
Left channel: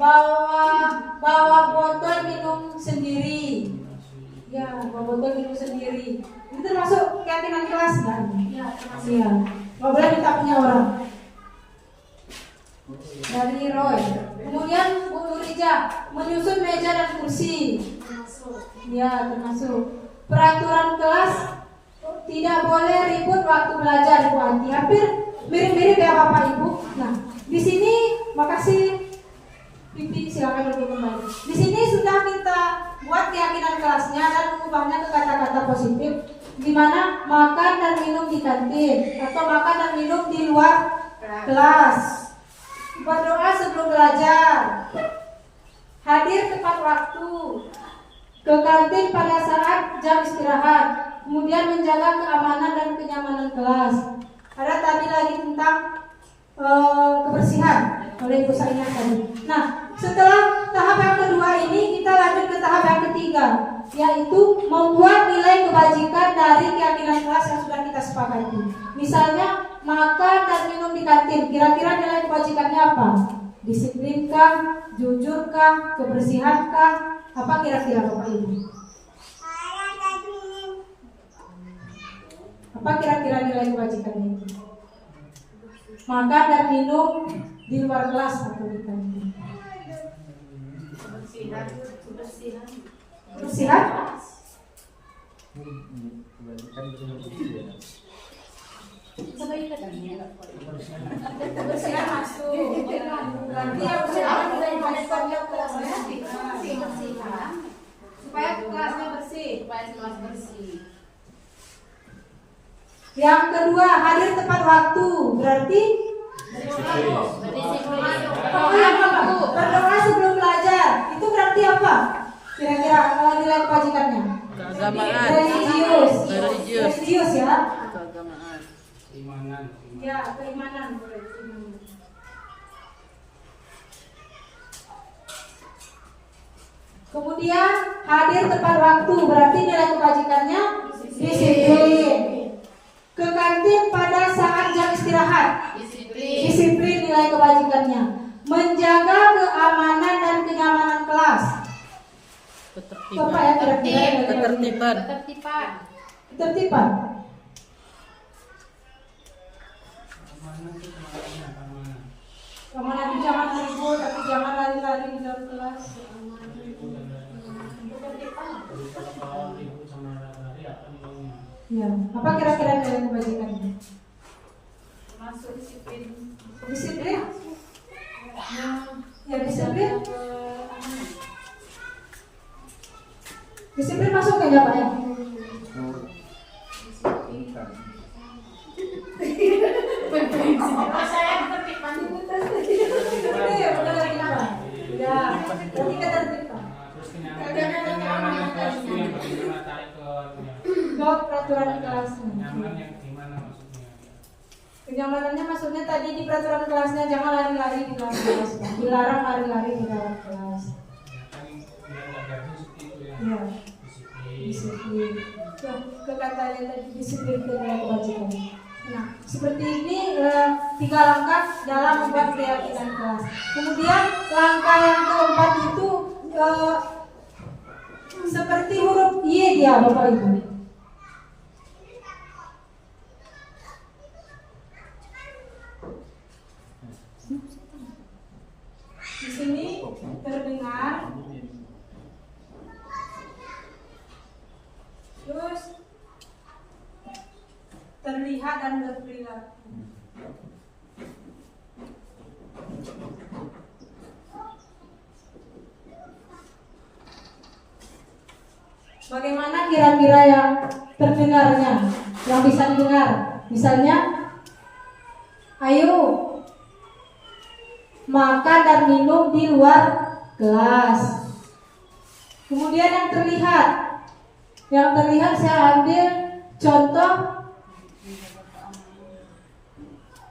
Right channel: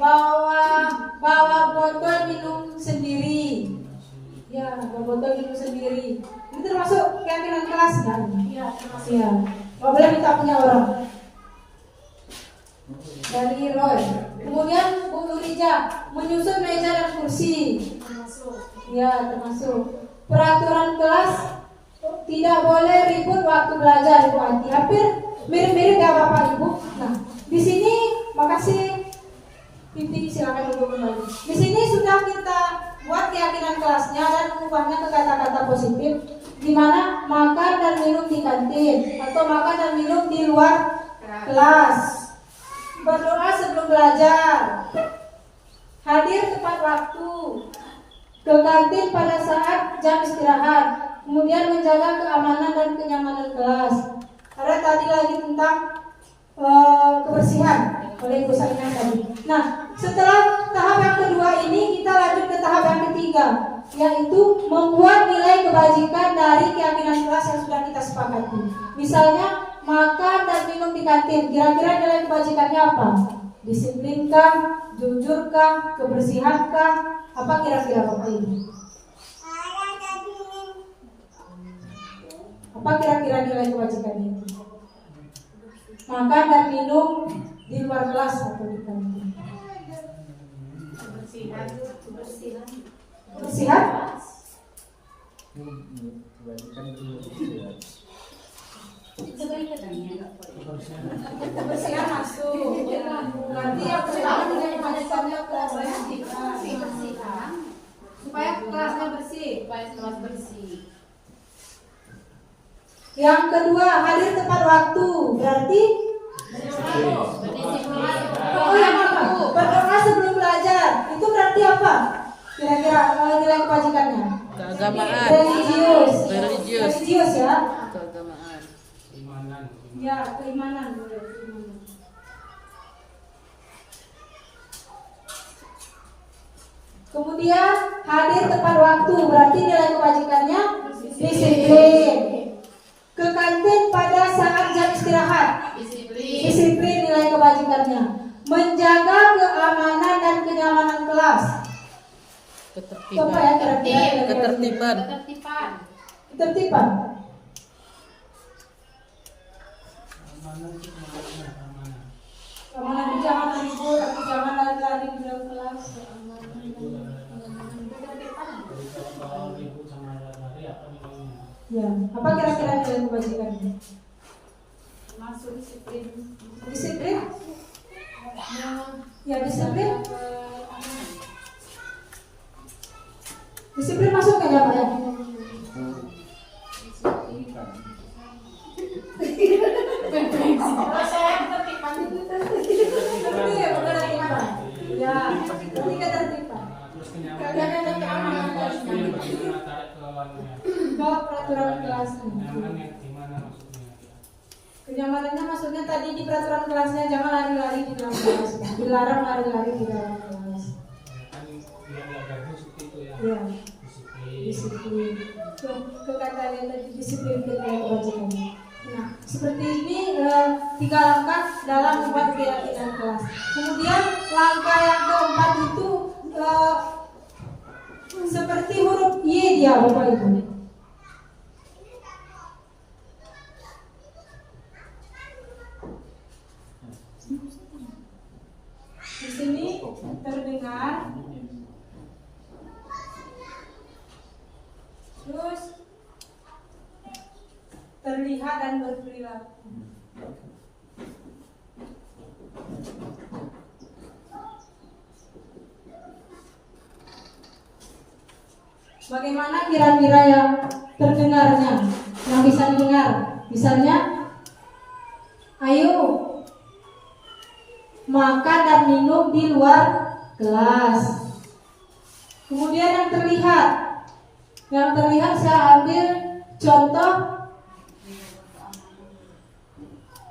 Bawa botol minum sendiri. Ya, bawa botol minum sendiri. Ini termasuk keyakinan kelas kan? Iya. Iya. Nggak boleh minta punya orang. Dari Roy. Kemudian Bu Nurija, menyusun meja dan kursi. Ya, termasuk. Peraturan kelas tidak boleh ribut waktu belajar, Ibu Anti. Hampir mirip-mirip ya Bapak Ibu. Nah, di sini makasih Pipi, silakan untuk kembali. Di sini sudah kita buat keyakinan kelasnya dan mengubahnya ke kata-kata positif, di mana makan dan minum di kantin atau makan dan minum di luar kelas. Berdoa sebelum belajar. Hadir tepat waktu. ke kantin pada saat jam istirahat, kemudian menjaga keamanan dan kenyamanan kelas. Ada tadi lagi tentang kebersihan oleh Ibu Saina tadi. Nah, setelah tahap yang kedua ini kita lanjut ke tahap yang ketiga, yaitu membuat nilai kebajikan dari keyakinan kelas yang sudah kita sepakati. Misalnya makan dan minum di kantin, kira-kira nilai kebajikannya apa? Disiplinkah, jujurkah, kebersihankah? Apa kira-kira Bapak Ibu? Apa kira-kira nilai kebajikannya itu? Makan dan minum di luar kelas atau di kantin. Kebersihan? Kebersihan masuk. Berarti apa nilai kebajikannya kebersihan supaya kelasnya bersih. Yang kedua, hadir tepat waktu. Berarti berdoa sebelum belajar. Itu berarti apa? Kira-kira nilai kebajikannya? Keagamaan. Religius ya. Keagamaan. Keimanan. Ya, keimanan. Kemudian hadir tepat waktu. Berarti nilai kebajikannya disiplin. Ke kantin pada saat jam istirahat. Disiplin nilai kebajikannya. Menjaga keamanan dan kenyamanan kelas. Coba ya kira-kira. Ketertiban. Ketertiban. Keamanan itu jangan ribut, tapi jangan lari-lari di dalam kelas. Ya, apa kira-kira nilai kebajikannya? Masuk disiplin. Disiplin? Ya disiplin. Disiplin masuk nggak Pak ya? Saya ketertiban itu Ya, ketika tertiban. Peraturan kelasnya. Kenyamanannya maksudnya tadi di peraturan kelasnya jangan lari-lari di dalam kelas. Dilarang lari-lari di dalam kelas. Ya. Disiplin. Ke kata tadi disiplin kewajiban. Nah, seperti ini 3 langkah dalam membuat keyakinan kelas. Kemudian langkah yang keempat itu seperti huruf Y dia Bapak Ibu. Di sini terdengar, terus terlihat dan berperilaku. Bagaimana kira-kira yang terdengarnya, yang bisa didengar? Misalnya, ayo makan dan minum di luar kelas. Kemudian yang terlihat saya ambil contoh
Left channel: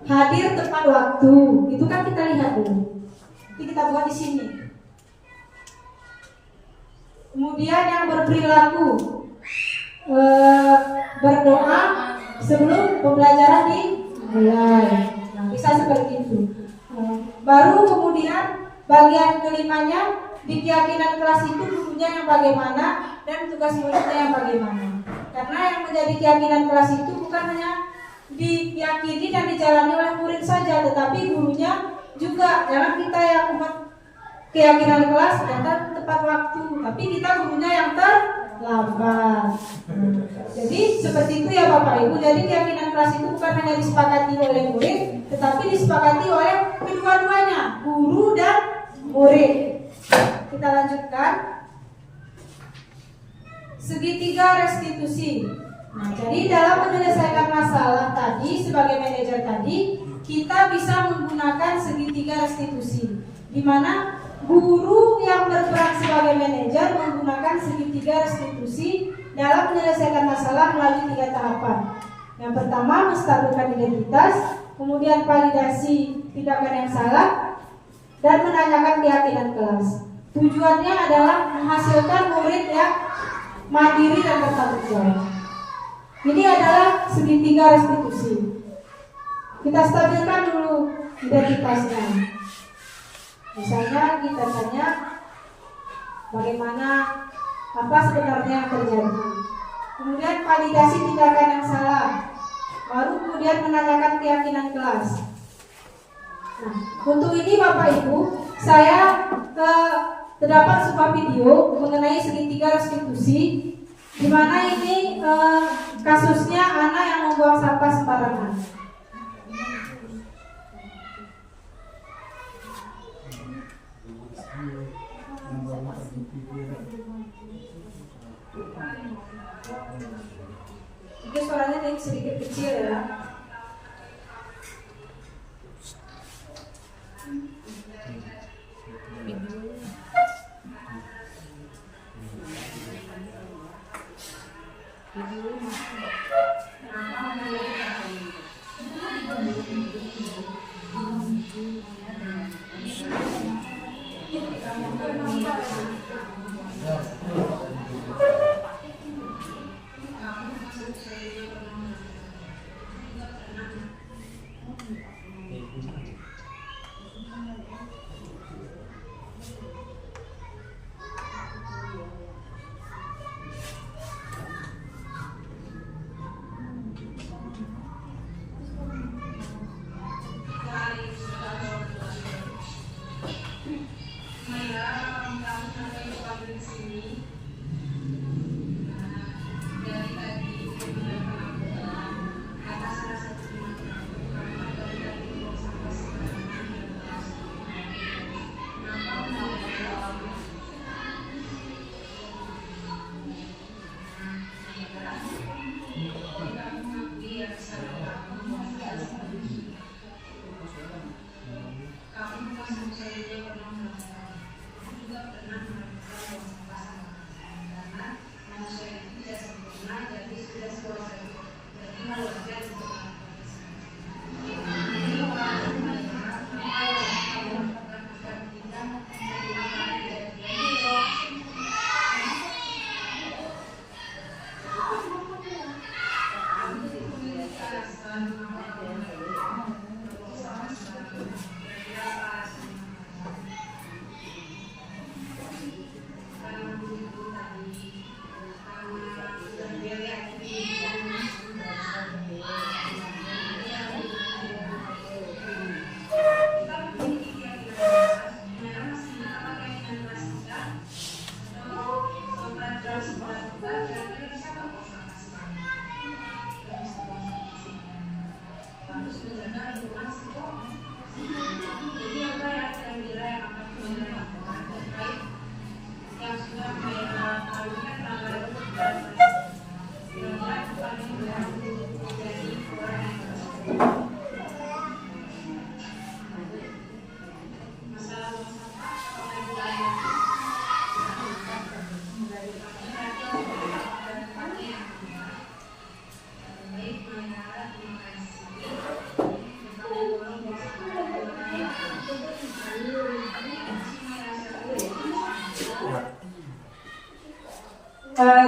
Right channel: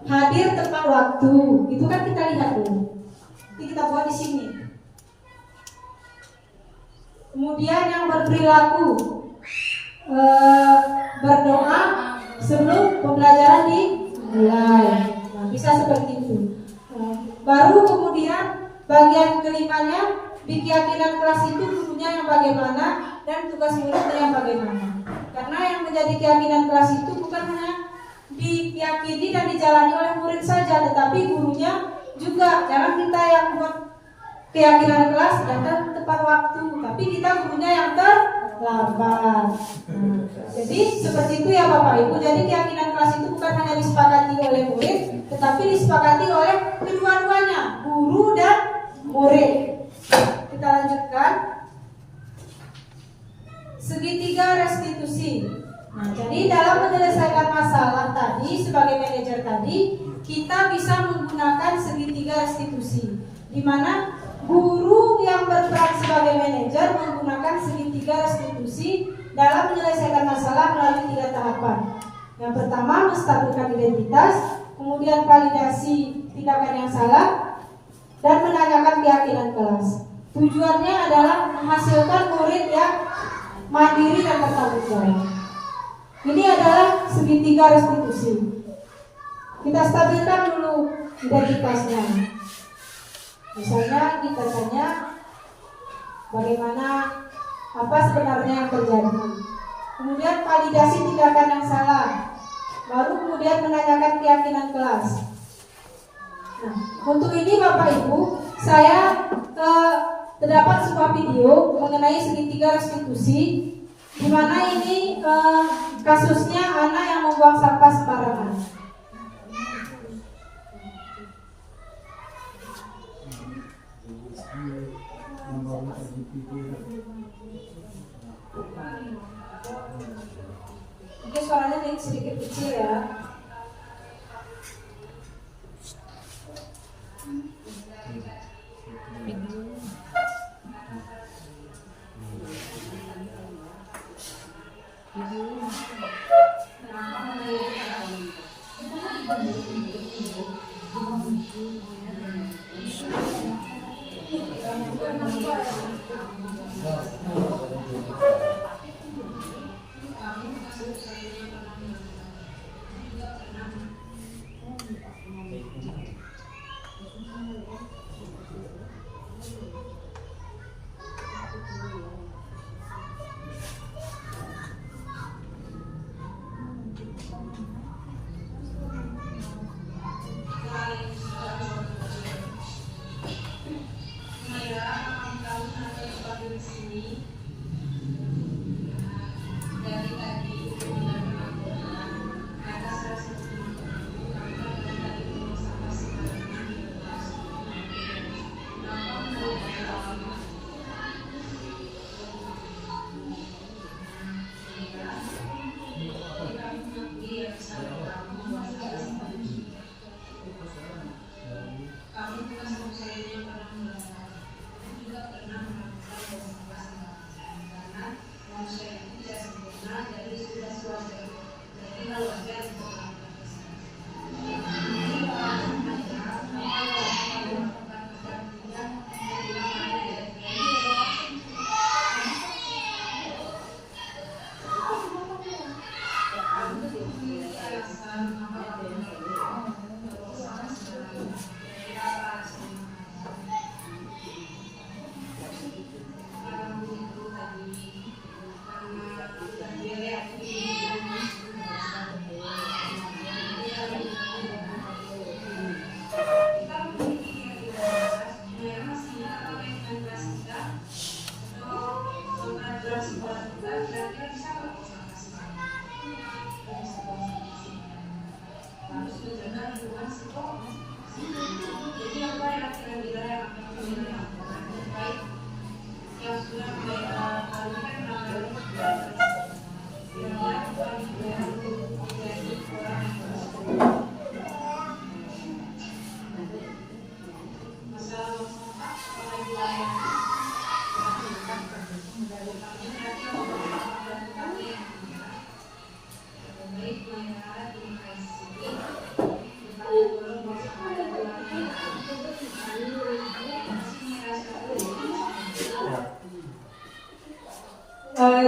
hadir tepat waktu. Itu kan kita lihat dulu. Nanti kita buat di sini. Kemudian yang berperilaku berdoa sebelum pembelajaran dimulai. Nah, bisa seperti itu. Baru kemudian bagian kelimanya di keyakinan kelas itu gurunya yang bagaimana dan tugas muridnya yang bagaimana. Karena yang menjadi keyakinan kelas itu bukan hanya diyakini dan dijalani oleh murid saja, tetapi gurunya juga. Jangan kita yang membuat keyakinan kelas datang tepat waktu, tapi kita gurunya yang terlambat. Jadi seperti itu ya Bapak Ibu. Jadi keyakinan kelas itu bukan hanya disepakati oleh murid, tetapi disepakati oleh kedua-duanya, guru dan murid. Kita lanjutkan. Segitiga restitusi. Nah, jadi dalam menyelesaikan masalah tadi sebagai manajer tadi, kita bisa menggunakan segitiga restitusi, di mana Guru yang berperan sebagai manajer menggunakan segitiga restitusi dalam menyelesaikan masalah melalui 3 tahapan. Yang pertama, menstabilkan identitas, kemudian validasi tindakan yang salah, dan menanyakan keyakinan kelas. Tujuannya adalah menghasilkan murid yang mandiri dan bertanggung jawab. Ini adalah segitiga restitusi. Kita stabilkan dulu identitasnya. Misalnya kita tanya bagaimana, apa sebenarnya yang terjadi. Kemudian validasi tindakan yang salah. Baru kemudian menanyakan keyakinan kelas. Nah, untuk ini Bapak Ibu, saya terdapat sebuah video mengenai segitiga restitusi, di mana ini kasusnya anak yang membuang sampah sembarangan. Mungkin suaranya sedikit kecil ya.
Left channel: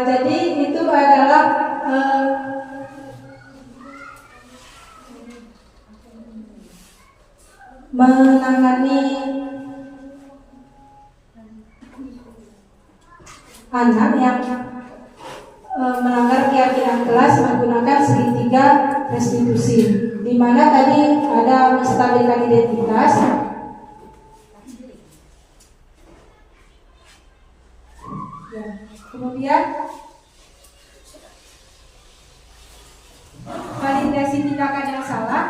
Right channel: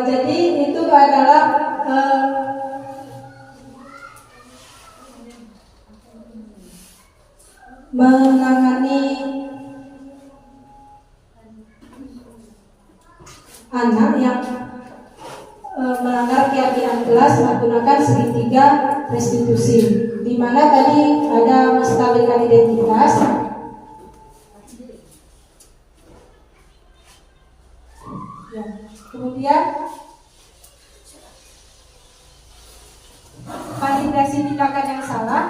Jadi itu adalah menangani anak yang melanggar keyakinan kelas menggunakan segitiga restitusi, di mana tadi ada menstabilkan identitas, ya, kemudian validasi tindakan yang salah.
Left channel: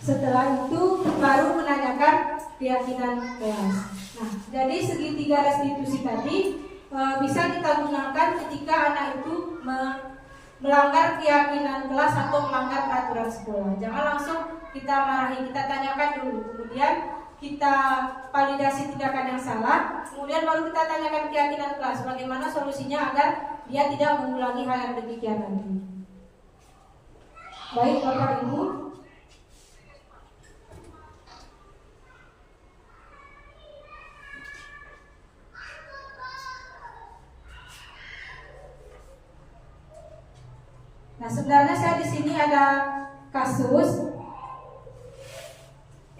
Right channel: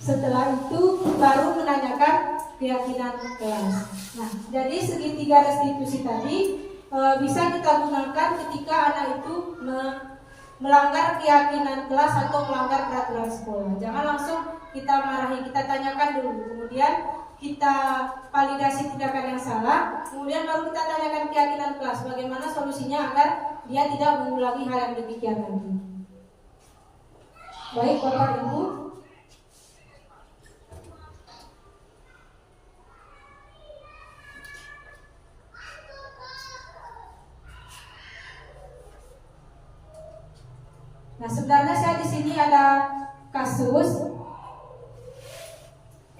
Setelah itu baru menanyakan keyakinan kelas. Nah, jadi segitiga restitusi tadi bisa kita gunakan ketika anak itu melanggar keyakinan kelas atau melanggar peraturan sekolah. Jangan langsung kita marahi, kita tanyakan dulu. Kemudian kita validasi tindakan yang salah, kemudian baru kita tanyakan keyakinan kelas bagaimana solusinya agar dia tidak mengulangi hal yang demikian lagi. Baik Bapak Ibu, nah sebenarnya saya di sini ada kasus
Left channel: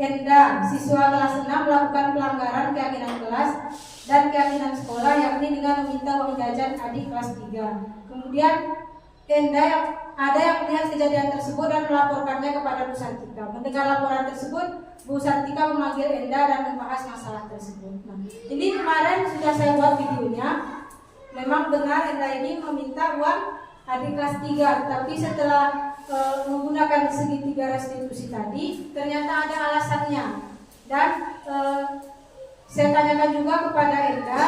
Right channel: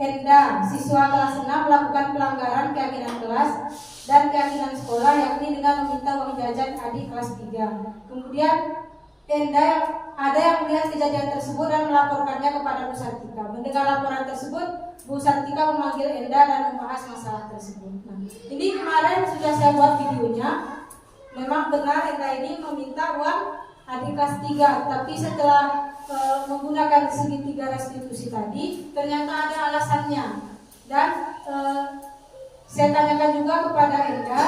Enda, siswa kelas 6 melakukan pelanggaran keyakinan kelas dan keyakinan sekolah, yakni dengan meminta uang jajan adik kelas 3. Kemudian Enda ada yang melihat kejadian tersebut dan melaporkannya kepada Bu Santika. Mendengar laporan tersebut, Bu Santika memanggil Enda dan membahas masalah tersebut. Nah, ini kemarin sudah saya buat videonya. Memang benar Enda ini meminta uang adik kelas 3, tapi setelah menggunakan segitiga restitusi tadi ternyata ada alasannya, dan saya tanyakan juga kepada Enda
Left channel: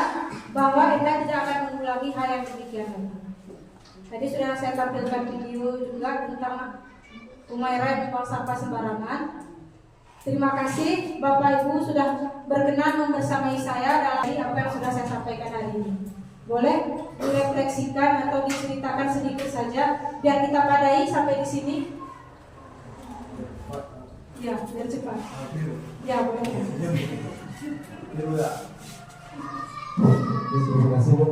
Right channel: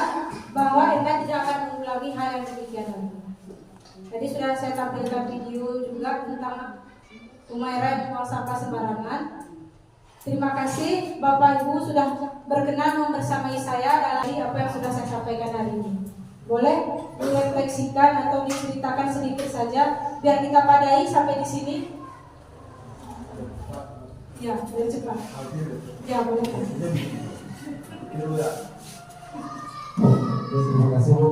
bahwa Enda tidak akan mengulangi hal yang demikian lagi. Tadi sudah saya tampilkan video juga tentang Umairah yang buang sampah sembarangan. Terima kasih Bapak Ibu sudah berkenan membersamai saya dalam apa yang sudah saya sampaikan hari ini. Boleh direfleksikan atau diceritakan sedikit saja biar kita padai sampai di sini. Ya, biar cepat. Ya, boleh. Terima kasih Bu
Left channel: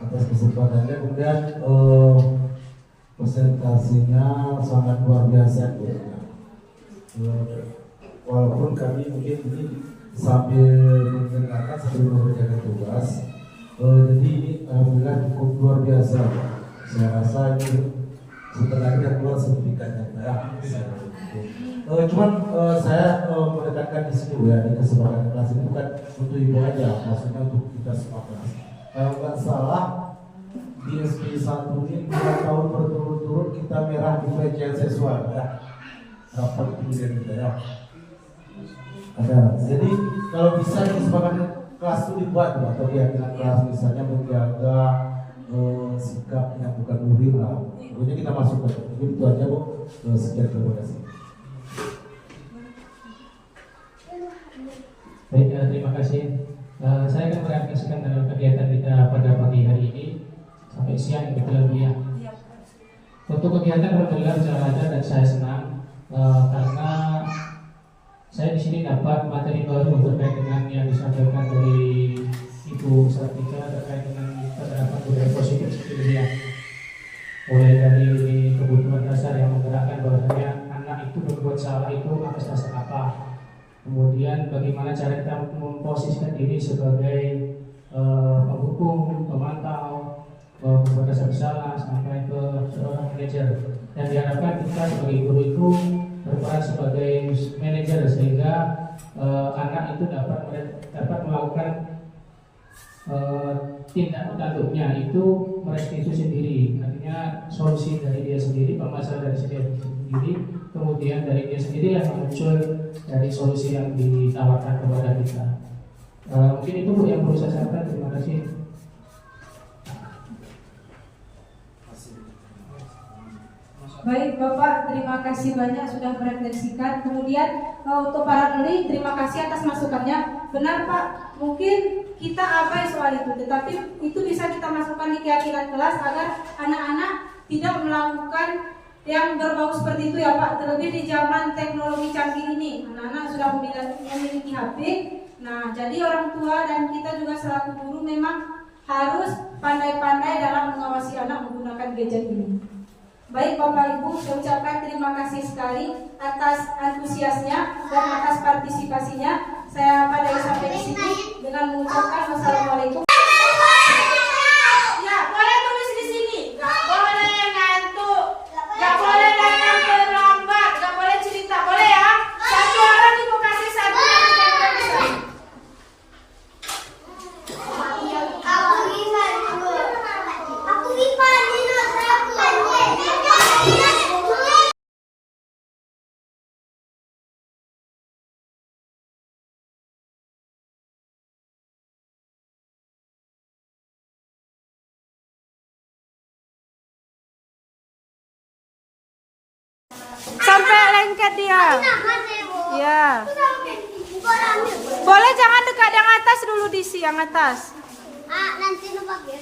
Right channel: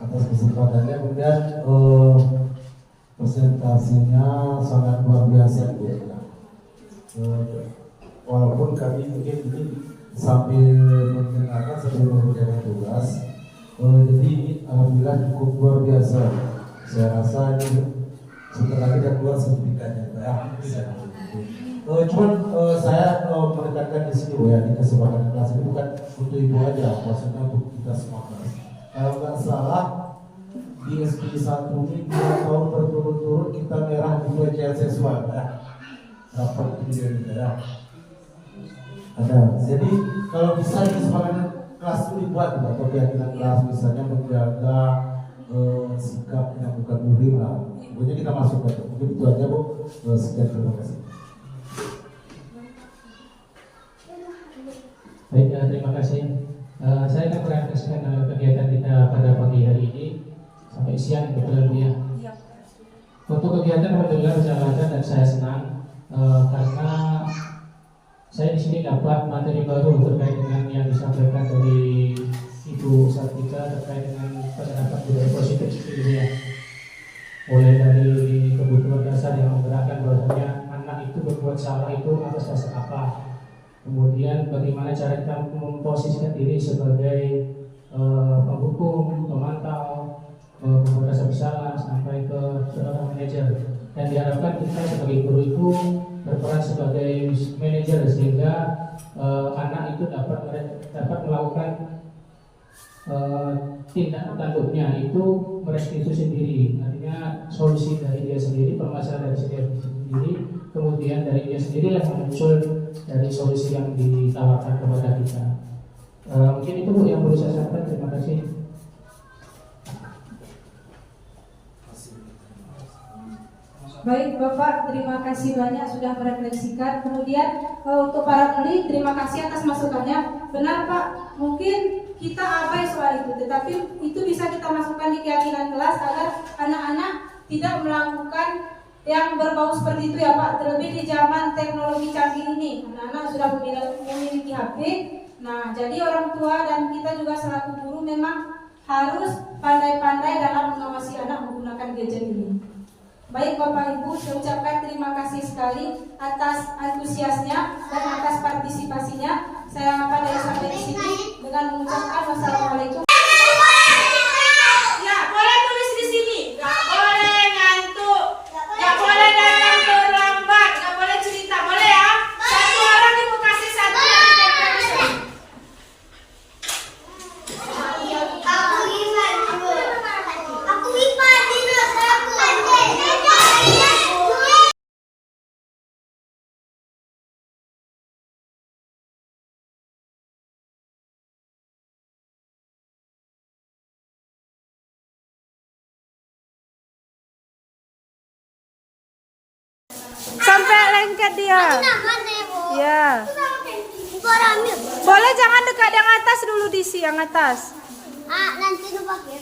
atas kesempatannya. Kemudian presentasinya sangat luar biasa Bu. Walaupun kami mungkin ini sambil mendengarkan sambil mengerjakan tugas, jadi ini alhamdulillah cukup luar biasa. Saya rasa ini setelah kita keluar sertifikatnya cuman saya menekankan di sini ya, di kesepakatan kelas ini bukan untuk ibu aja, maksudnya untuk kita semua kelas. Kalau nggak salah di SP 1 ini 2 tahun berturut-turut kita merah di pelecehan seksual ya. Dapat kemudian kita ya. Ada. Jadi kalau bisa kesepakatan kelas itu dibuat atau keyakinan kelas misalnya menjaga sikap yang bukan murim lah. Kemudian kita masuk ke mungkin itu aja Bu. Sekian, terima kasih. Baik, terima kasih. Saya akan merefleksikan dalam kegiatan kita pada pagi hari ini sampai siang kebetulan ya. Untuk kegiatan alhamdulillah berjalan lancar dan saya senang karena saya di sini dapat materi baru terkait dengan yang disampaikan dari Ibu Sartika terkait dengan penerapan budaya positif di dunia. Mulai dari kebutuhan dasar yang menggerakkan bahwasanya anak itu berbuat salah itu atas dasar apa. Kemudian bagaimana cara kita memposisikan diri sebagai penghukum, pemantau, pembuat rasa bersalah sampai ke seorang manajer. Dan diharapkan kita sebagai guru itu berperan sebagai manajer sehingga anak itu dapat melakukan tindak tanduknya itu merestitusi sendiri, artinya solusi dari dia sendiri, permasalahan dari dia sendiri, kemudian dari dia sendiri yang muncul dari solusi yang ditawarkan kepada kita. Mungkin itu Bu yang perlu saya sampaikan. Terima kasih. Baik Bapak, terima kasih banyak sudah merefleksikan. Kemudian untuk para murid, terima kasih atas masukannya. Benar Pak, mungkin kita abai soal itu, tetapi itu bisa kita masukkan di keyakinan kelas agar anak-anak tidak melakukan yang berbau seperti itu ya Pak. Terlebih di zaman teknologi canggih ini, anak-anak sudah memiliki HP. Nah, jadi orang tua dan kita juga selaku guru memang harus pandai-pandai dalam mengawasi anak menggunakan gadget ini. Baik Bapak Ibu, saya ucapkan terima kasih sekali atas antusiasnya dan atas partisipasinya. Saya pada sampai di sini dengan mengucapkan wassalamualaikum. Sampai lengket dia. Ya. Boleh jangan dekat yang atas dulu, Disi, yang atas. Nanti lu pakai